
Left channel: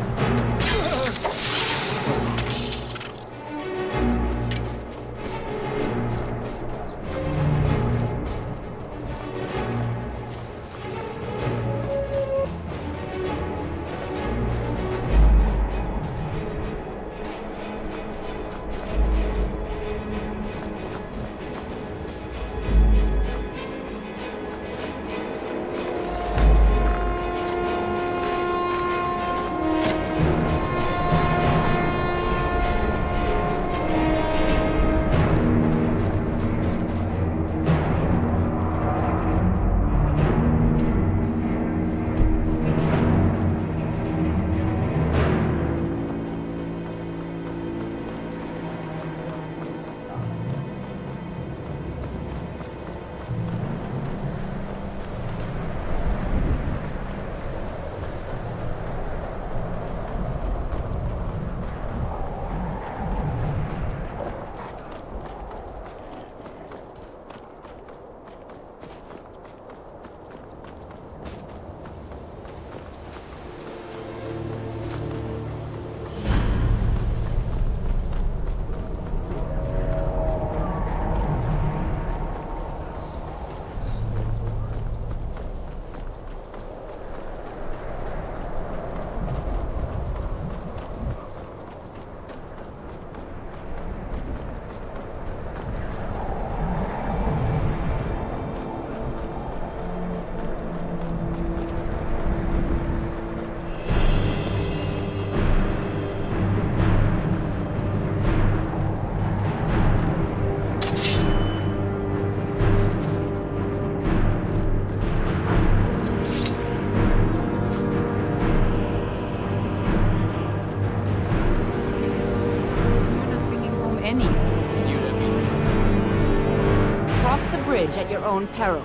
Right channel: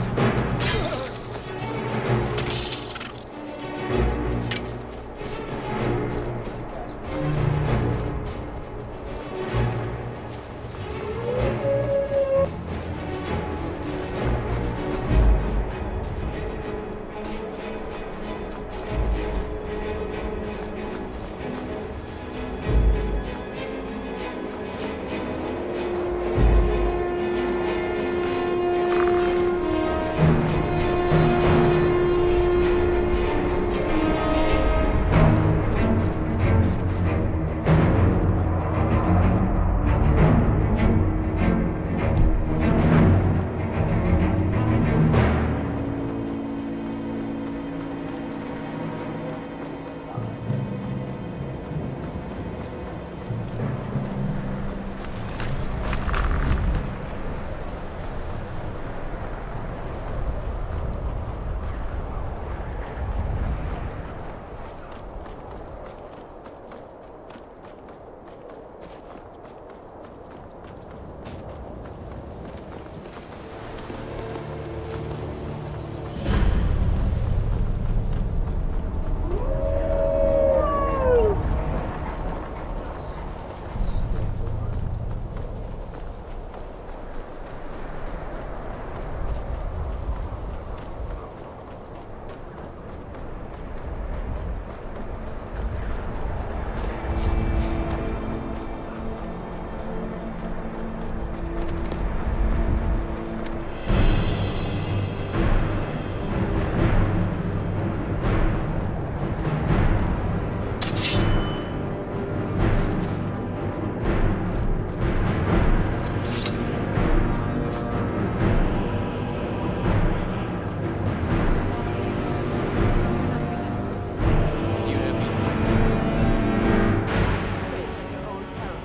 own peril.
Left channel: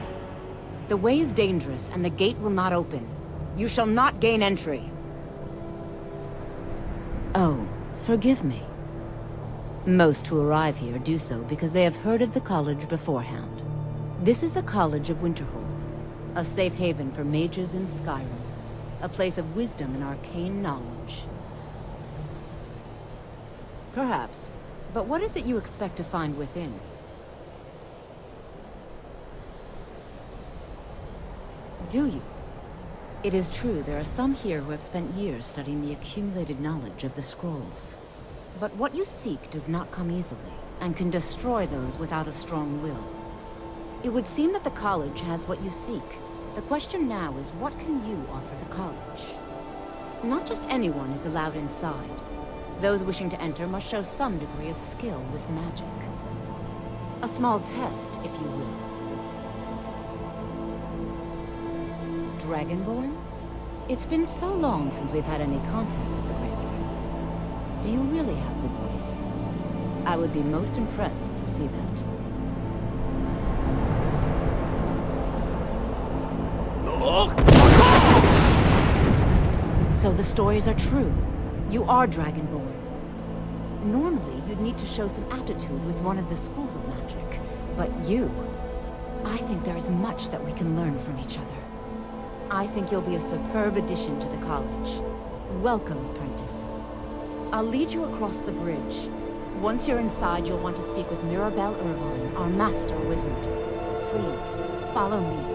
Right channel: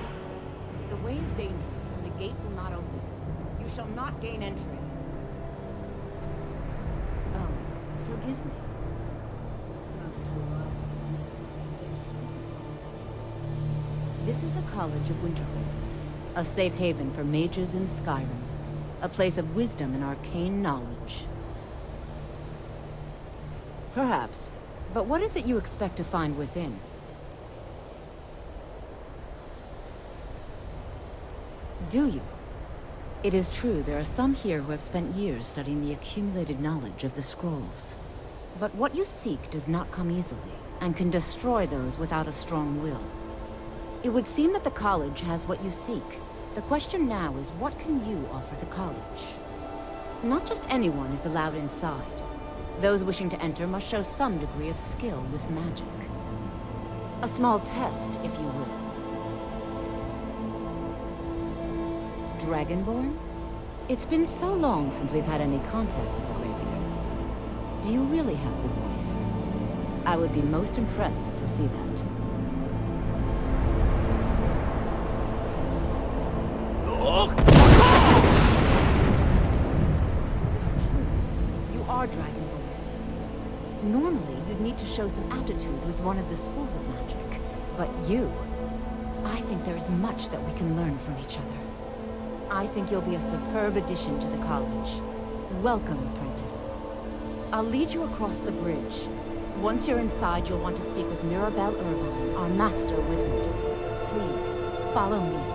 The way is dangerous, and the gate will not open. You shall not gain entry. Oh, forgive me. Most who arrive here do so because they have heard of the college beforehand. This is the College of Winterhold, a safe haven for mages in Skyrim, a place of wisdom and arcane knowledge. Perhaps, but what is it you expect to find within? Do you? It is true there are some here who have spent years studying the accumulated knowledge of the scrolls. But what you seek does not come easily, and can destroy those without a strong will. It would seem that the college has what you seek. The question now is, what can you offer the college? Not just anyone is allowed inside. Those wishing to enter must show some degree of skill with magic. A small test, if you will. Dragonborn? It's been so long since we've had any contact with the Greybeards. Do you really have the voice? I would be most impressed to see that. So the stories are true. You are Dragonborn. Normally, you'd need to show some aptitude with one of the schools of magic. But you... I think there is much that we can learn from each other. I think you'll be a superb addition to the college. Welcome, apprentice. I'll lead you across the bridge. Once you're inside, you'll want to speak with Mirabelle Irvine, our master wizard. Please, follow me.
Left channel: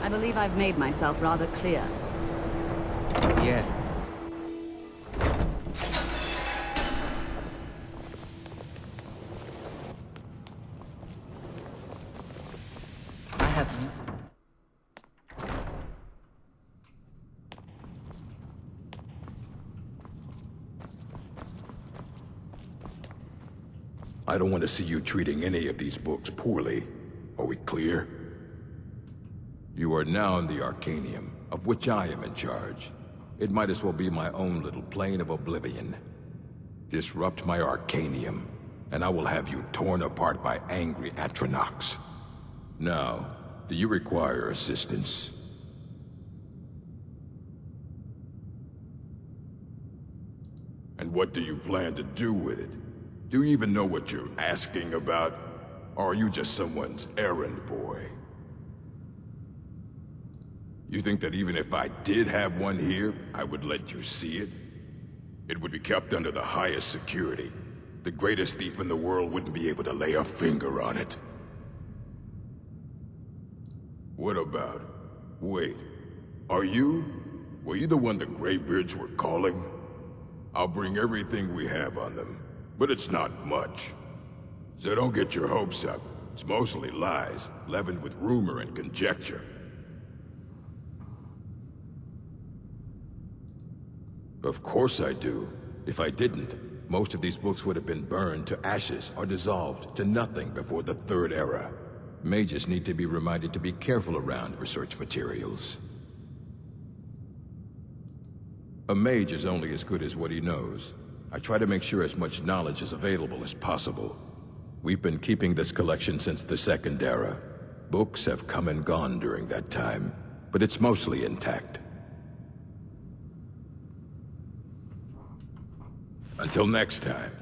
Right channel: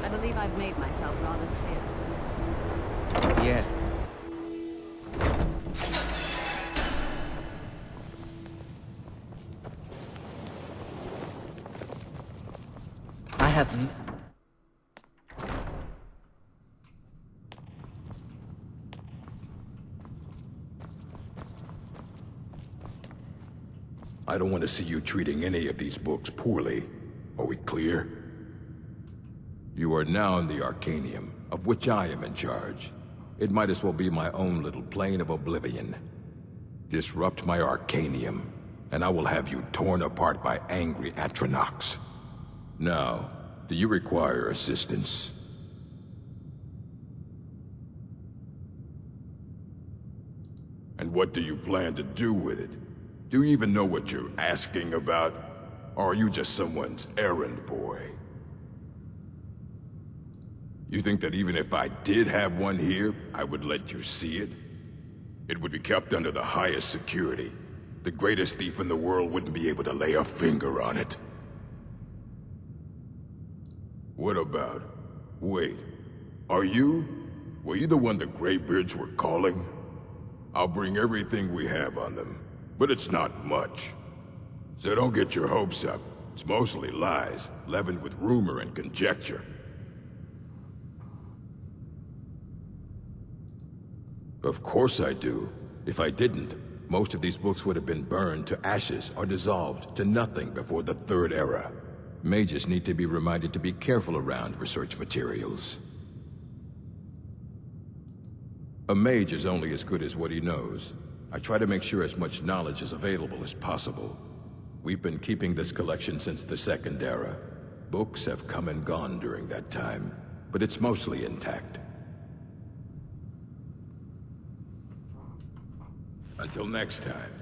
I believe I've made myself rather clear. Yes. I haven't. I don't want to see you treating any of these books poorly. Are we clear? You are now in the Arcanium, of which I am in charge. It might as well be my own little plane of oblivion. Disrupt my Arcanium, and I will have you torn apart by angry Atronachs. Now, do you require assistance? And what do you plan to do with it? Do you even know what you're asking about? Or are you just someone's errand boy? You think that even if I did have one here, I would let you see it? It would be kept under the highest security. The greatest thief in the world wouldn't be able to lay a finger on it. What about... Wait. Were you the one the Greybeards were calling? I'll bring everything we have on them, but it's not much. So don't get your hopes up. It's mostly lies, leavened with rumor and conjecture. Of course I do. If I didn't, most of these books would have been burned to ashes or dissolved to nothing before the Third Era. Mages need to be reminded to be careful around research materials. A mage is only as good as what he knows. I try to make sure as much knowledge is available as possible. We've been keeping this collection since the Second Era. Books have come and gone during that time. but it's mostly intact. Until next time.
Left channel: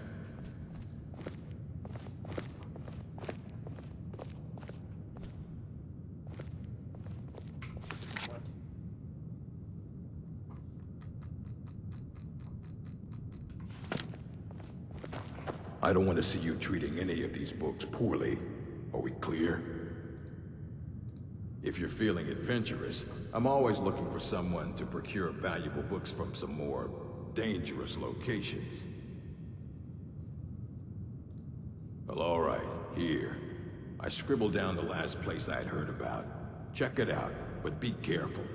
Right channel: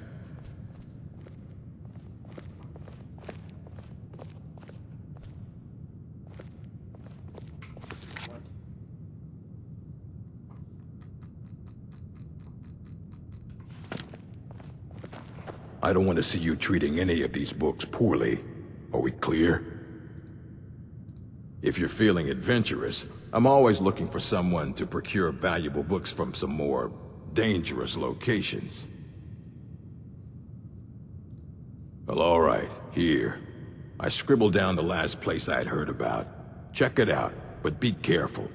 I don't want to see you treating any of these books poorly. Are we clear? If you're feeling adventurous, I'm always looking for someone to procure valuable books from some more dangerous locations. Well, all right, here. I scribbled down the last place I'd heard about. Check it out, but be careful.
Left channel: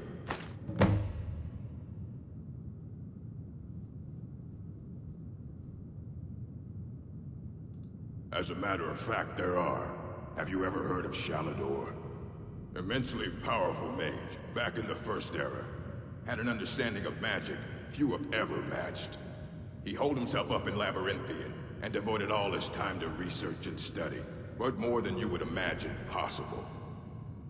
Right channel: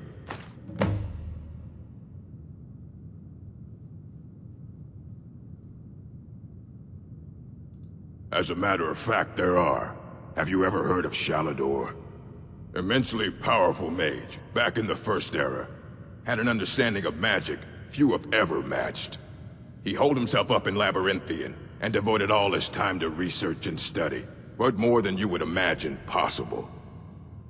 As a matter of fact, there are. Have you ever heard of Shalador? Immensely powerful mage, back in the First Era. Had an understanding of magic few have ever matched. He holed himself up in Labyrinthian, and devoted all his time to research and study. But more than you would imagine possible.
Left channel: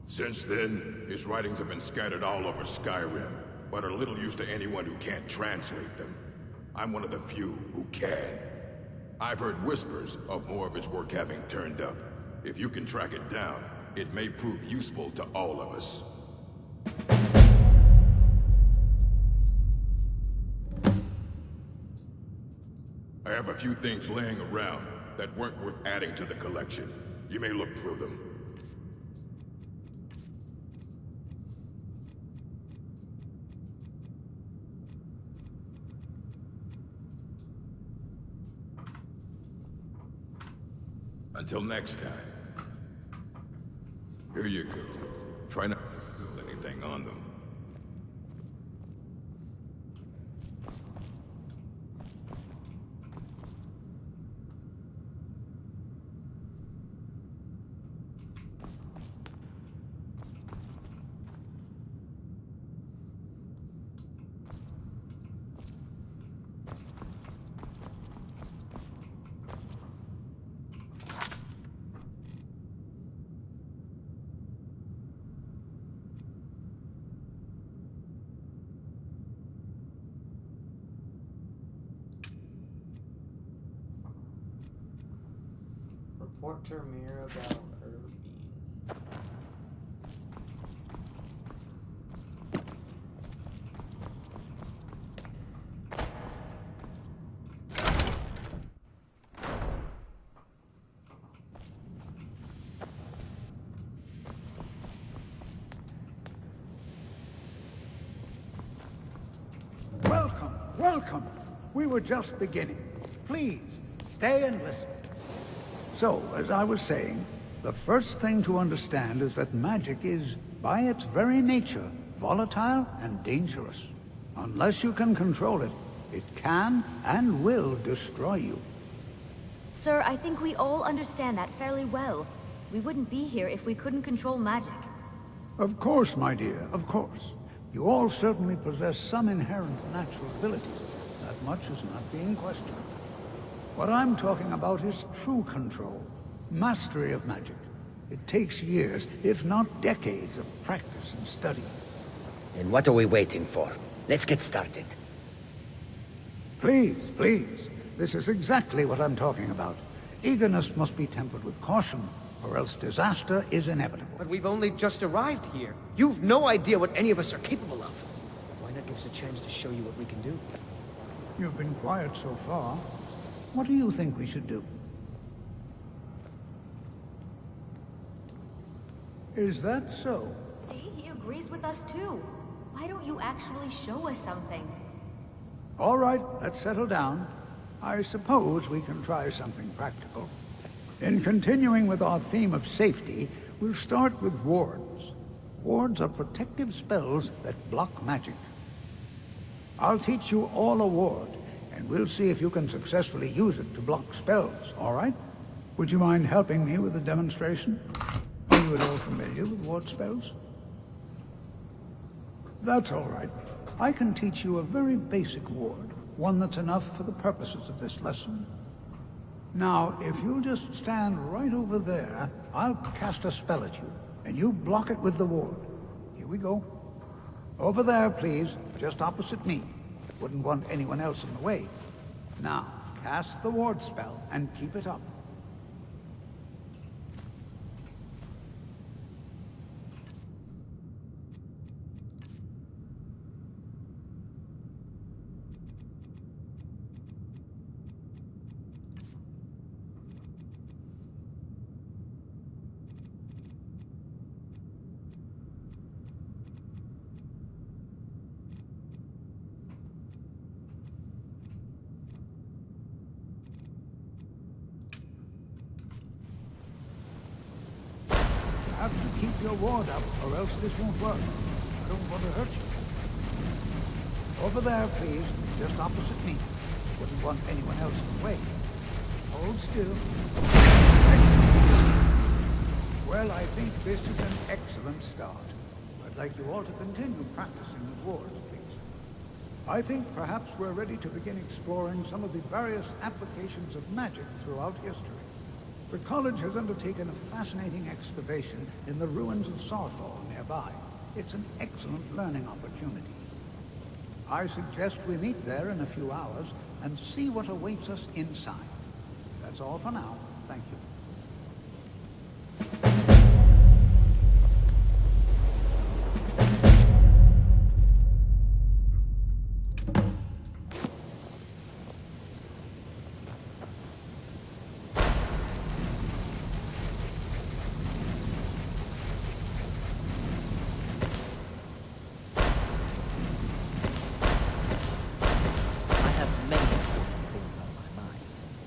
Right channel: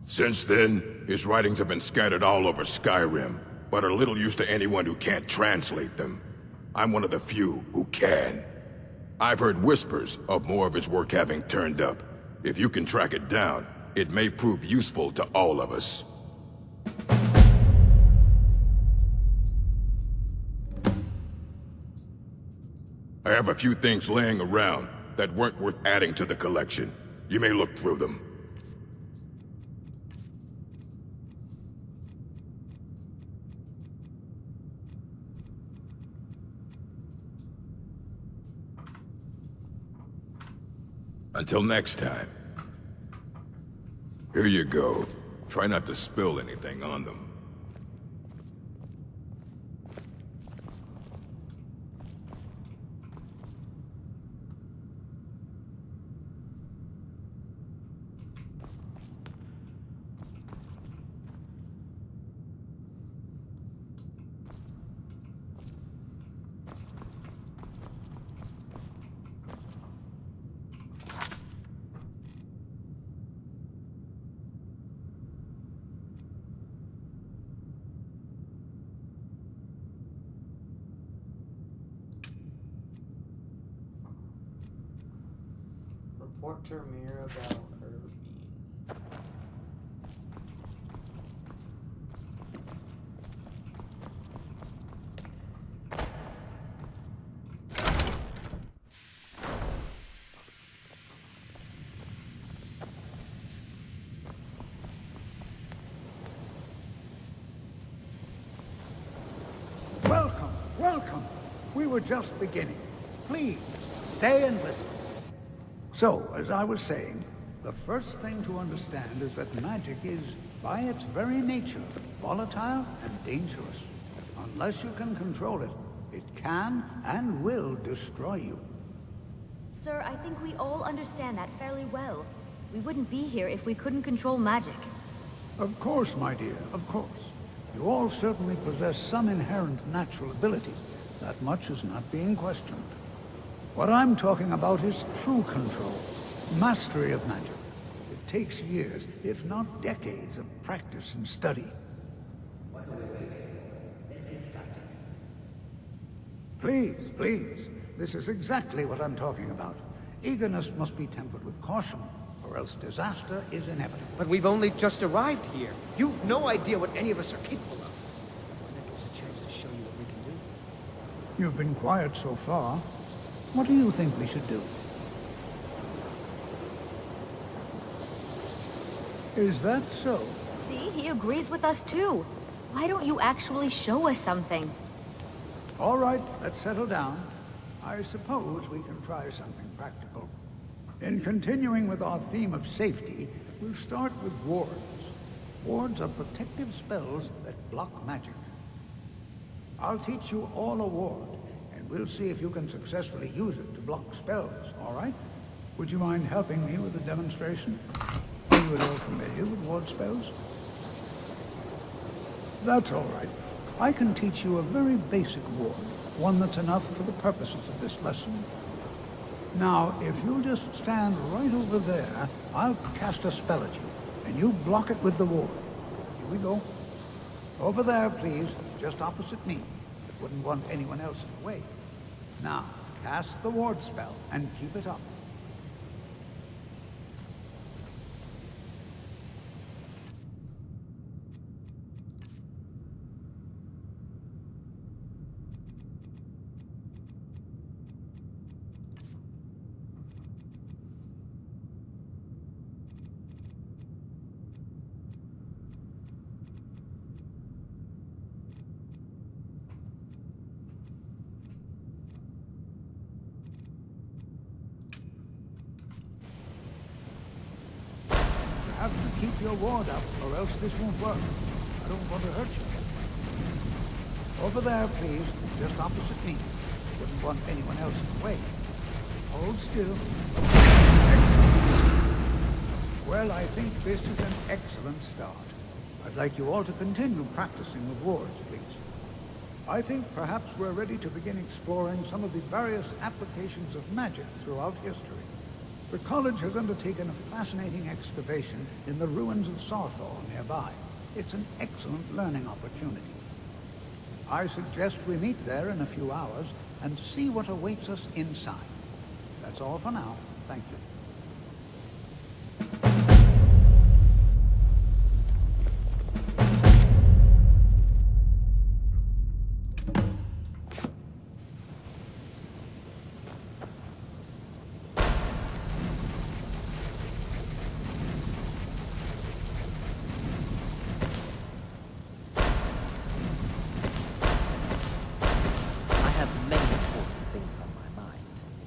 Since then, his writings have been scattered all over Skyrim, but are little use to anyone who can't translate them. I'm one of the few who can. I've heard whispers of more of his work having turned up. If you can track it down, it may prove useful to all of us. I have a few things laying around that weren't worth adding to the collection. You may look through them. Until next time. Here you go. Try not to spill anything on them. Report to Ramir about Irvine. Welcome, welcome. We were just beginning. Please, stay and listen. So, as I was saying, the first thing to understand is that magic is, by its very nature, volatile and dangerous. Unless you can control it, it can and will destroy you. Sir, I think we all understand that fairly well. We wouldn't be here if we couldn't control magic. Of course, my dear, of course. You all certainly possess some inherent natural ability. That much is not being questioned. What I'm talking about is true control, mastery of magic. It takes years, if not decades, of practice and study. Then what are we waiting for? Let's get started. Please, please. This is exactly what I'm talking about. Eagerness must be tempered with caution, or else disaster is inevitable. But we've only just arrived here. You've no idea what any of us are capable of. Why not give us a chance to show you what we can do? You've been quiet so far. What do you think we should do? Is that so? See, he agrees with us too. Why don't you actually show us something? All right, let's settle down. I suppose we can try something practical. In continuing with our theme of safety, we'll start with wards. Wards are protective spells that block magic. I'll teach you all a ward, and we'll see if you can successfully use it to block spells, all right? Would you mind helping me with the demonstration? Are you at all familiar with ward spells? That's all right. I can teach you a very basic ward, one that's enough for the purposes of this lesson. Now, if you'll just stand right over there, I'll cast a spell at you, and you block it with the ward. Here we go. Over there, please. Just opposite me. Wouldn't want anyone else in the way. Now, cast the ward spell and keep it up. You have to keep your ward up, or else this won't work. I don't want to hurt you. Over there, please. Just opposite me. Wouldn't want anyone else in the way. Hold still. Excellent. Well, I think this is an excellent start. I'd like you all to continue practicing with wards, please. I think perhaps we're ready to begin exploring some of the various applications of magic throughout history. The college has undertaken a fascinating excavation in the ruins of Sarthor nearby. It's an excellent learning opportunity. I suggest we meet there in a few hours and see what awaits us inside. That's all for now. Thank you.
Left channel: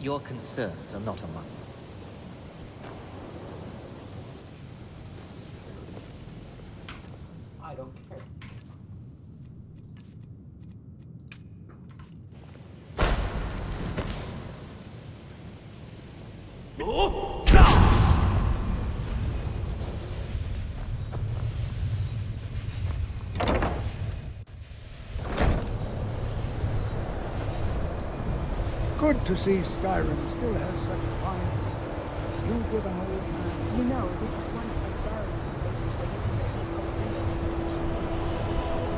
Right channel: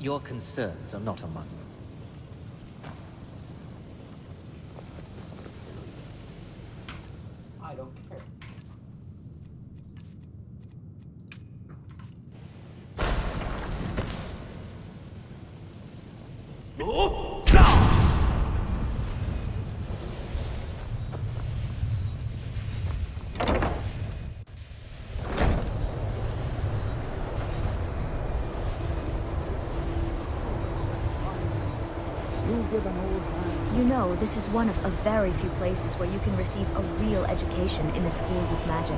Your concerns are not among them. I don't care. Good to see Skyrim still has such fine people. You give an old man... You know, this is one of a very few places where you can receive a real education in the schools of magic.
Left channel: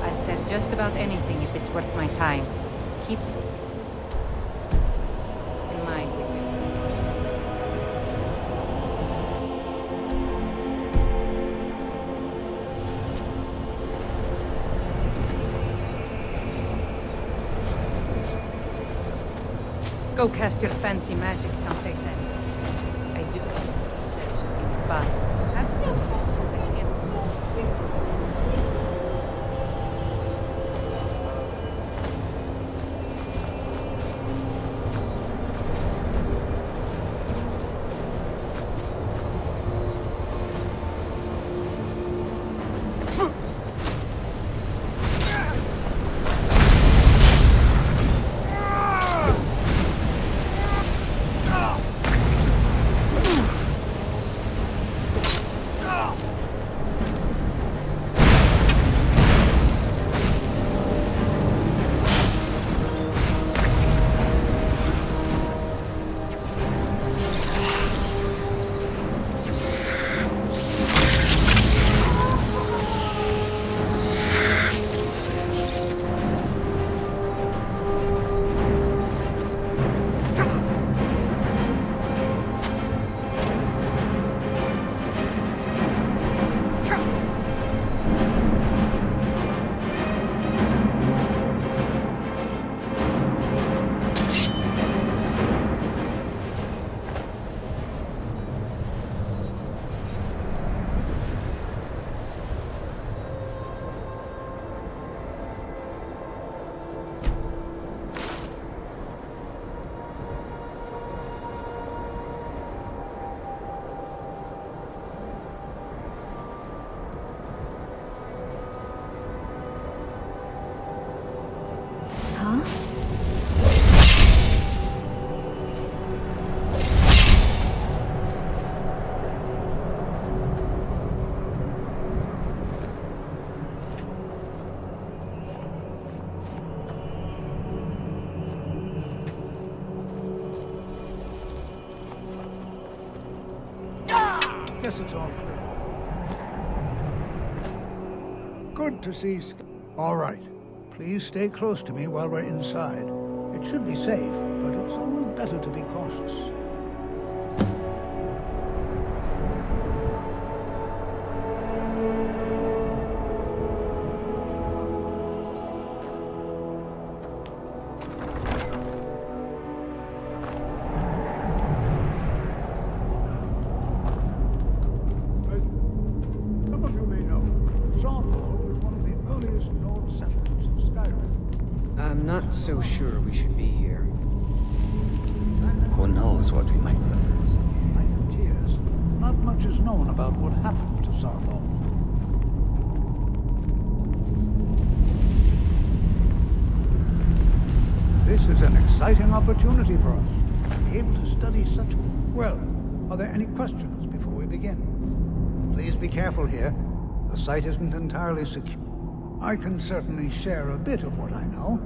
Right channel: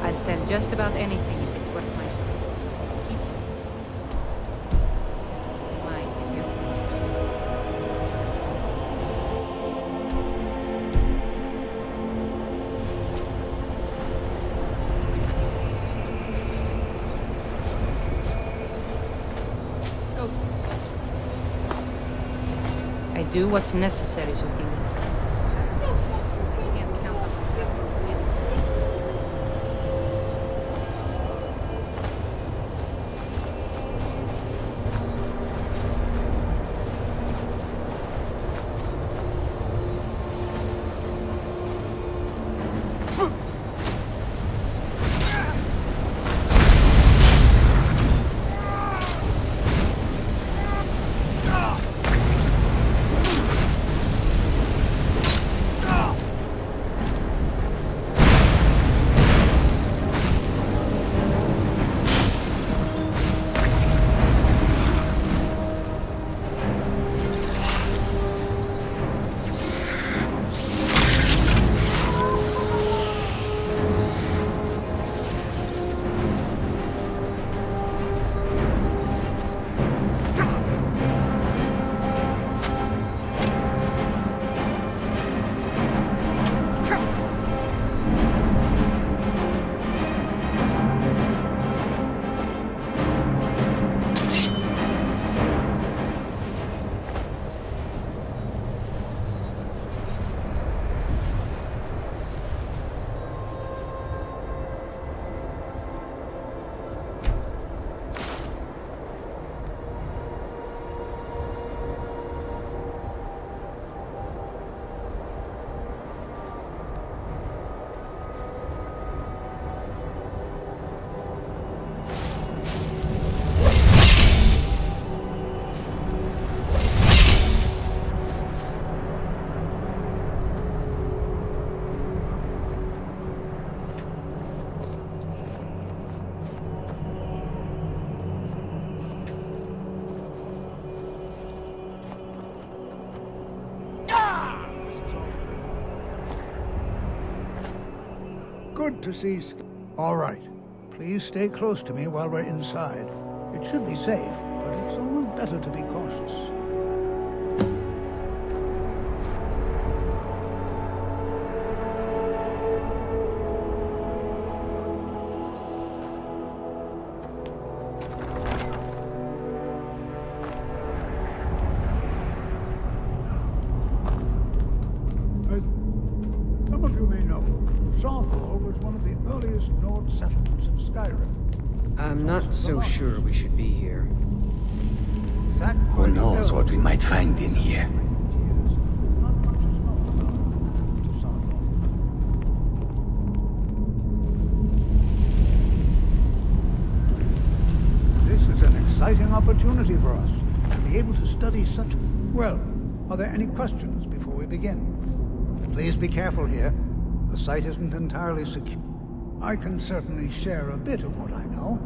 I'd sell just about anything if it's worth my time. Keep in mind with you. Go cast your fancy magic someday then. I do what's necessary so things fun. Since I can't help it. it's all clear. Good to see All right. Please stay close to me while we're inside. It should be safe, but it's always better to be cautious. Some of you may know, Southall was one of the earliest Nord settlements of Skyrim. I'm not so sure we should be here. Who knows what we might find in here? Not much is known about what happened to Southall. This is an exciting opportunity for us to be able to study such... Well, are there any questions before we begin? Please be careful here. The site isn't entirely secure. I can certainly share a bit of what I know.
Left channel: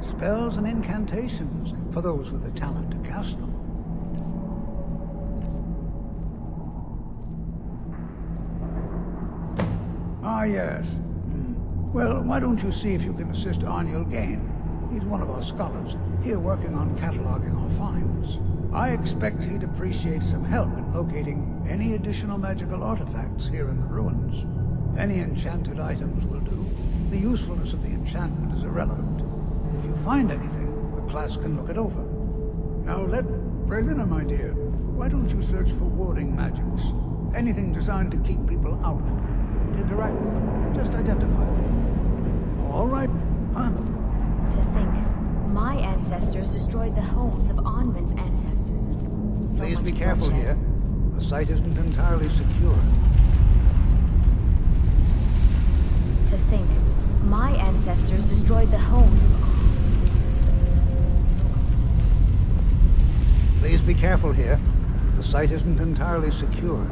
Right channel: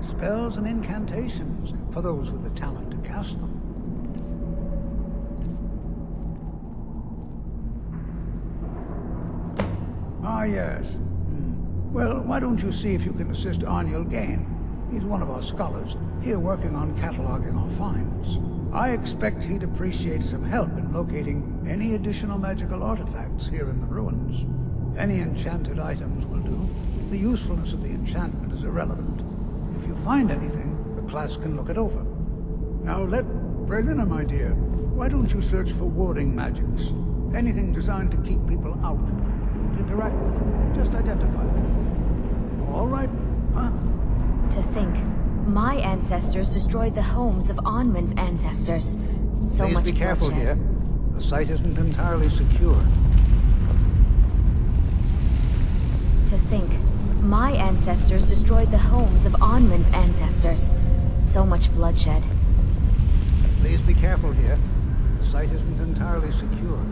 Spells and incantations for those with the talent to cast them. Ah, yes. Well, why don't you see if you can assist Arniel Gain? He's one of our scholars, here working on cataloging our finds. I expect he'd appreciate some help in locating any additional magical artifacts here in the ruins. Any enchanted items will do. The usefulness of the enchantment is irrelevant. If you find anything, the class can look it over. Now Brelina, my dear, why don't you search for warding magics? Anything designed to keep people out. Don't interact with them, just identify them. All right, huh? To think, my ancestors destroyed the homes of Onmund's ancestors. So Please much be careful bloodshed. here. The site isn't entirely secure. To think, my ancestors destroyed the homes of Onmund's ancestors. So much bloodshed. Please be careful here. The site isn't entirely secured.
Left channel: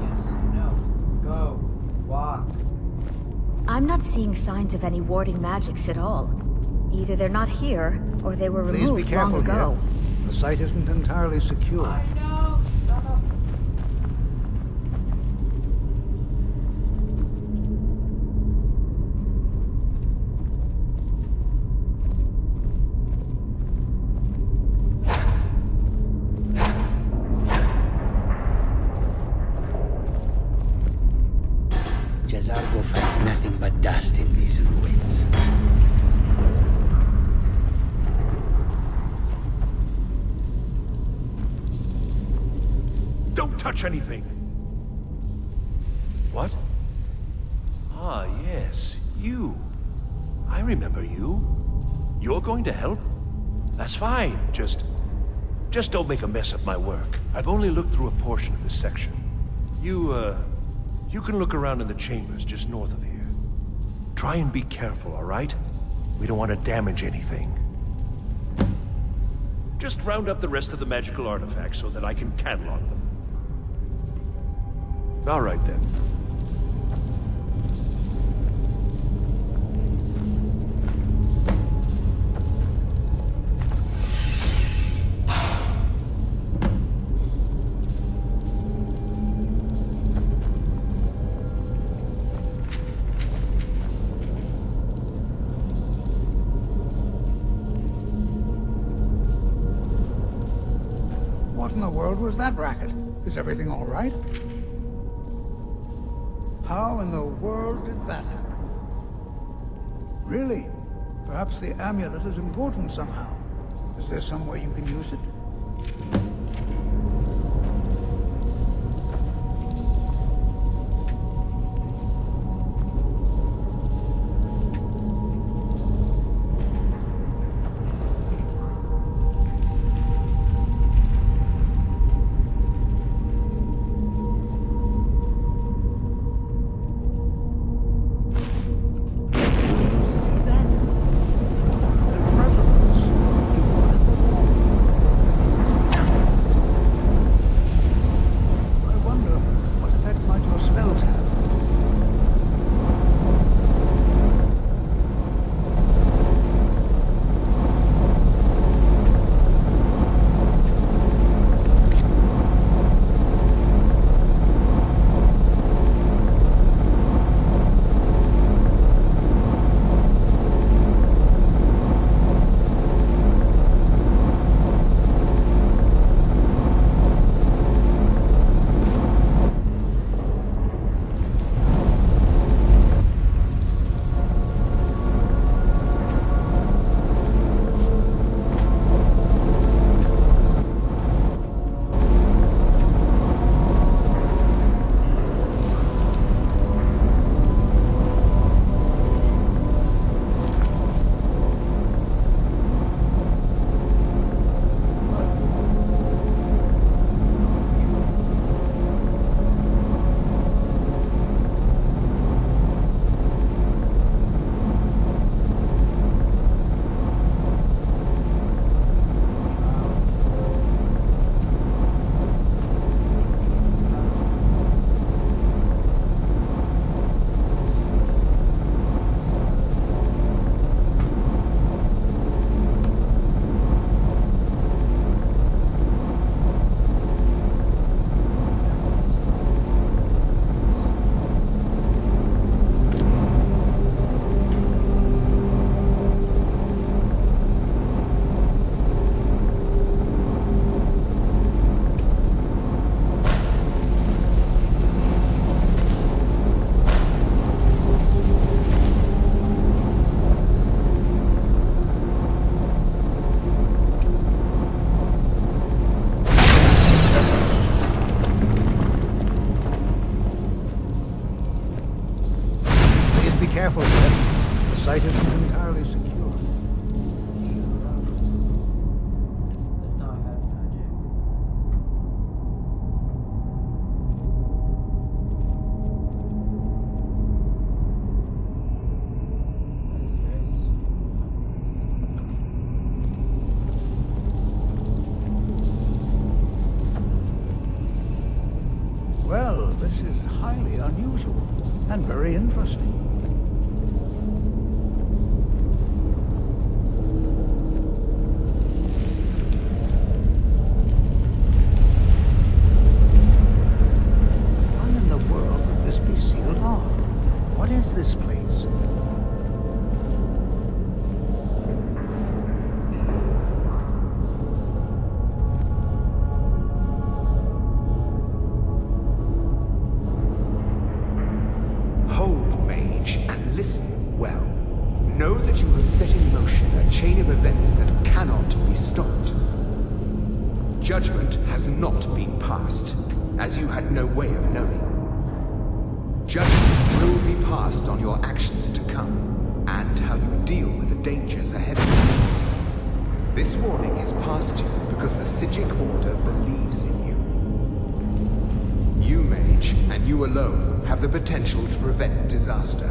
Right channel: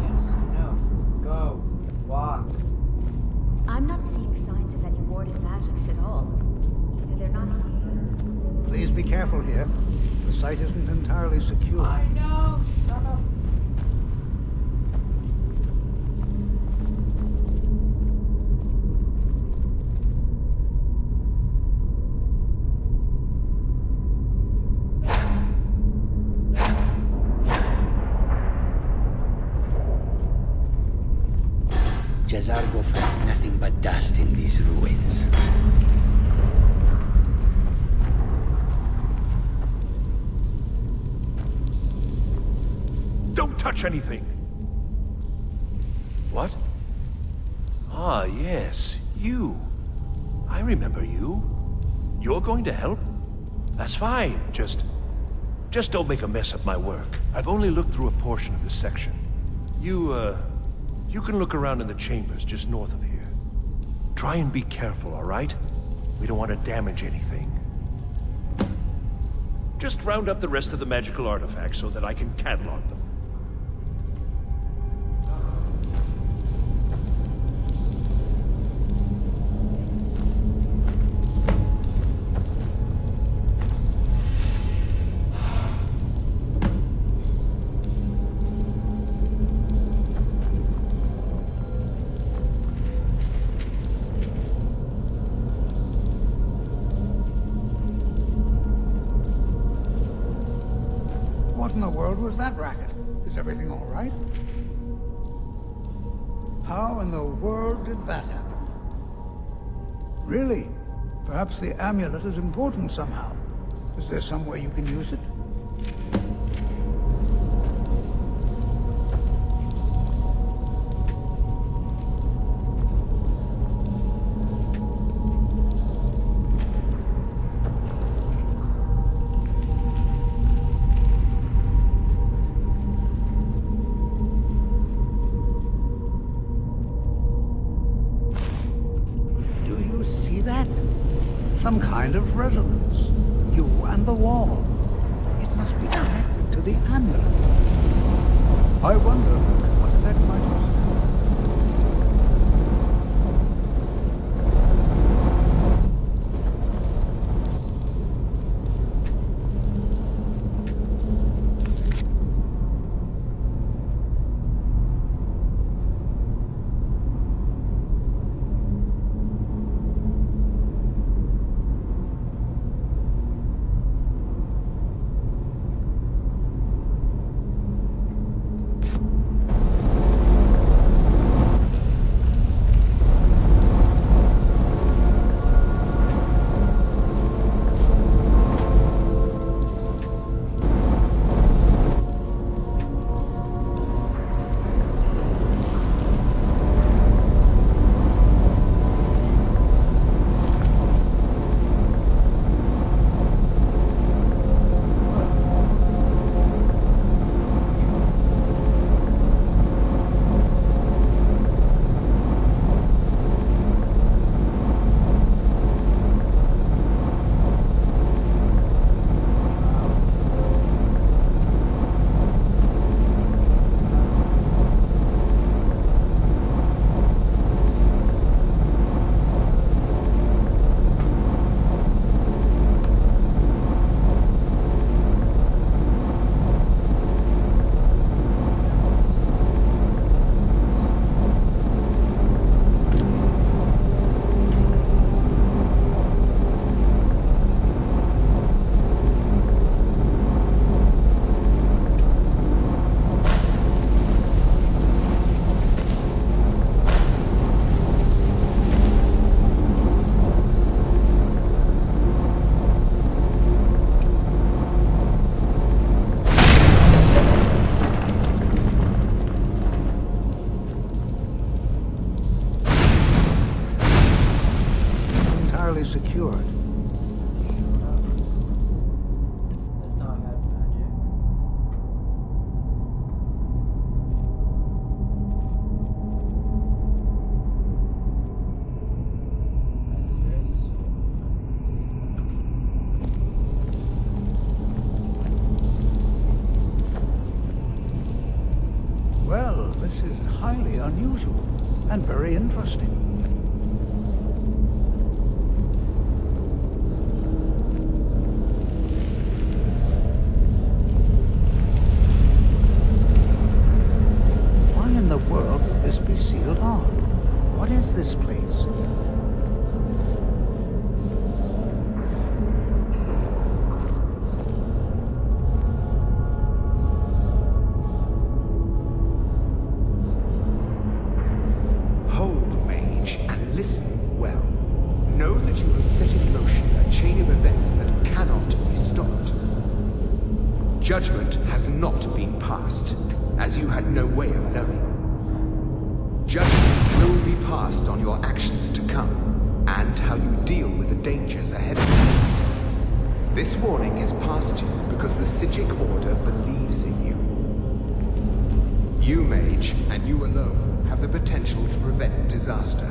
Yes, I know. Go. Walk. I'm not seeing signs of any warding magics at all. Either they're not here, or they were removed Please be careful long here. ago. The site isn't entirely secure. I know. Shut up. Jazargo finds nothing but dust in these ruins. Don't touch anything! What? Ah, yes, you. I remember you. You're going to help? That's fine, just don't make a mess of my work. I've only looked through a portion of this section. You can look around in the chambers just north of here. Try and be careful, all right? We don't want to damage anything. Just round up the rest of the magical artifacts so that I can catalog them. All right, then. What in the world was that racket? Is everything all right? How in the world did that happen? Really? Perhaps the amulet is important somehow. Is there some way you can use it? Do you see that? Some kind of resonance. You and the wall. It must be connected to the amulet. I wonder what effect might your spells have. Secured. Didn't know I had magic. That is very useful. Well, this is highly unusual and very interesting. Be sealed off. What is this place? Hold, mage, and listen well. Know that you have set in motion a chain of events that cannot be stopped. Judgment has not been passed, as you had no way of knowing. Judgment will be passed on your actions to come, and how you deal with the dangers ahead of you. This warning is passed to you because the Psijic Order believes in you. You, mage, and you alone, have the potential to prevent disaster.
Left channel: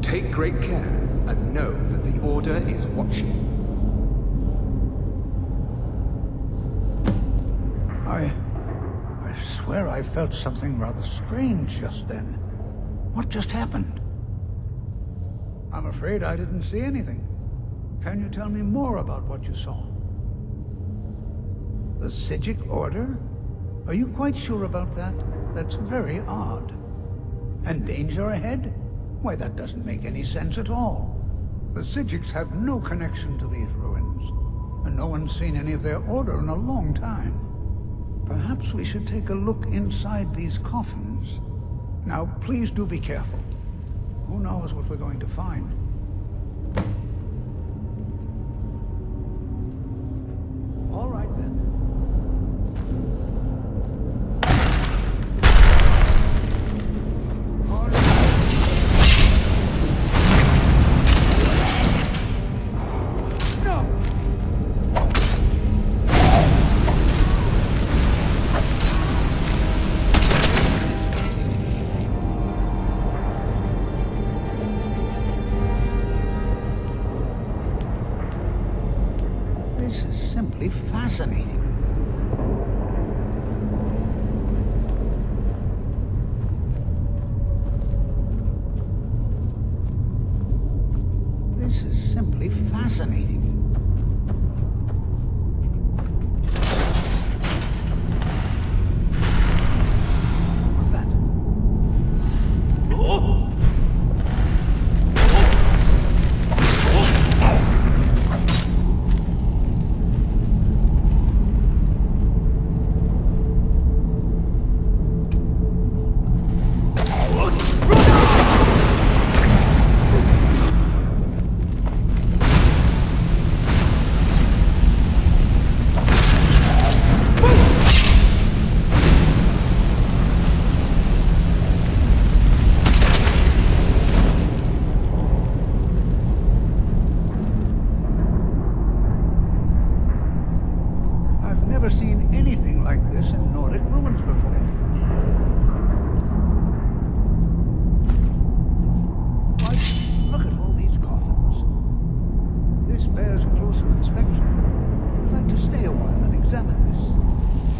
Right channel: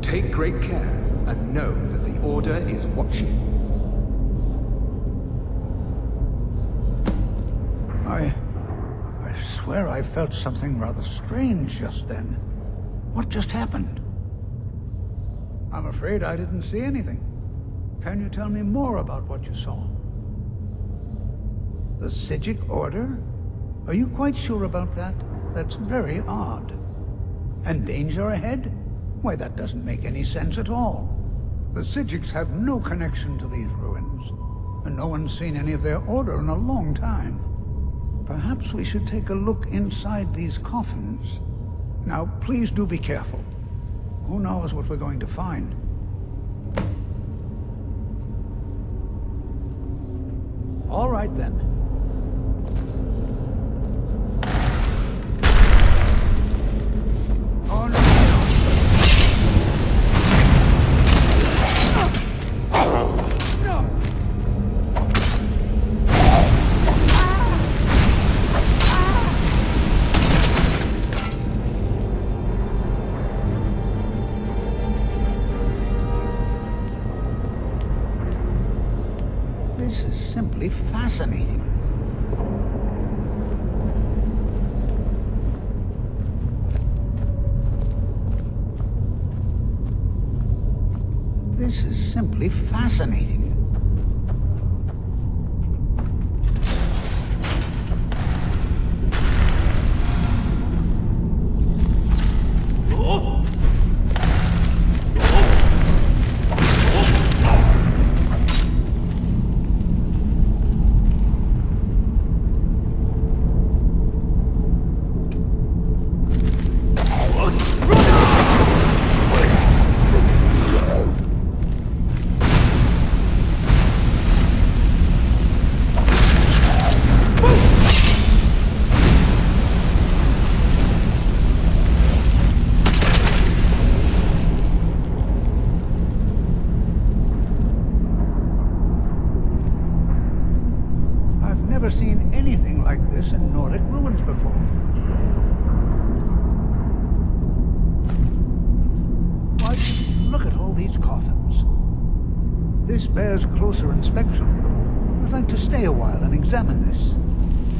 Take great care, and know that the Order is watching. I swear I felt something rather strange just then. What just happened? I'm afraid I didn't see anything. Can you tell me more about what you saw? The Psijic Order? Are you quite sure about that? That's very odd. And danger ahead? Why, that doesn't make any sense at all. The Psijics have no connection to these ruins, and no one's seen any of their order in a long time. Perhaps we should take a look inside these coffins. Now, please do be careful. Who knows what we're going to find? All right, then. Oh, no. This is simply fascinating. This is simply fascinating. Never seen anything like this in Nordic ruins before. Why, look at all these coffins. This bears closer inspection. I'd like to stay a while and examine this.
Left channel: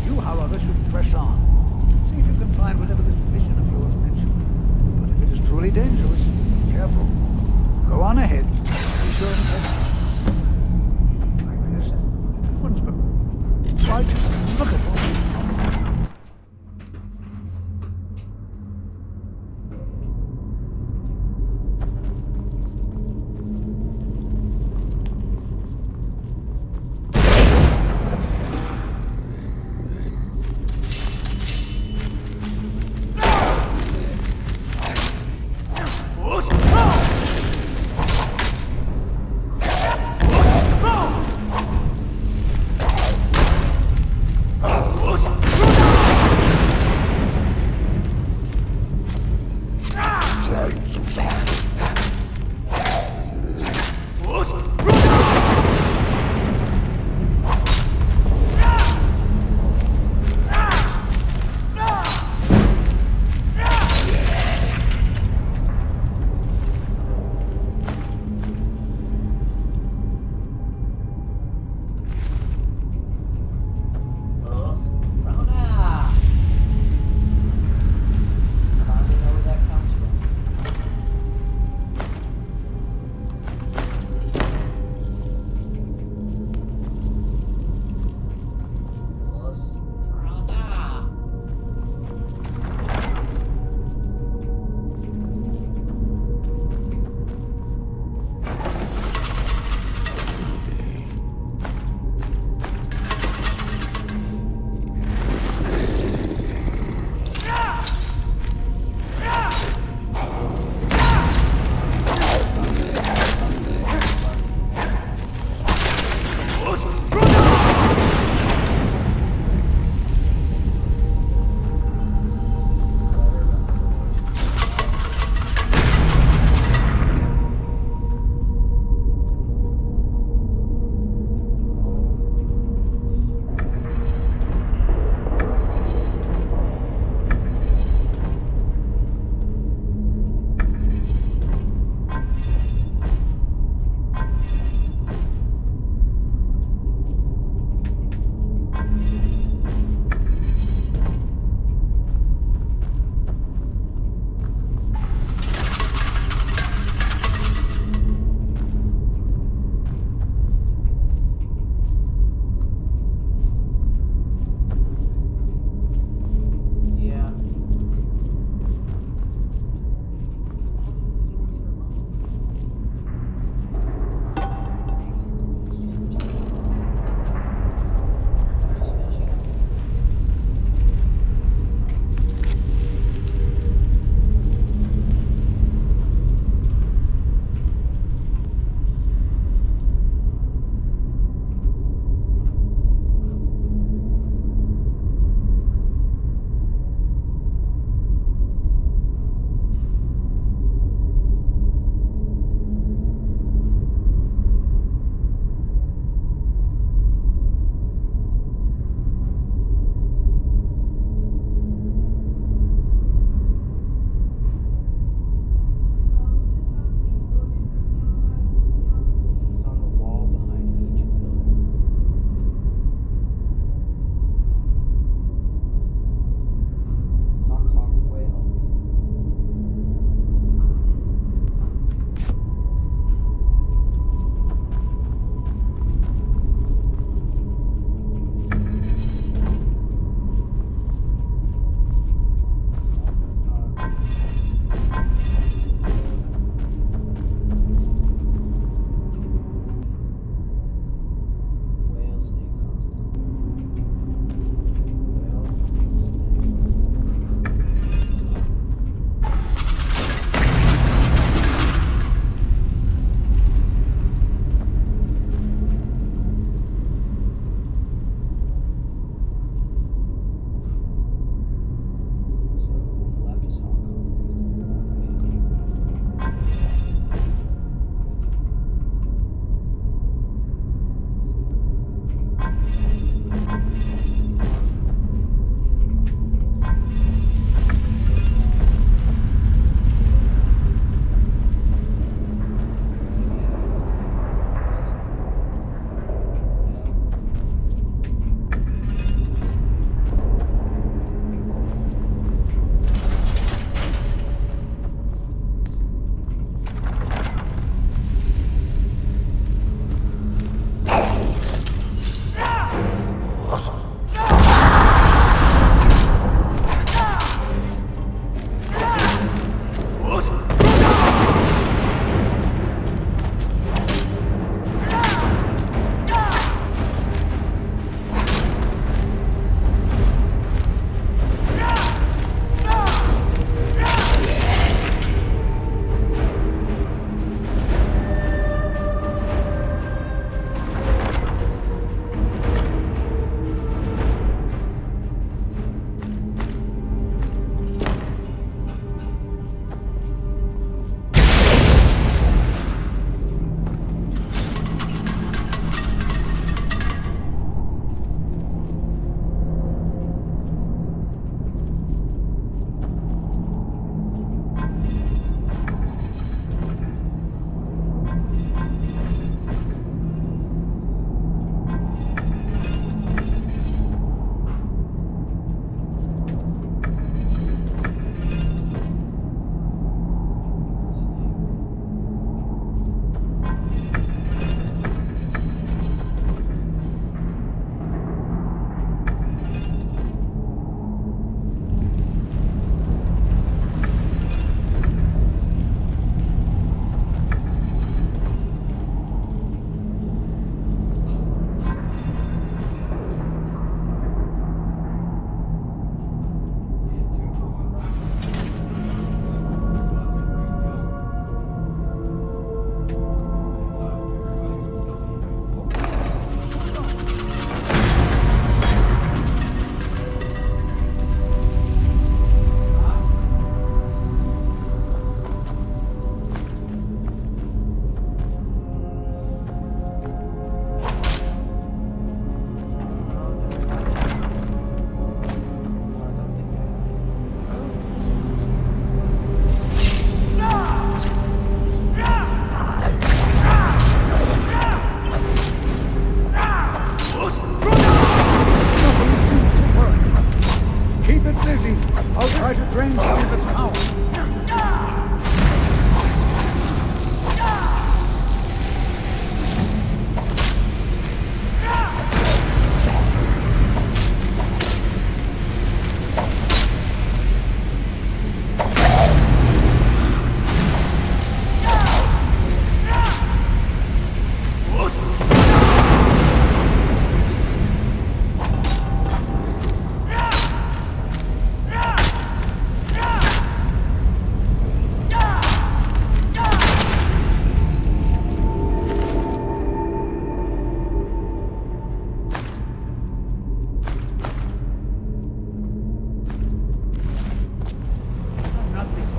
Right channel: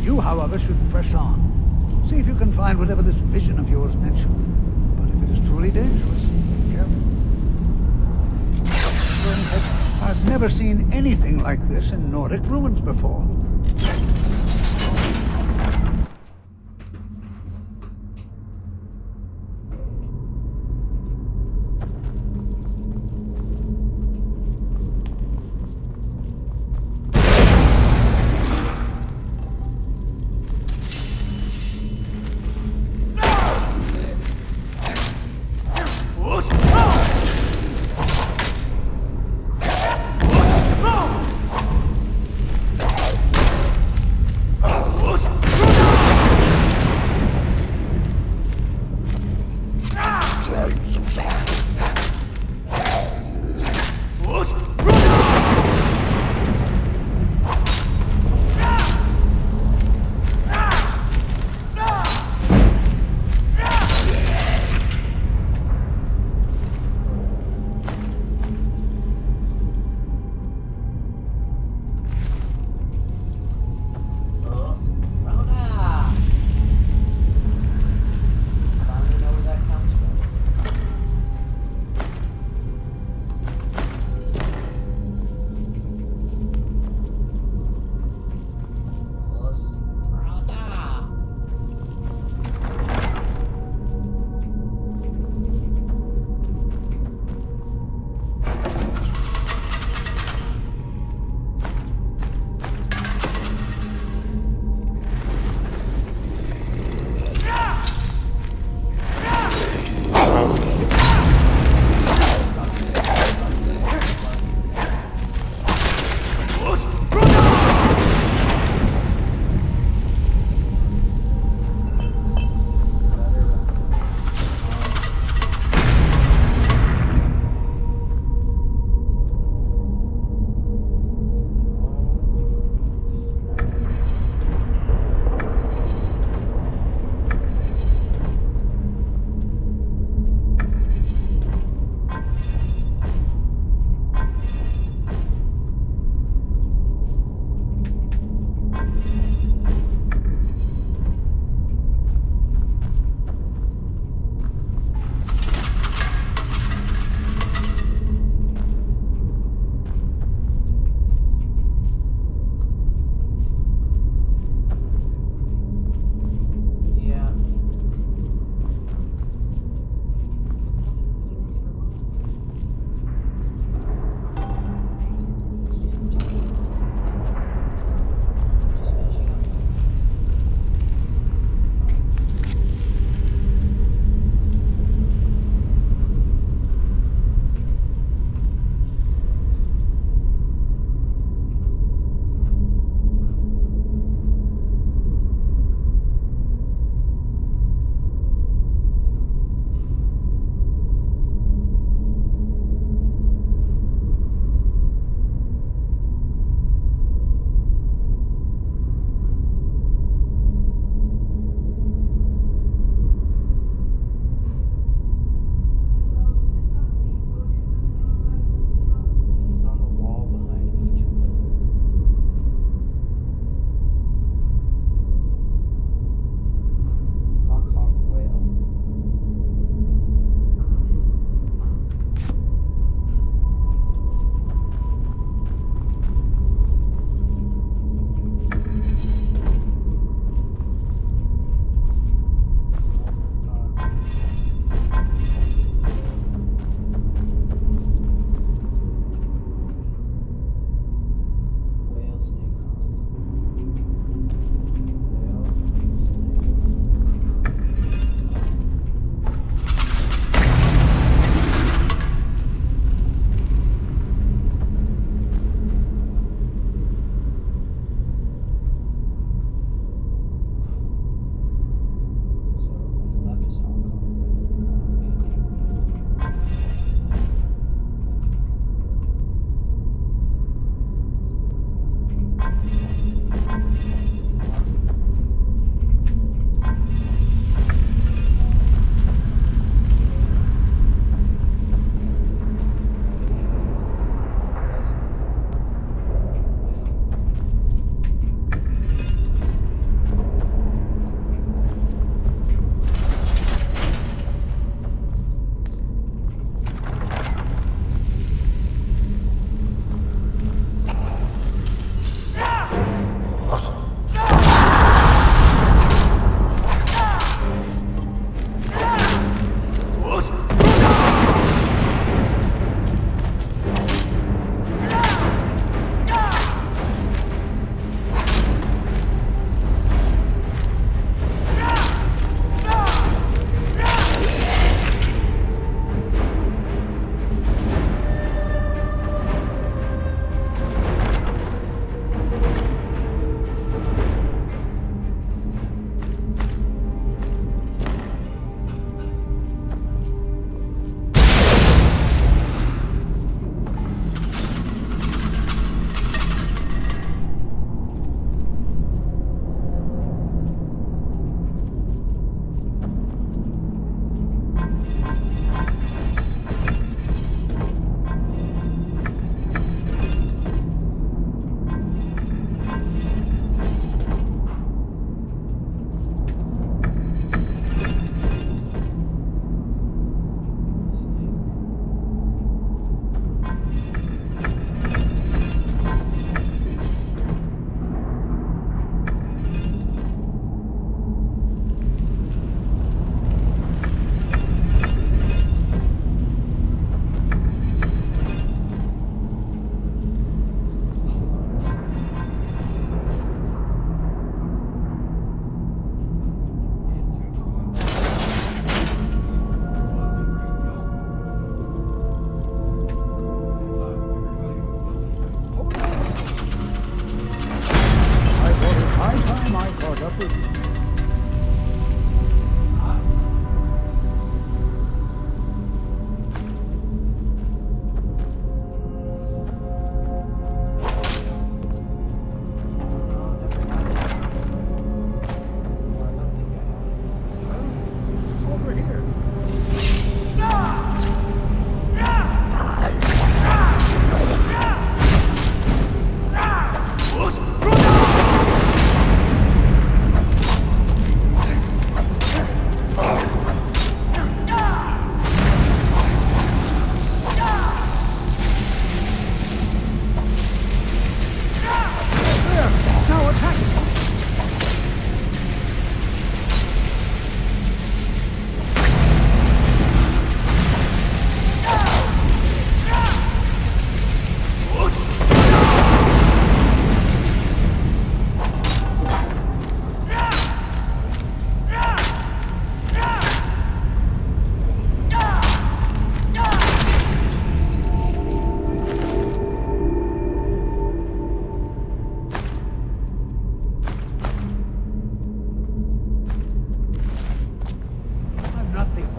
You, however, should press on. See if you can find whatever this vision of yours mentioned. But if it is truly dangerous, be careful. Go on ahead. I've never seen anything like this in Nordic ruins before. Why, look at all these coffins.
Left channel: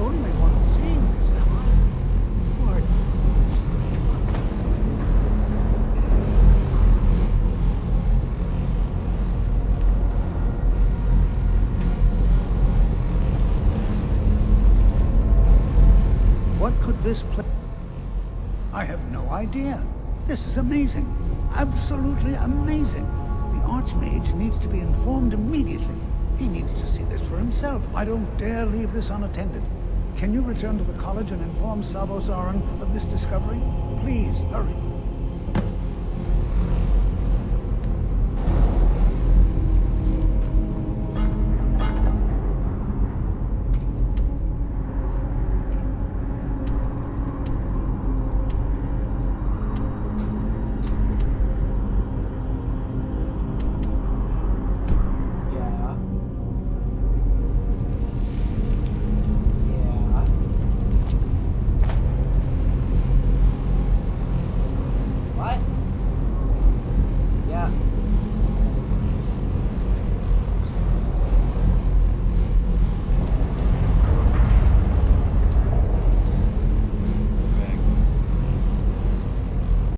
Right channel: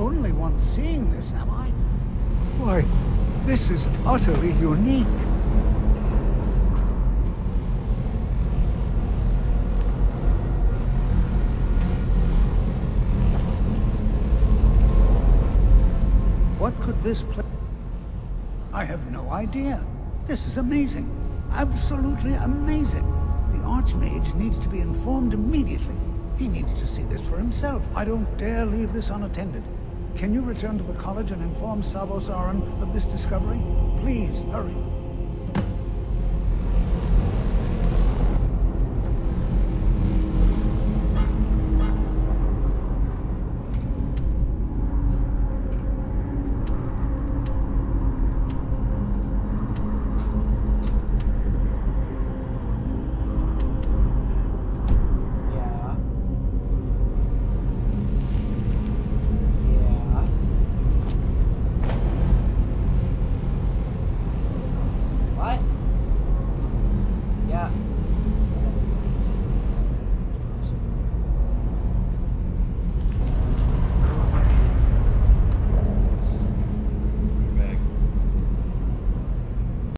only one seeing this, am I? Why, this is utterly unique. What could this place... I have no idea. This is amazing. Absolutely amazing. The Archmage needs to be informed immediately. He needs to see this for himself. I don't dare leave this unattended. Can you return to the college and inform Sabo Saran of this discovery? Please, hurry.